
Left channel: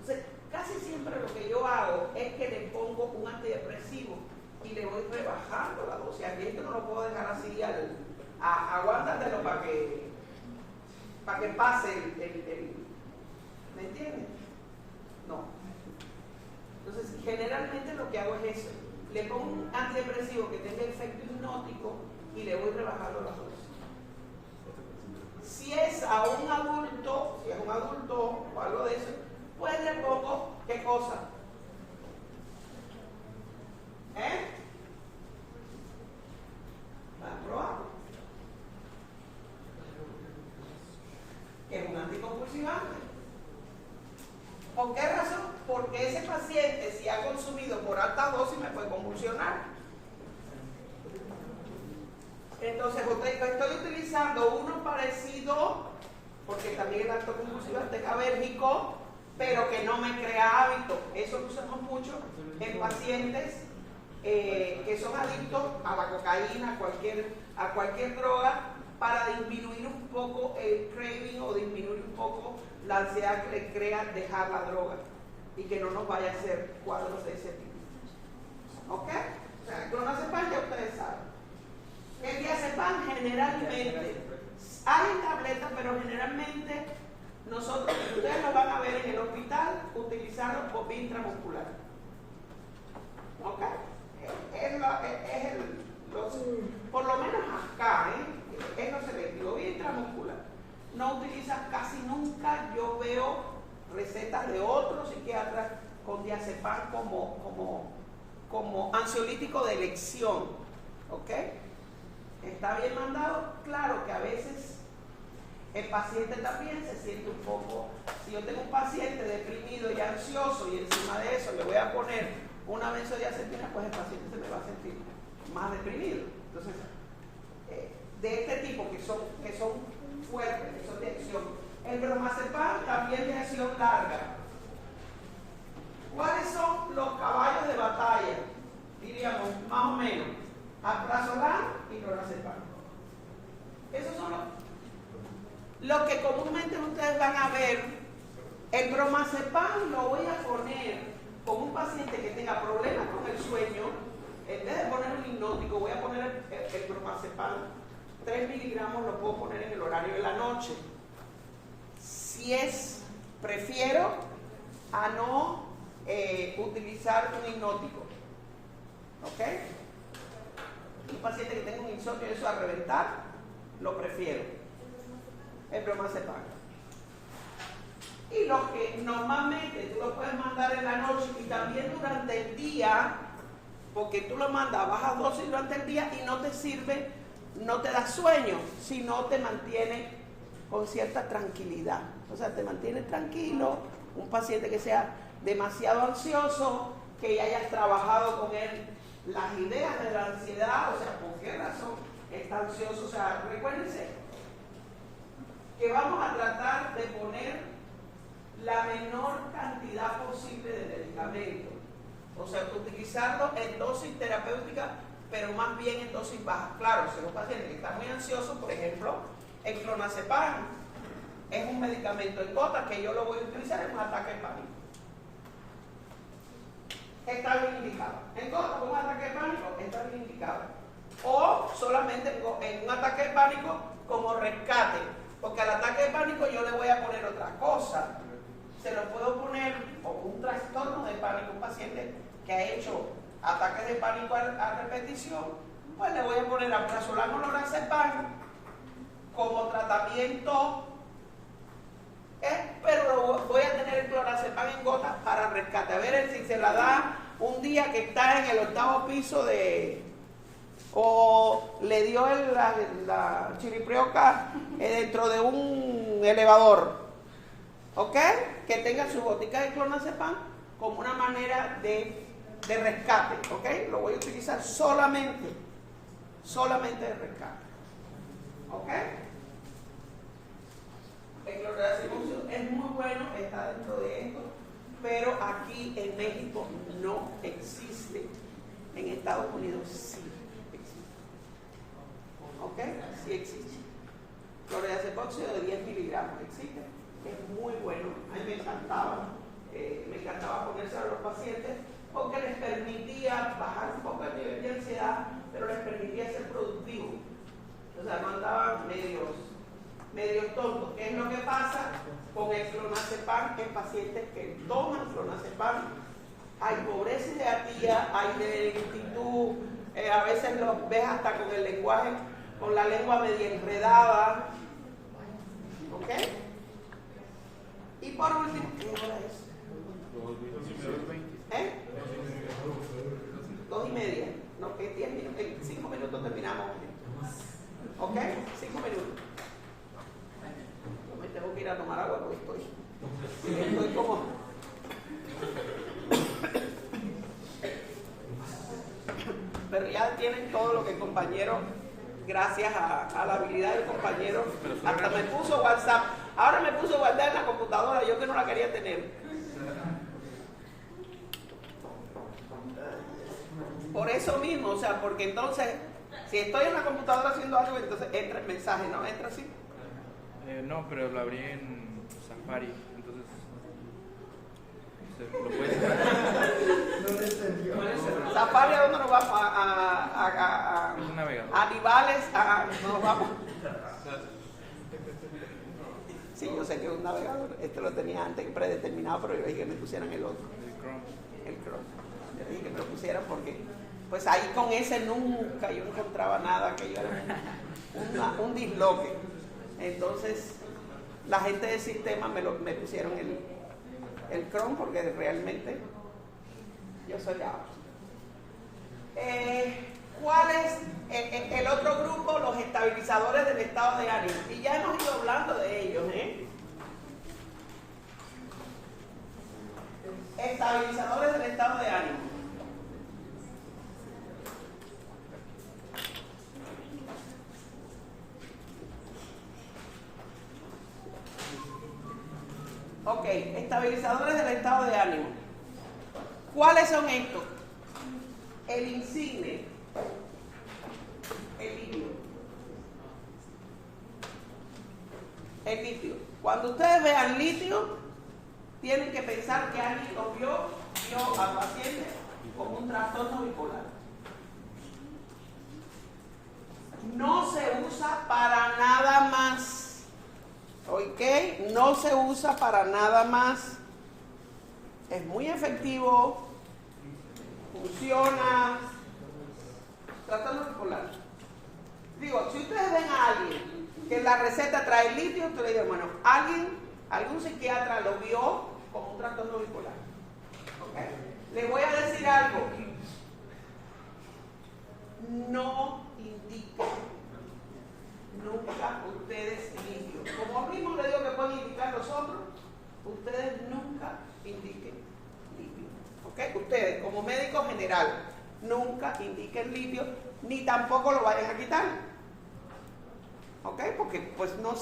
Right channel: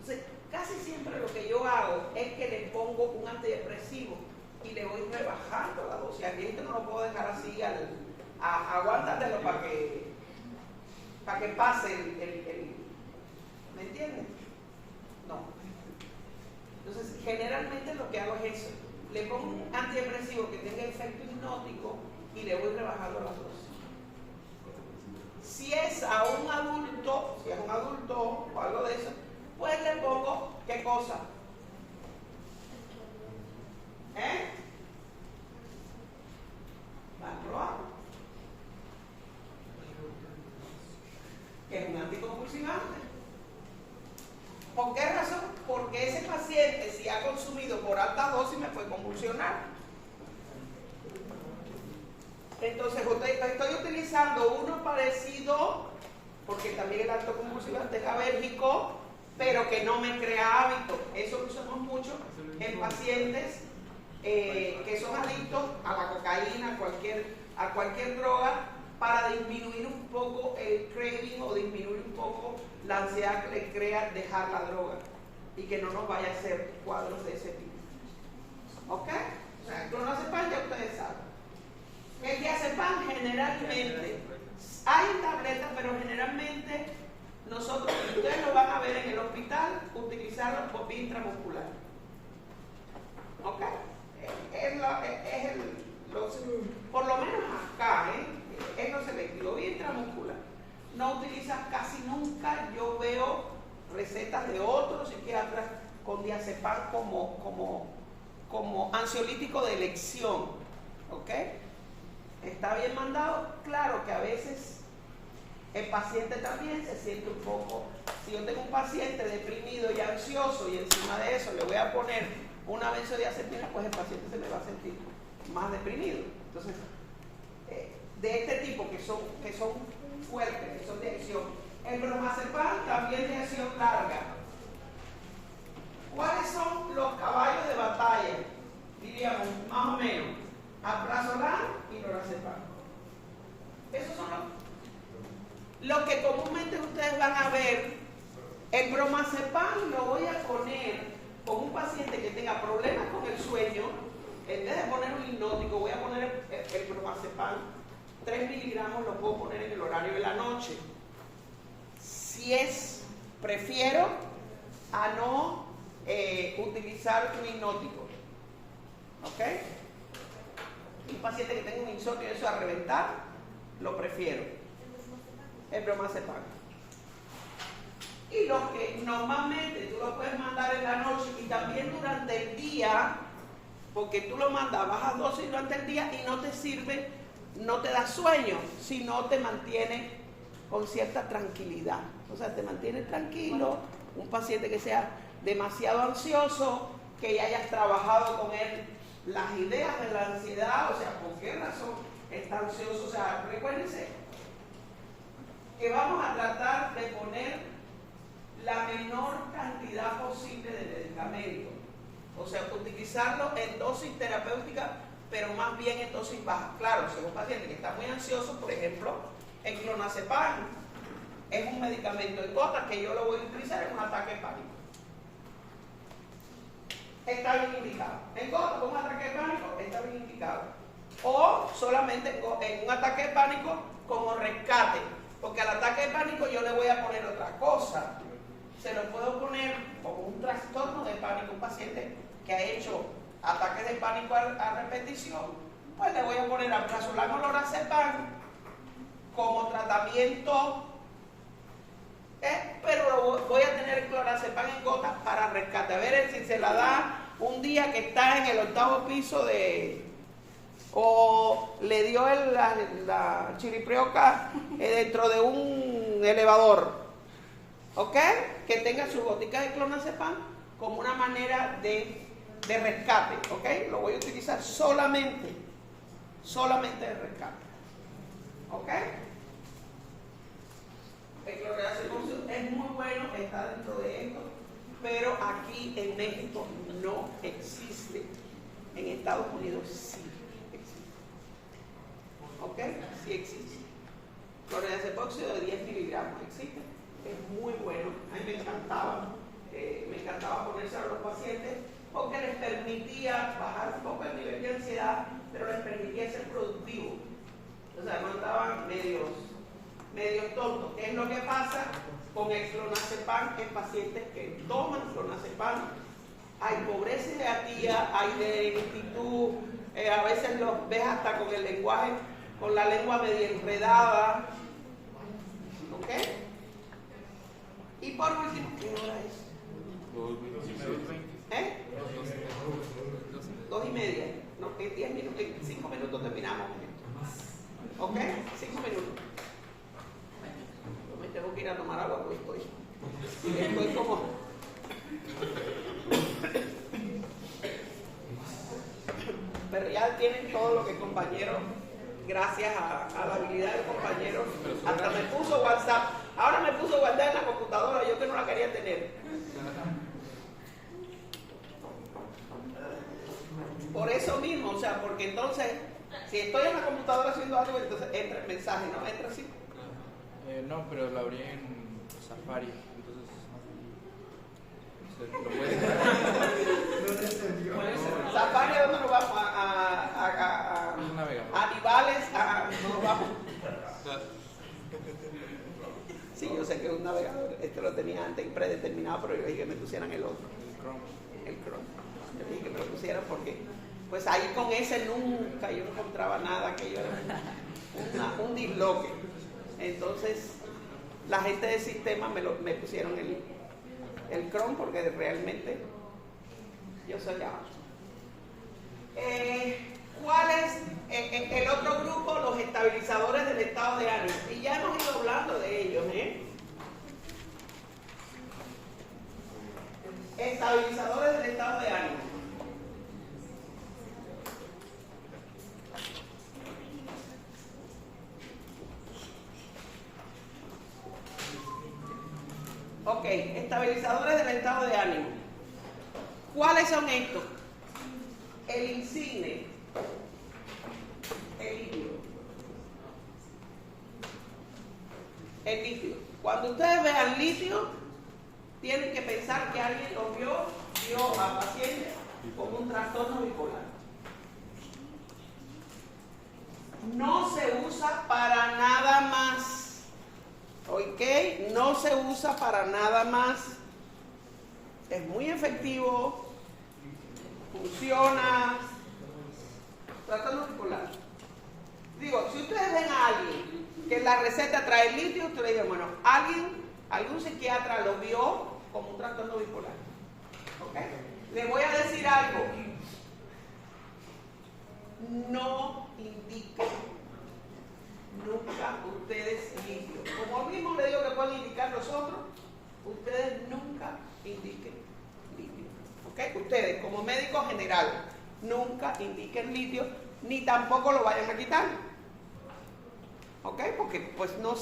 Entonces, casi siempre lo que yo hago es que le pongo un antidepresivo y le voy rebajando la dosis. Aquí esto no lo puedo dejar así aguántatelo para que pase el ¿me entiendes? No. Entonces, generalmente lo que hago es eso. Le pongo un antidepresivo que tenga efecto hipnótico y le voy rebajando la dosis. Si es a un adulto, o algo de eso, pues le pongo, ¿qué cosa? Valproato, que es un anticonvulsivante. ¿Por qué razón? Porque ese paciente, si ha consumido por alta dosis, me puede convulsionar. Entonces, estoy utilizando uno parecido, porque también el alto convulsivante es alérgico, pero que no me crea hábito. Eso lo usamos mucho en pacientes que son adictos a la cocaína, a cualquier droga, para disminuir un poco el craving o disminuir un poco la ansiedad que le crea dejar la droga y que no nos vaya a hacer cuadros de ese tipo. ¿Ok? O sea, el clonazepam ya ustedes saben. El diazepam generalmente, hay tabletas, pero generalmente nosotros, ustedes lo van a ver en el hospital, utilizarlo por vía intramuscular. ¿Ok? Por lo menos acá, es lo selectivo, vía intramuscular. No utilizas casi nunca, yo veo recetas de otros psiquiatras con diazepam como ansiolítico de elección. ¿Ok? ¿Está bien mandado? Claro que a veces el paciente también se siente un poco, si yo tengo un paciente deprimido y ansioso y encima de eso le voy a poner una benzodiazepina, pues el paciente se me va a sentir más deprimido. Entonces, de este tipo que son fuertes, que son de acción. El bromazepam también de acción larga. ¿Cuáles son los caballos de batalla? Diríamos, más o menos, alprazolam y lorazepam. Esos son los que comúnmente ustedes van a ver. El bromazepam lo voy a poner con un paciente que tenga problemas con el sueño. En vez de poner un hipnótico, voy a poner el bromazepam 3 miligramos, lo puedo poner en el horario de la noche. Si prefiero a no utilizar un hipnótico. ¿Ok? Un paciente que tenga un insomnio y eso a reventar, lo prefiero. El bromazepam. Y los que normalmente tú lo puedes mandar en la noche y también durante el día, porque tú lo mandas a baja dosis durante el día y no te sirve, no te da sueño, sino te mantiene con cierta tranquilidad. O sea, te mantiene tranquilo. Un paciente que sea demasiado ansioso, que ya hayas trabajado con él las ideas de la ansiedad, o sea, ¿por qué razón está ansioso? O sea, recuérdense que vamos a tratar de poner la menor cantidad posible de medicamento. O sea, utilizarlo en dosis terapéutica, pero más bien en dosis bajas. Claro, si es un paciente que está muy ansioso, por ejemplo, el clonazepam es un medicamento en gotas que yo lo voy a utilizar en un ataque de pánico. Está bien indicado. En gotas con un ataque de pánico está bien indicado. O solamente en un ataque de pánico como rescate. Porque al ataque de pánico yo le voy a poner otra cosa. Se lo puedo poner como un trastorno de pánico. Un paciente que ha hecho ataques de pánico a repetición, pues le voy a poner alprazolam o lorazepam como tratamiento, pero voy a tener el clonazepam en gotas para rescate. A ver si se la da un día que está en el 8º piso o le dio la chiriprioca dentro de un elevador. ¿Ok? Que tenga su botica de clonazepam como una manera de rescate. ¿Ok? Lo voy a utilizar solamente de rescate. ¿Ok? El clonazepam es muy bueno, está dentro de esto, pero aquí en México no existe. En Estados Unidos sí existe. ¿Ok? Sí existe. Clonazepam de 10 miligramos existe. Es muy bueno. A mí me encantaba ponérselo a los pacientes porque les permitía bajar un poco el nivel de ansiedad, pero les permitía ser productivos. O sea, no andaban medios tontos. ¿Qué es lo que pasa con el clonazepam en pacientes que toman clonazepam? Hay pobreza y apatía, hay lentitud, a veces los ves hasta con el lenguaje, con la lengua medio enredada. ¿Ok? Y por último, ¿qué hora es? 2:30. No, en 10 minutos, en 5 minutos terminamos. ¿Ok? 5 minutos. Yo me tengo que ir a tomar agua porque estoy como... Pero ya tienen todo lo que compañeros, gracias a la habilidad del compañero, hasta me puso WhatsApp. Ahora me puso WhatsApp en la computadora, yo que no la quería tener. Por eso mismo, o sea, porque entonces, si estoy en la computadora haciendo algo, entonces entra el mensaje, ¿no? ¿Entra así? No, pero la abrí en Safari, entonces se lo puede... Safari, ¿a dónde nos vamos? A Nivales, nos vamos. Sí, yo sé que es un navegador. Este lo tenía antes predeterminado, pero yo dije que me pusieran el otro. El Chrome. Yo dije que me lo pusieran porque, pues ahí con ese nunca yo no encontraba nada, que yo era un disloque. Entonces, la gente del sistema me pusieron el Chrome porque realmente yo soy ahora. ¿Cuál es el otro grupo? Los estabilizadores del estado de ánimo. Y ya hemos ido hablando de ellos, Estabilizadores del estado de ánimo. Ok, estabilizadores del estado de ánimo. ¿Cuáles son estos? El insigne, el litio. El litio. Cuando ustedes vean litio, tienen que pensar que alguien lo vio al paciente con un trastorno bipolar. No se usa para nada más. ¿Ok? No se usa para nada más es muy efectivo, funciona. Trastorno bipolar. Digo, si ustedes ven a alguien que la receta trae litio, ustedes digan, bueno, algún psiquiatra lo vio como un trastorno bipolar. ¿Okay? Le voy a decir algo. No indiquen nunca ustedes litio. Como mismo le digo que pueden indicar los otros, ustedes nunca indiquen litio. ¿Okay? Ustedes, como médico general, nunca indiquen litio, ni tampoco lo vayan a quitar. ¿Ok? Porque pues no,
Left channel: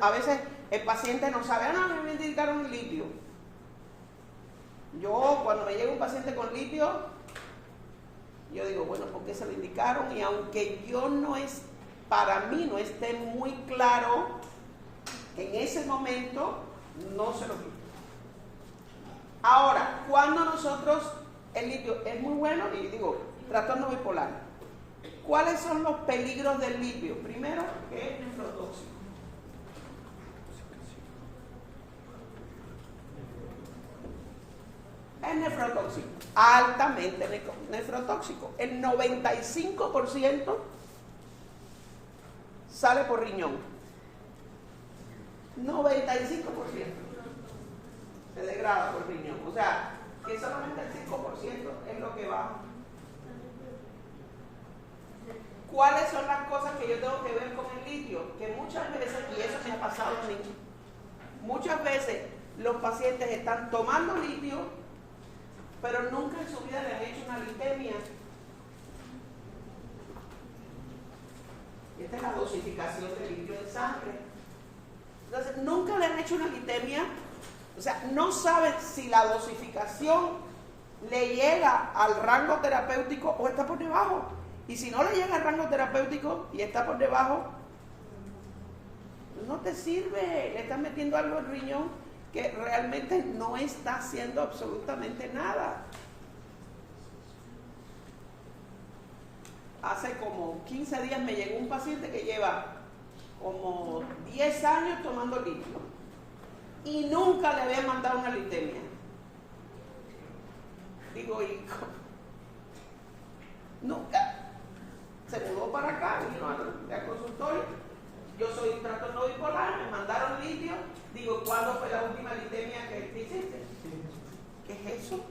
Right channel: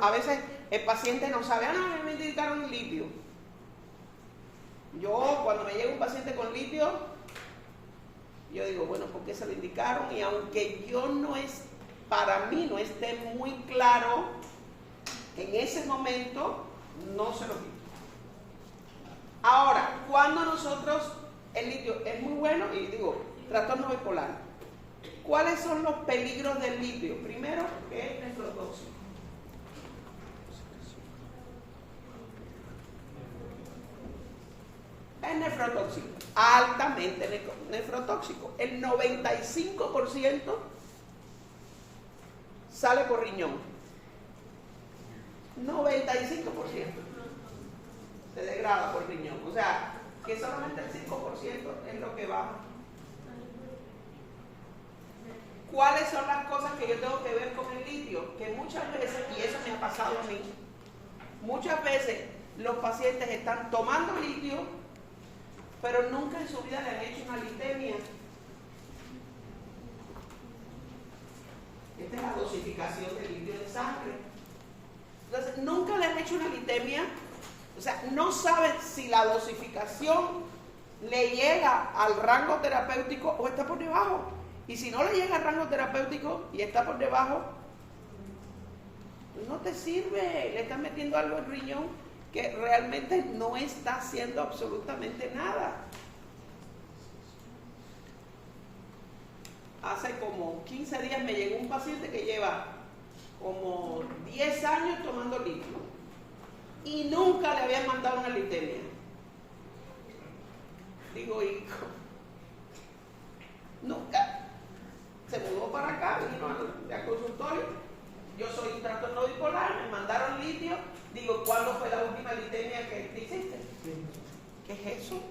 a veces el paciente no sabe, no, me indicaron litio. Yo, cuando me llega un paciente con litio, yo digo, bueno, ¿por qué se lo indicaron? Y aunque para mí no esté muy claro, en ese momento no se lo quito. Ahora, cuando nosotros, el litio es muy bueno, y digo, trastorno bipolar, ¿cuáles son los peligros del litio? Primero, que es nefrotóxico. Es nefrotóxico, altamente nefrotóxico. El 95% sale por riñón. 95% se degrada por riñón. O sea, que solamente el 5% es lo que va. ¿Cuáles son las cosas que yo tengo que ver con el litio? Que muchas veces, y eso me ha pasado a mí, muchas veces los pacientes están tomando litio, pero nunca en su vida le han hecho una litemia. Esta es la dosificación de litio en sangre. Entonces, nunca le han hecho una litemia, o sea, no saben si la dosificación le llega al rango terapéutico o está por debajo. Y si no le llega al rango terapéutico y está por debajo, no te sirve, le estás metiendo algo al riñón que realmente no está haciendo absolutamente nada. Hace como 15 días me llegó un paciente que lleva como 10 años tomando litio y nunca le habían mandado una litemia. Digo, hijo, nunca. Se mudó para acá, vino al consultorio. Yo soy un trastorno bipolar, me mandaron litio. Digo, ¿cuándo fue la última litemia que hiciste? ¿Qué es eso?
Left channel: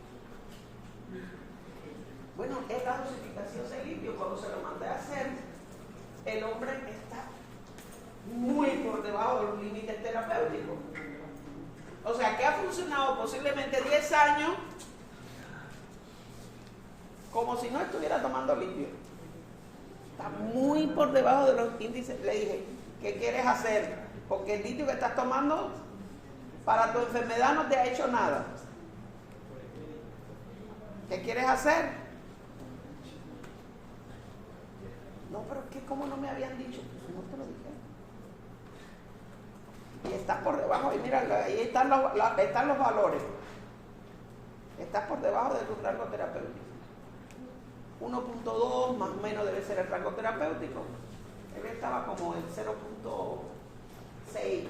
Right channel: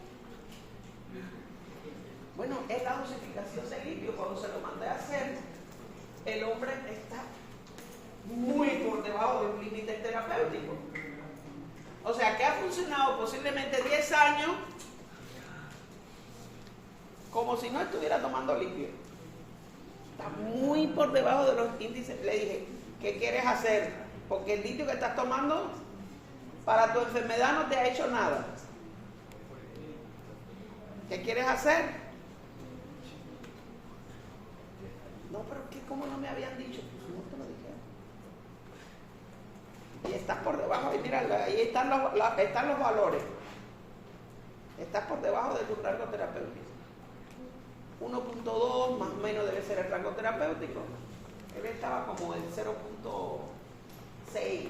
Bueno, es la dosificación de litio. Cuando se lo mandé a hacer, el hombre está muy por debajo de los límites terapéuticos. O sea, que ha funcionado posiblemente 10 años como si no estuviera tomando litio. Está muy por debajo de los índices. Le dije, ¿qué quieres hacer? Porque el litio que estás tomando para tu enfermedad no te ha hecho nada. ¿Qué quieres hacer? No, pero ¿qué? ¿Cómo no me habían dicho? Pues no te lo dijeron. Y estás por debajo, y mira, ahí están los valores. Estás por debajo de tu rango terapéutico. 1.2 más o menos debe ser el rango terapéutico. Él estaba como en 0.6.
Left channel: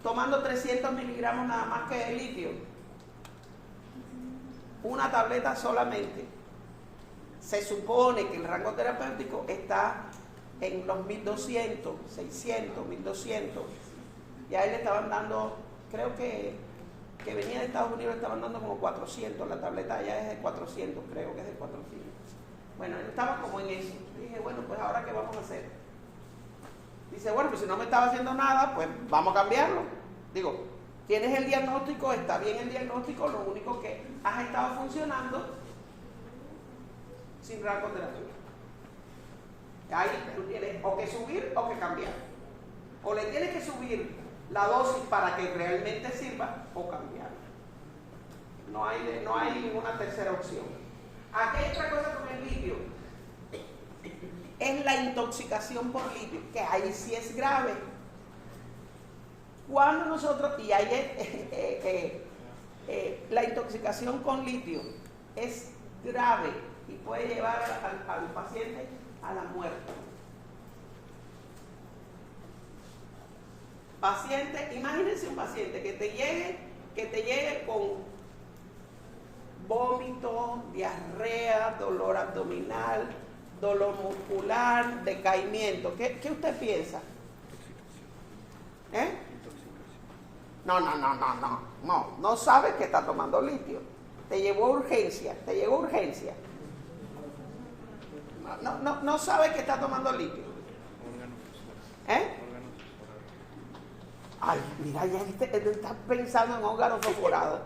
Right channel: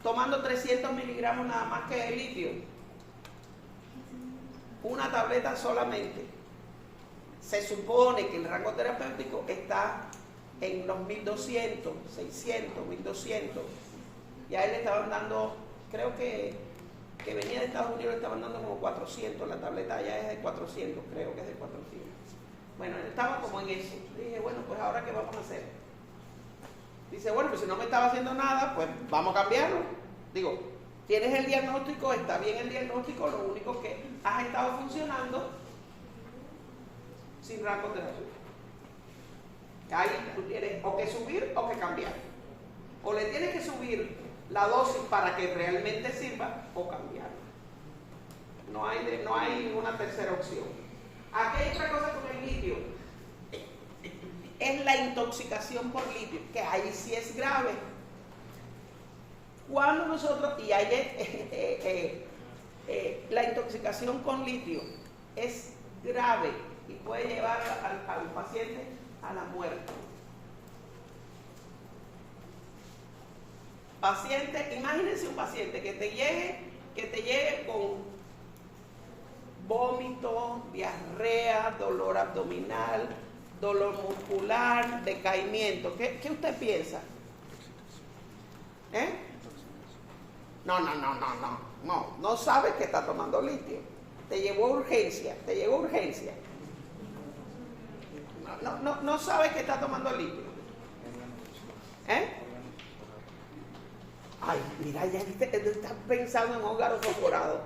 Tomando 300 miligramos nada más que de litio. Una tableta solamente. Se supone que el rango terapéutico está en los 1200, 600, 1200. Ya él le estaban dando, creo que venía de Estados Unidos, le estaban dando como 400. La tableta ya es de 400, creo que es de 400. Bueno, él estaba como en eso. Dije, bueno, pues ahora ¿qué vamos a hacer? Dice, bueno, pues si no me estaba haciendo nada, pues vamos a cambiarlo. Digo, tienes el diagnóstico, está bien el diagnóstico, lo único que has estado funcionando sin rango terapéutico. Ahí tú tienes o que subir o que cambiar. O le tienes que subir la dosis para que realmente sirva o cambiarlo. No hay ninguna tercera opción. Aquí hay otra cosa con el litio. Es la intoxicación por litio, que ahí sí es grave. Cuando nosotros, y ahí la intoxicación con litio es grave y puede llevar al paciente a la muerte. paciente, imagínense un paciente que te llegue con vómito, diarrea, dolor abdominal, dolor muscular, decaimiento. ¿Qué usted piensa? ¿Eh? No sabe que está tomando litio. Te llegó urgencia. No sabe que está tomando litio. ¿Eh? Ay, mira, ya estás pensando en órganos perforados.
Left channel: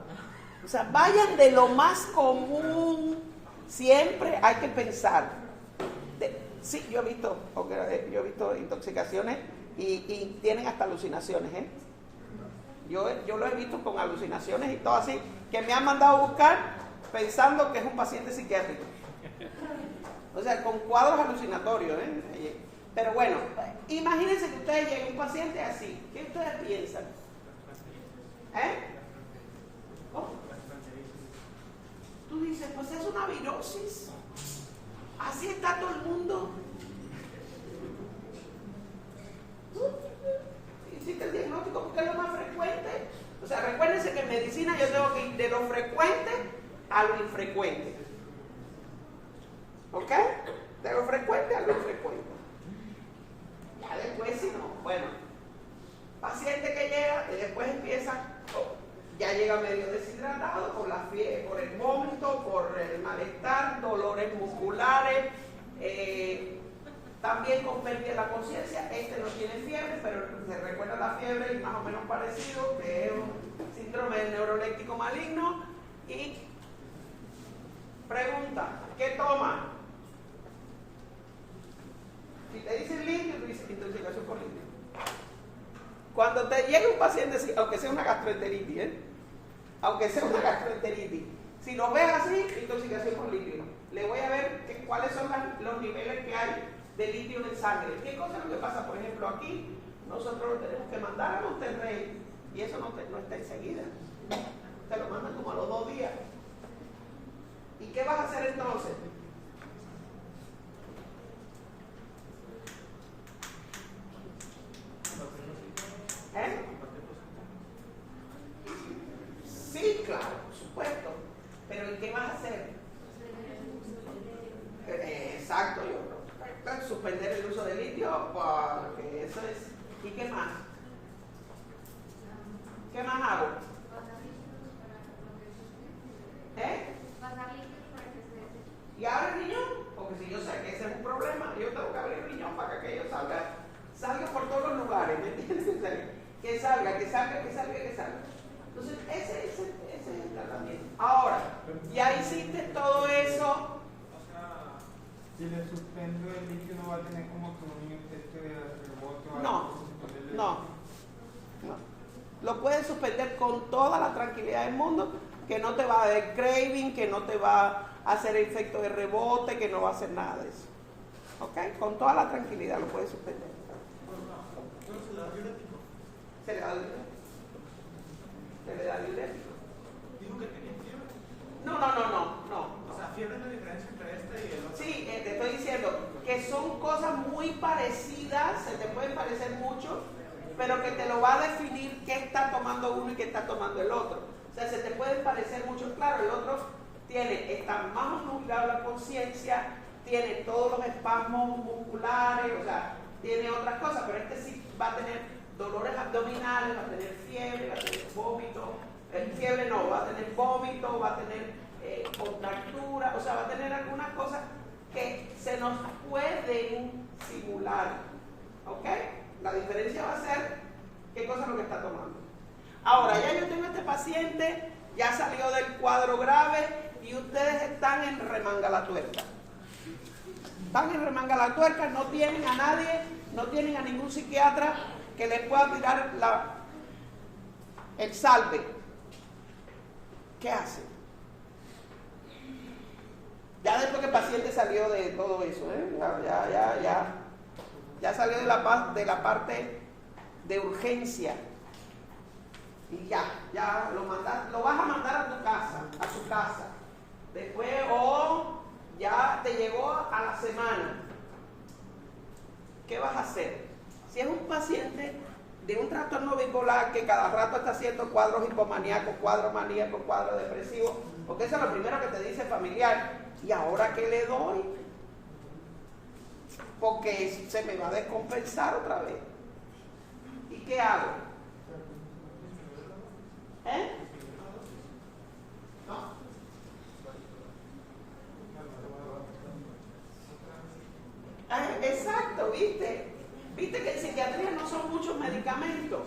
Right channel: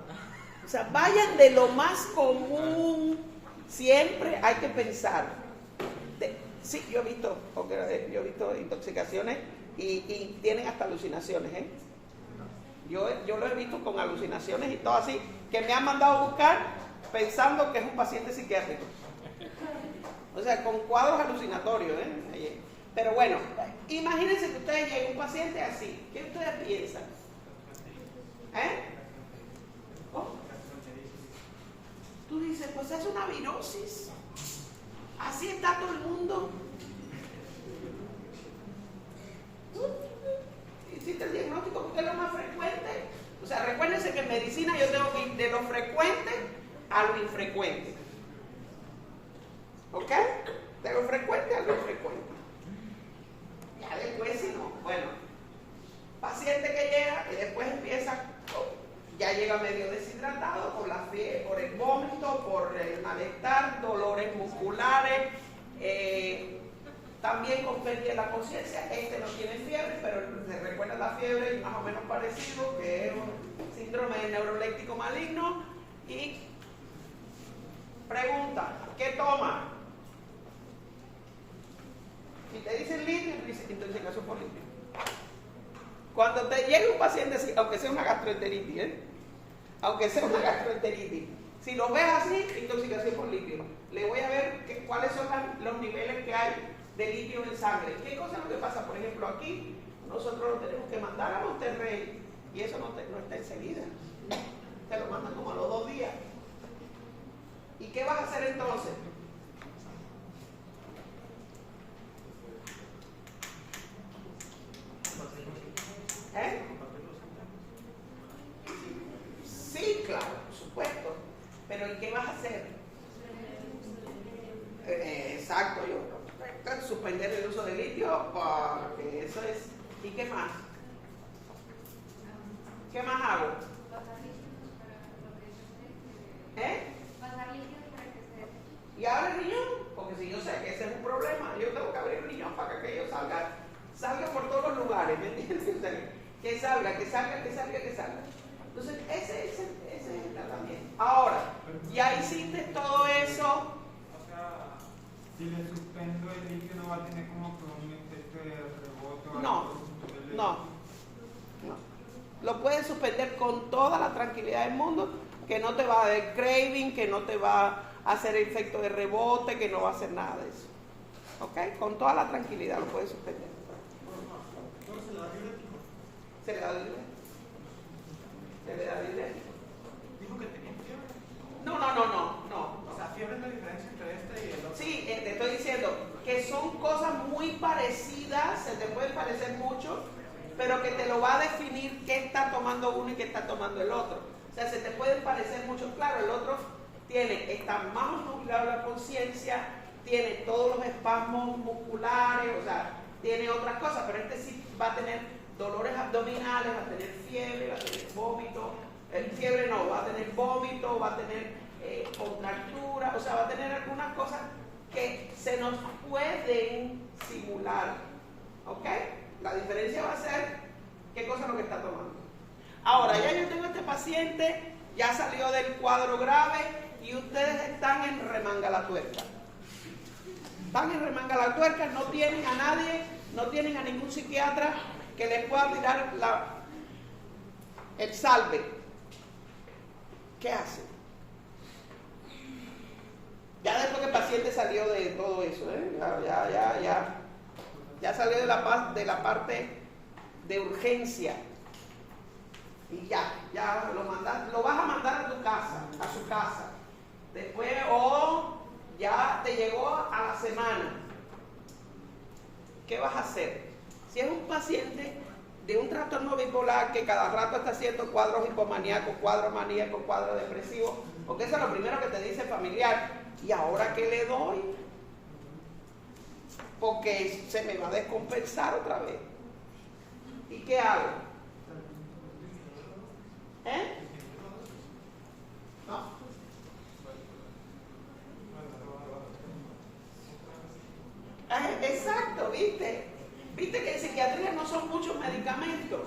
O sea, vayan de lo más común. Siempre hay que pensar. Sí, yo he visto intoxicaciones y tienen hasta alucinaciones, ¿eh? Yo lo he visto con alucinaciones y todo así, que me han mandado a buscar pensando que es un paciente psiquiátrico. O sea, con cuadros alucinatorios, ¿eh? Pero bueno, imagínense que ustedes lleguen un paciente así. ¿Qué ustedes piensan? ¿Eh? ¿Oh? Tú dices, pues es una virosis. Así está todo el mundo. Hiciste el diagnóstico porque es lo más frecuente. O sea, recuérdense que en medicina yo tengo que ir de lo frecuente a lo infrecuente. ¿Ok? De lo frecuente a lo infrecuente. Ya después, si no, bueno, paciente que llega y después empieza, ya llega medio deshidratado por la fiebre, por el vómito, por el malestar, dolores musculares, también con pérdida de la conciencia. Este no tiene fiebre, pero se recuerda la fiebre y más o menos parecido, que es un síndrome neuroléptico maligno. Y pregunta, ¿qué toma? Si te dicen litio, tú dices intoxicación por litio. Cuando te llegue un paciente así, aunque sea una gastroenteritis, aunque sea una gastroenteritis, si lo ves así, intoxicación por litio. Le voy a ver cuáles son los niveles que hay de litio en sangre. ¿Qué cosa es lo que pasa? Por ejemplo, aquí nosotros lo tenemos que mandar a Monterrey y eso no está enseguida. Te lo mandan como a los 2 días. ¿Y qué vas a hacer entonces? ¿Eh? Sí, claro, por supuesto. Pero ¿y qué vas a hacer? Exacto, suspender el uso de litio, porque eso es. ¿Y qué más? ¿Qué más hago? ¿Eh? ¿Y abre el riñón? Porque si yo sé que ese es un problema, yo tengo que abrir el riñón para que aquello salga por todos los lugares, ¿me entiendes? Que salga. Entonces, ese es el tratamiento. Ahora, ya hiciste todo eso. O sea, si le suspendo el litio, no va a tener como que un efecto de rebote. No. Lo puedes suspender con toda la tranquilidad del mundo, que no te va a dar craving, que no te va a hacer efecto de rebote, que no va a hacer nada de eso. ¿Ok? Con toda la tranquilidad lo puedes suspender. Se le da diurético. Dijo que tenía fiebre. No. O sea, fiebre es la diferencia entre este y el otro. Sí, te estoy diciendo que son cosas muy parecidas, se te pueden parecer mucho, pero que te lo va a definir qué está tomando uno y qué está tomando el otro. O sea, se te pueden parecer mucho. Claro, el otro está más nublado la conciencia, tiene todos los espasmos musculares, o sea, tiene otras cosas, pero este sí va a tener dolores abdominales, va a tener fiebre, va a tener vómito, fiebre no, va a tener vómito, va a tener contractura, o sea, va a tener algunas cosas que se nos pueden simular, ¿ok? La diferencia va a ser qué cosa es lo que está tomando. Ahora, ya yo tengo este paciente, ya salió del cuadro grave y ustedes están en remanga la tuerca. Van en remanga la tuerca, no tienen a nadie, no tienen a ningún psiquiatra que les pueda tirar el salve. ¿Qué hacen? Ya después que el paciente salió de todo eso, ya salió de la parte de urgencia y ya lo vas a mandar a tu casa, a su casa. Después, ya te llegó a la semana. ¿Qué vas a hacer? Si es un paciente de un trastorno bipolar que cada rato está haciendo cuadros hipomaníacos, cuadros maníacos, cuadros depresivos, porque eso es lo primero que te dice el familiar. ¿Y ahora qué le doy? Porque se me va a descompensar otra vez. ¿Y qué hago? ¿Eh? ¿No? Ah, exacto, ¿viste? Viste que en psiquiatría no son muchos medicamentos,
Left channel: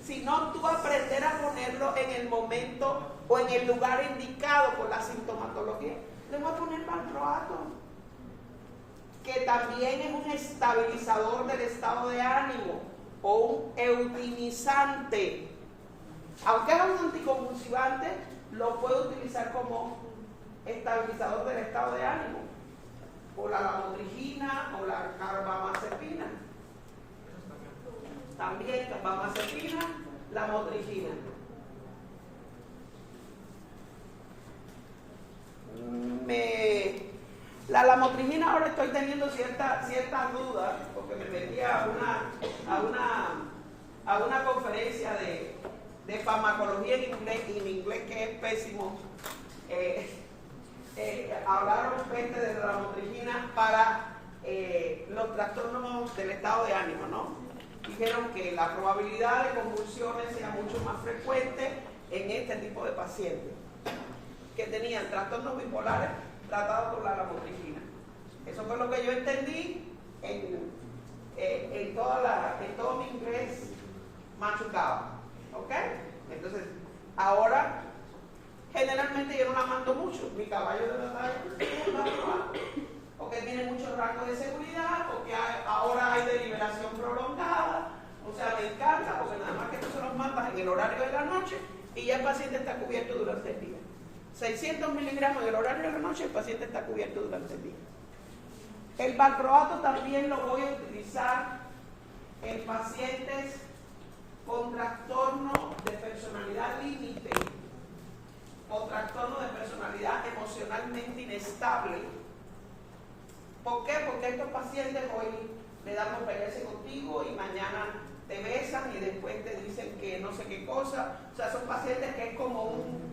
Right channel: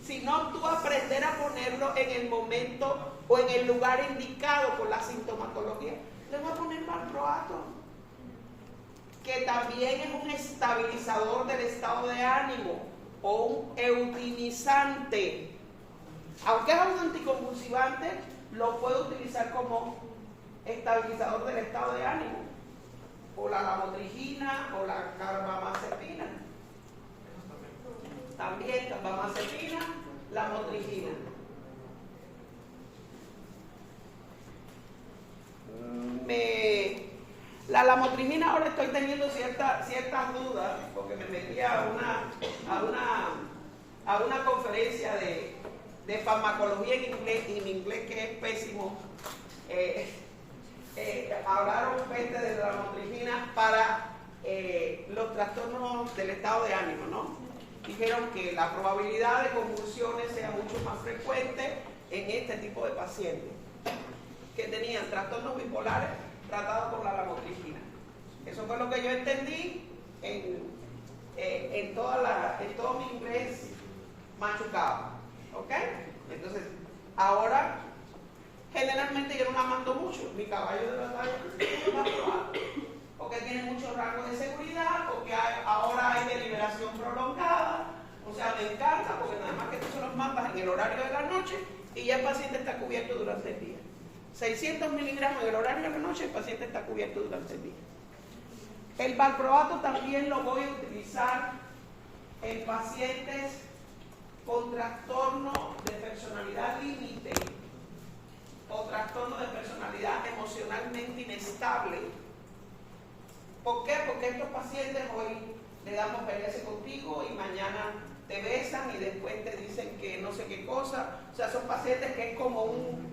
sino tú aprender a ponerlo en el momento o en el lugar indicado por la sintomatología. Le voy a poner valproato, que también es un estabilizador del estado de ánimo o un eutinizante. Aunque es un anticonvulsivante, lo puede utilizar como estabilizador del estado de ánimo, o la lamotrigina o la carbamazepina. También carbamazepina, lamotrigina. La lamotrigina ahora estoy teniendo ciertas dudas, porque me metí a una conferencia de farmacología en inglés que es pésimo. Hablaron gente de la lamotrigina para los trastornos del estado de ánimo, ¿no? Dijeron que la probabilidad de convulsiones sea mucho más frecuente en este tipo de pacientes que tenían trastornos bipolares tratados por la lamotrigina. Eso fue lo que yo entendí en todo mi inglés machucado, ¿ok? Entonces, ahora generalmente yo no la mando mucho. Mi caballo de verdad es porque tiene mucho rango de seguridad, porque ahora hay deliberación prolongada. O sea, me encanta porque nada más que tú se los mandas en el horario de la noche y ya el paciente está cubierto durante el día. 600 miligramos en el horario de la noche, el paciente está cubierto durante el día. El valproato también lo voy a utilizar en pacientes con trastorno de personalidad límite o trastorno de personalidad emocionalmente inestable. ¿Por qué? Porque estos pacientes hoy le damos pelearse contigo y mañana te besan y después te dicen que no sé qué cosa. O sea, son pacientes que es como una...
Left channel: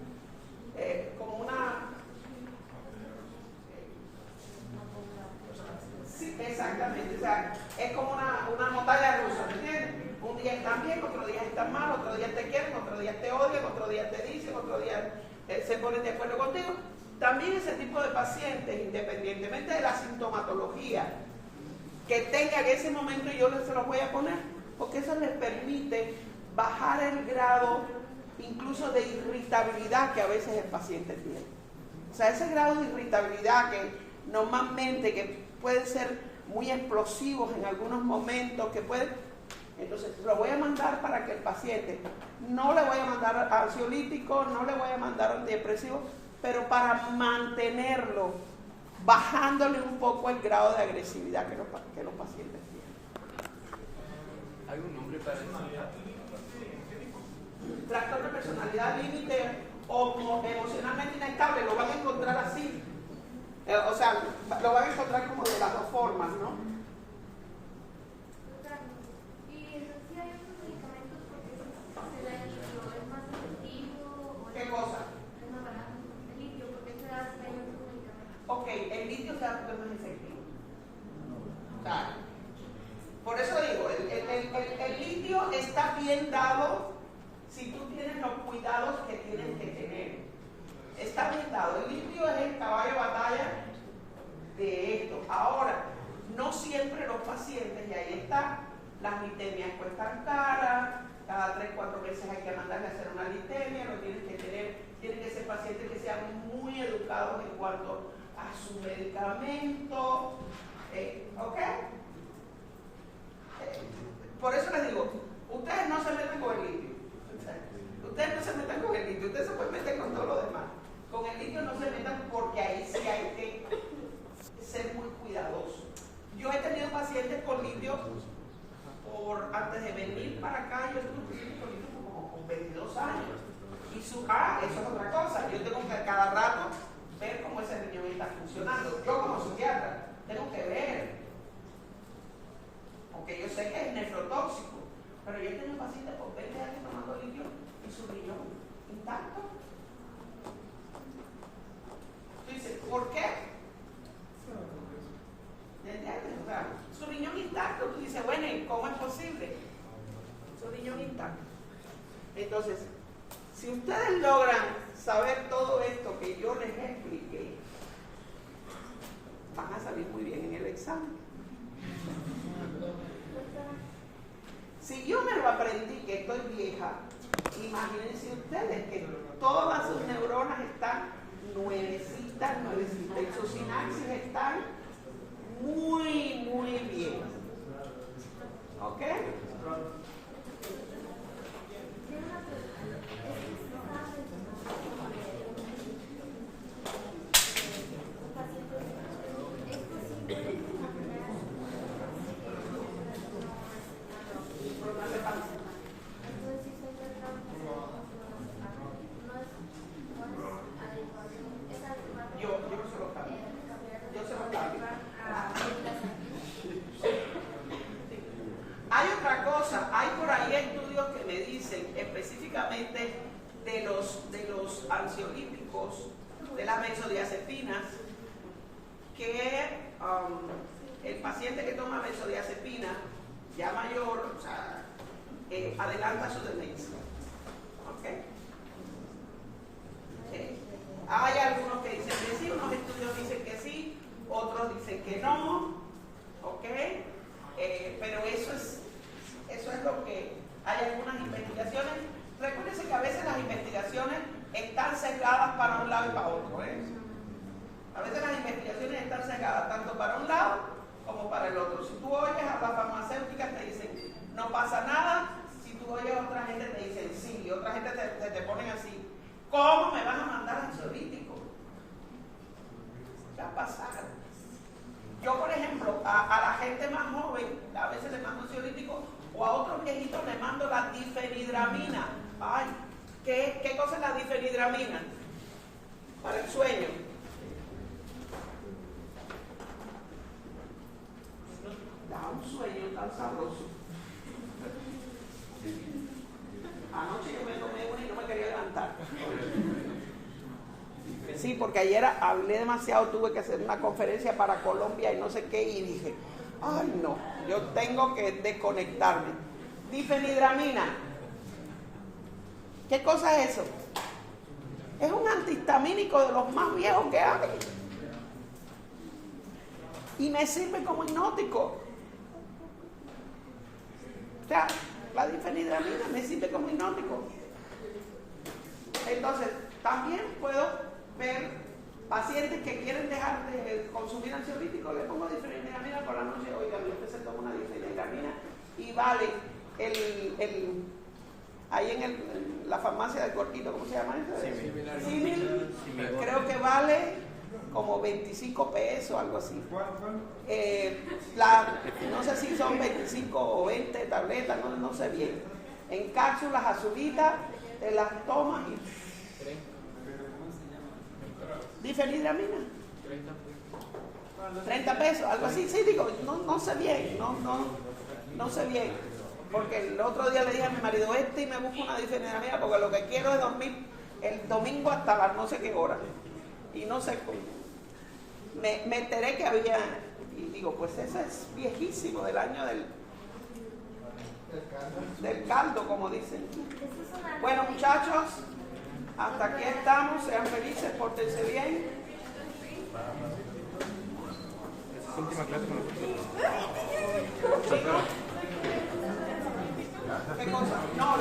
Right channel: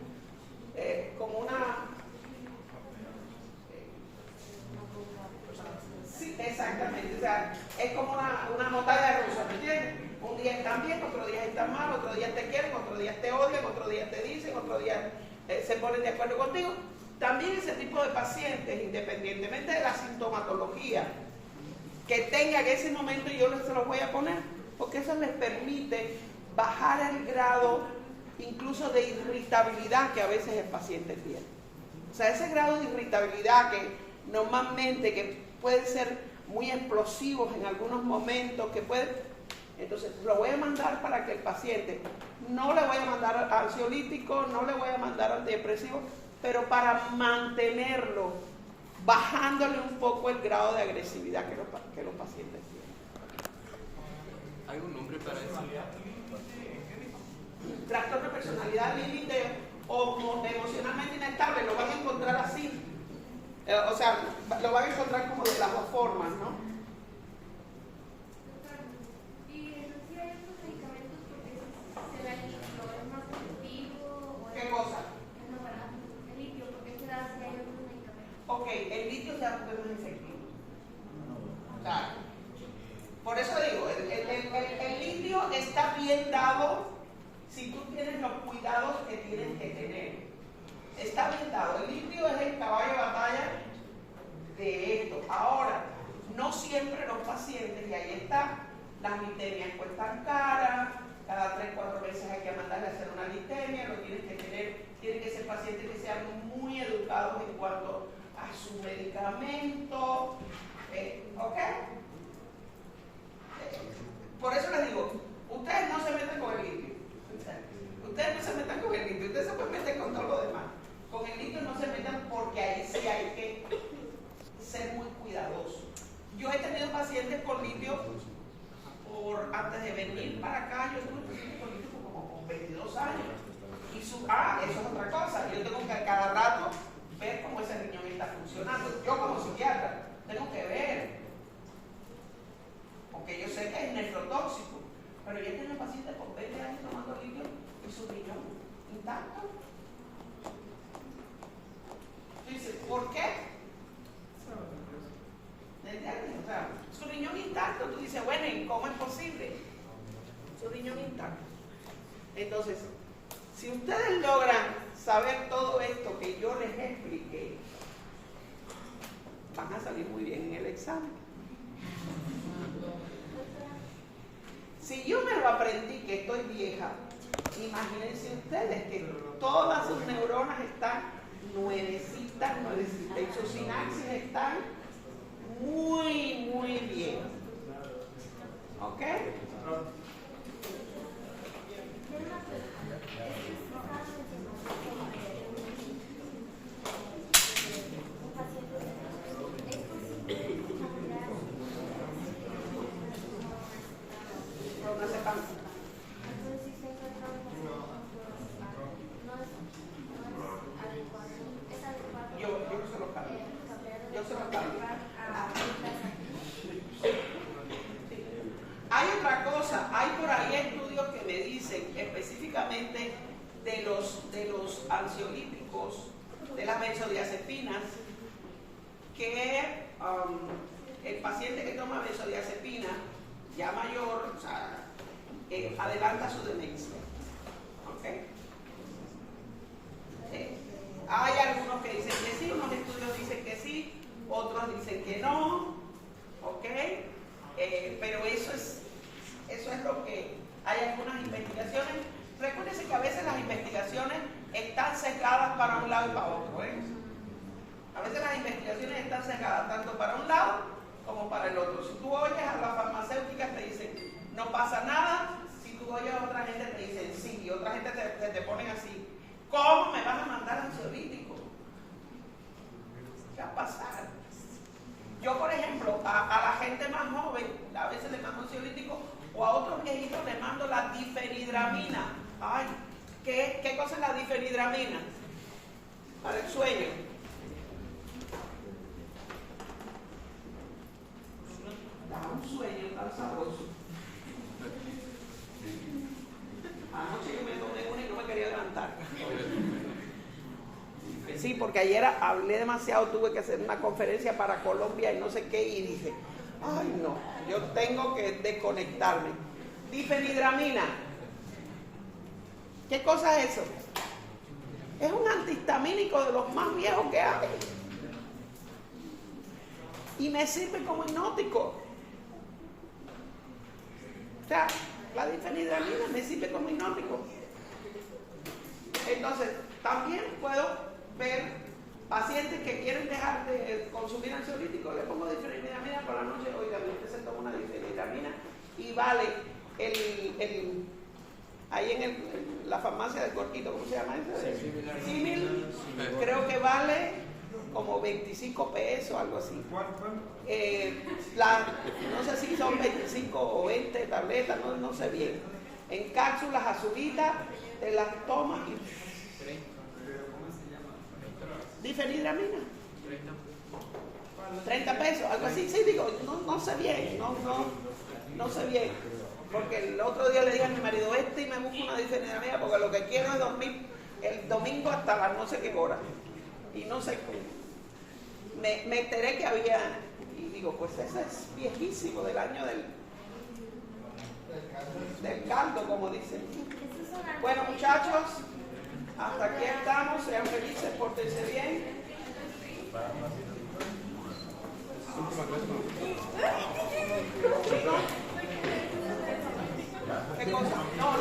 Sí, exactamente. O sea, es como una montaña rusa, ¿me entiendes? Un día están bien, otro día están mal, otro día te quieren, otro día te odian, otro día te dicen, otro día se ponen de acuerdo contigo. También ese tipo de pacientes, independientemente de la sintomatología que tengan en ese momento, yo se los voy a poner, porque eso les permite bajar el grado incluso de irritabilidad que a veces el paciente tiene. O sea, ese grado de irritabilidad que normalmente que pueden ser muy explosivos en algunos momentos, que pueden... Entonces, lo voy a mandar para que el paciente, no le voy a mandar ansiolítico, no le voy a mandar antidepresivo, pero para mantenerlo, bajándole un poco el grado de agresividad que los pacientes tienen. ¿Hay un nombre para eso? Trastorno de personalidad límite o emocionalmente inestable, lo van a encontrar así. O sea, lo van a encontrar como de las dos formas, ¿no? ¿Y si hay otros medicamentos porque se da el litio? ¿Es más efectivo? ¿Qué cosa? Es más barato. El litio, porque se da si hay otros medicamentos. Ok, el litio se da porque es más efectivo. Claro. Por eso digo, el litio está bien dado si tú tienes los cuidados que tienes que tener. Está bien dado. El litio es el caballo de batalla de esto. Ahora, no siempre los pacientes, y ahí está, las litemias cuestan caras, cada 3-4 meses hay que mandarle a hacer una litemia, lo tienes que tener, tienen que ser pacientes que sean muy educados en cuanto a su medicamento, ¿ok? Por eso les digo, ustedes no se meten con el litio, ustedes no se metan con el litio, ustedes se pueden meter con todo lo demás. Con el litio no se metan porque ahí sí hay que ser muy cuidadosos. Yo he tenido pacientes con litio antes de venir para acá, yo tuve pacientes con litio como con 22 años. Y eso es otra cosa, yo tengo que cada rato ver cómo ese riñón está funcionando. Yo como psiquiatra tengo que ver, porque yo sé que es nefrotóxico, Pero yo he tenido pacientes por 20 años tomando litio y su riñón intacto. Tú dices, ¿por qué? ¿Me entiendes? O sea, su riñón intacto. Tú dices, bueno, ¿y cómo es posible? Su riñón intacto. Entonces, si ustedes logran saber todo esto que yo les expliqué, van a salir muy bien en el examen. Si yo me lo aprendí que estoy vieja, imagínense ustedes que todas sus neuronas están nuevecitas, y sus sinapsis están muy, muy bien. ¿Ok? Hay otra cosa, hay por ahí estudios que me dicen específicamente de los ansiolíticos, de las benzodiazepinas, que el paciente que toma benzodiazepina ya mayor, o sea, adelanta su demencia. ¿Okay? Hay algunos que dicen que sí, unos estudios dicen que sí, otros dicen que no, ¿ok? Pero eso es lo que hay algunas investigaciones. Recuérdense que a veces las investigaciones están sesgadas para un lado y para otro, ¿eh? A veces las investigaciones están sesgadas tanto para un lado como para el otro. Si tú oyes a las farmacéuticas te dicen no pasa nada, si tú oyes a otra gente te dicen sí, y otra gente te ponen así. ¿Cómo me van a mandar ansiolítico? ¿Qué va a pasar? Yo, por ejemplo, a la gente más joven, a veces le mando ansiolítico, o a otros viejitos le mando la difenhidramina. Ay, ¿qué cosa es la difenhidramina? Para el sueño. Da un sueño tan sabroso. Anoche yo me tomé una y no me quería levantar. Sí, porque ayer hablé demasiado, tuve que hacer una conferencia para Colombia y no sé qué, y dije, ay no, yo tengo que desconectarme. Difenhidramina. ¿Qué cosa es eso? Es un antihistamínico de los más viejos que hay. Y me sirve como hipnótico. O sea, la difenhidramina me sirve como hipnótico. Entonces, también puedo ver pacientes que quieren dejar de consumir ansiolíticos, le pongo difenhidramina por la noche. Oiga, usted se toma una difenhidramina y vale ahí en la farmacia del Cortito, ¿cómo se llama eso? Símil, creo que vale como 25 pesos, algo así. No sé si son 25 o 20 tabletas, no sé bien. En cápsulas azulitas, te las tomas y... Difenhidramina. 30 pesos, algo así. Sí, digo, no sé bien, no sé bien. Porque el otro día le dije a mi marido, y me busco una difenhidramina porque lo que quiero es dormir el domingo hasta las no sé qué hora. Y no sé cómo. Me enteré que había, y digo, pues ese es viejísimo, del año del caldo, como dicen. Bueno, muchachos, hasta aquí estamos, sean felices, pórtense bien. ¿Qué cosa? No,